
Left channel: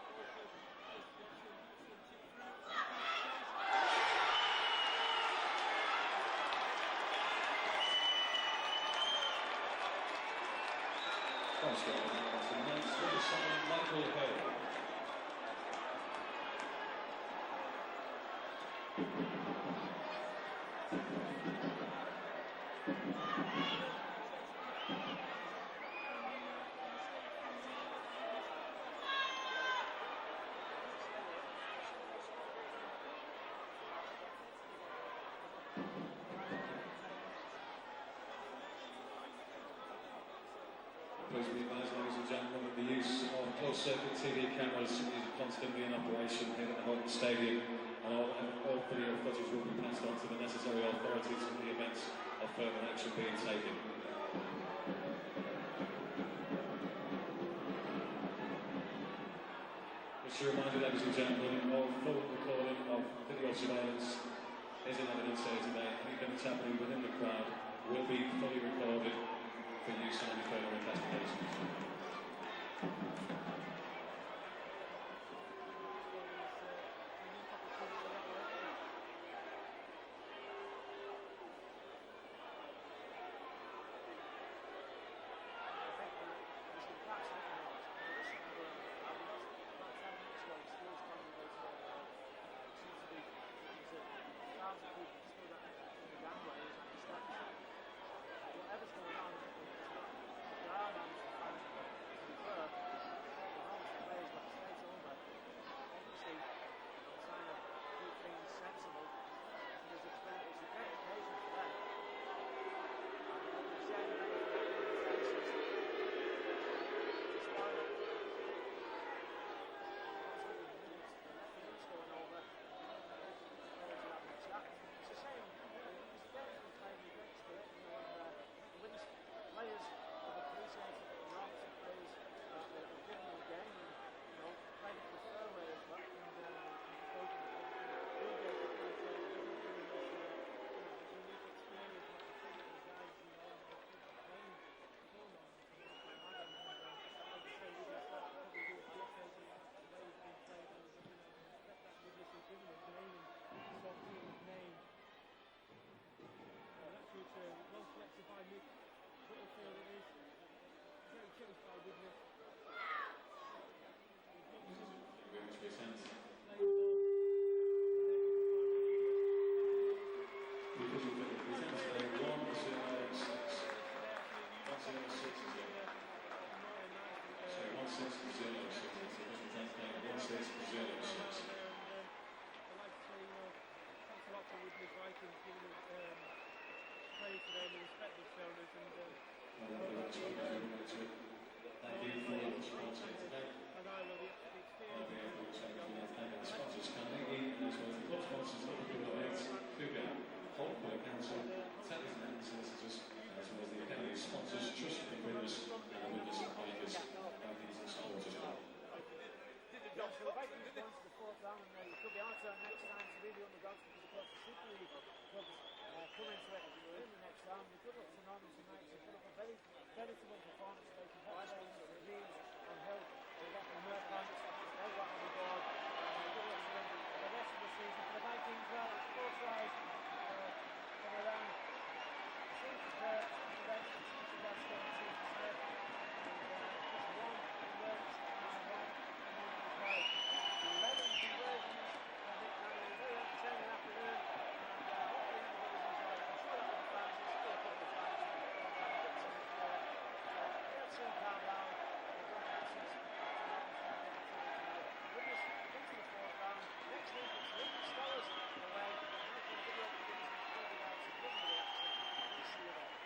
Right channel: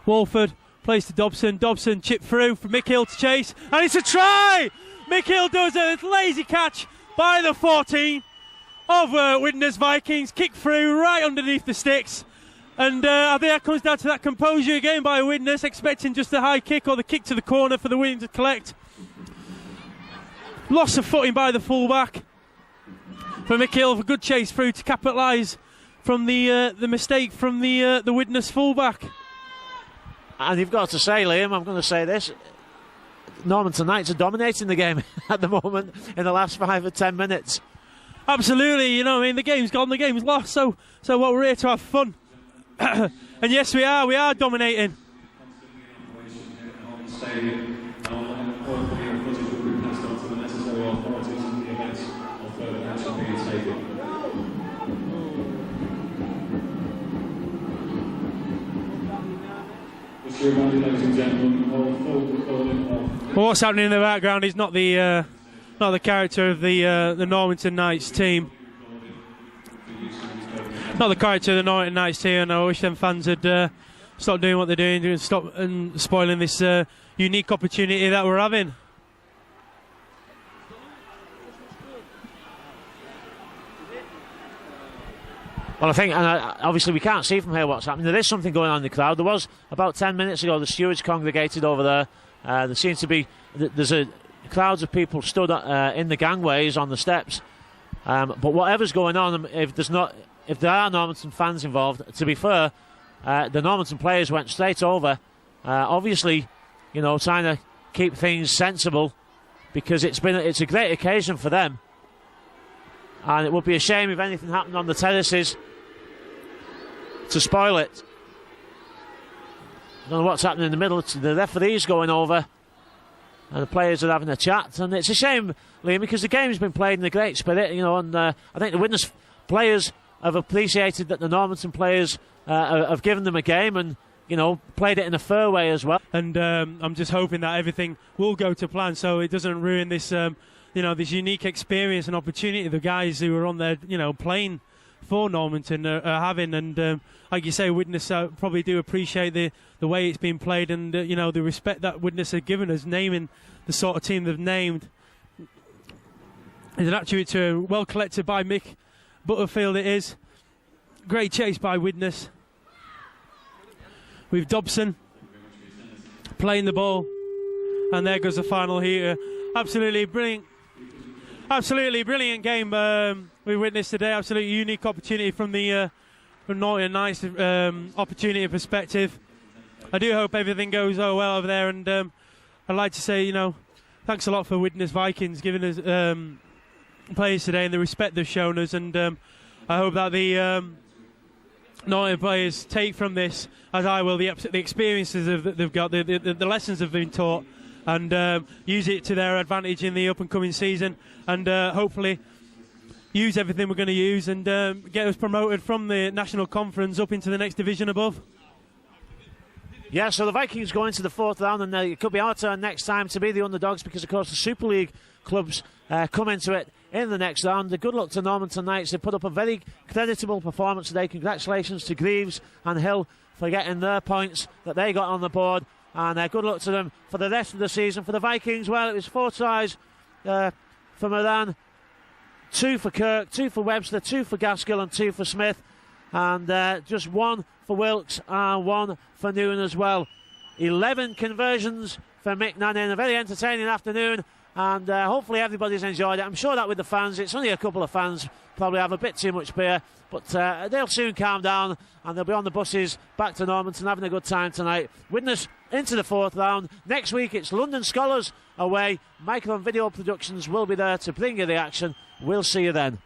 Walford plays to Dobson. Dobson chip through for Mick Hill to chase, and it's a try! Mick Hill does a lazy catch by the 14 of Widnes Vikings. Kick through right underneath the sticks. And I think that comes down to that composure again by Widnes, expecting just a high kick or the kick to the corner for the win to collect. Loss of footing by the fullback. For Mick Hill, a good chase through to capitalise from the mistake from the Widnes fullback. And you've got to say, Liam, I'm going to say this, Normanton Knights are dominating the game at the moment in the last 5 or 10 minutes. Absolutely, you know, I mean, the game's gone, the game's lost, so what, we're here to have fun. And yes, we are dominating. Well, what's happening in the background is not the character of the Normanton Knights team. Not the character of the Normanton Knights team, and I wish them fans had stopped doing what they're doing and stop and spoiling this unique opportunity that we're having. Well, I think, and obviously we can't see from here what's happening. There is something going on in the crowd. There was about 10 minutes ago. The stewards congregated over there. There seems to be crowds of people stood in the gangways on the steps. But whatever's going on, if there are Normanton fans involved, to be fair, the Normanton players went straight over. Obviously, you know, trying to keep things sensible, because it's a great occasion for them. And it would be a shame if anything happened on the terraces to spoil it. I don't know what's happening in the middle. The referee's going over and the players are having a chat. And it's a shame, Liam, because the game's been played in a great spirit, you know, and I think the Widnes players have appreciated that the Normanton players have given them a game and, you know, played it in a fair way as well. And I'm just hoping that everything will go to plan so it doesn't ruin this you know, this unique experience and opportunity the guys who are on there, you know, playing for Normanton are having. And like you say, Widnes probably do appreciate the way it's been played, and you know, the respect that Widnes have given us, naming the sort of team they've named. It's an attribute well collected by Mick Butterfield. It is great chase by Widnes with Dobson playing the ball, and there goes the final heater. Absolutely brilliant game we witnessed today. Absolutely unique opportunity from the Normanton Knights opportunity and perspective. I do hope everything goes well over there, and I'd like to say, you know, thanks a lot for Widnes Vikings giving us players today and the respect they've shown us, and I hope that the Normanton players take from this, as I will, the experiences they've got, the lessons they've been taught, and use it to their advantage in the up-and-coming season, and hopefully use everything we're going to use and get us promoted from the National Conference up into the next division above. Yeah, so the Vikings go into the fourth round, and it could be our turn next time to be the underdogs, because, of course, the Super League clubs come into it in the next round. Good luck to Normanton Knights. They put up a very creditable performance today. Congratulations to Greaves and Hill for getting their points that they got on the board, and good luck to them for the rest of the season. For the Vikings, well, it was 4 tries for Moran, 2 for Kirk, 2 for Webster, 2 for Gaskill and 2 for Smith, and just 1 for Wilkes and 1 for Newen as well. 11 conversions for Mick Nannin. A very entertaining afternoon, and hopefully everybody's enjoyed it. I'm sure that with the fans, it's only a couple of fans probably have a bit too much beer, but they'll soon calm down and they'll be on the buses back to Normanton having a good time tonight. Widnes into the fourth round. Next week it's London Scholars away. Micro and Video Productions will be there to bring you the action. We'll see you then.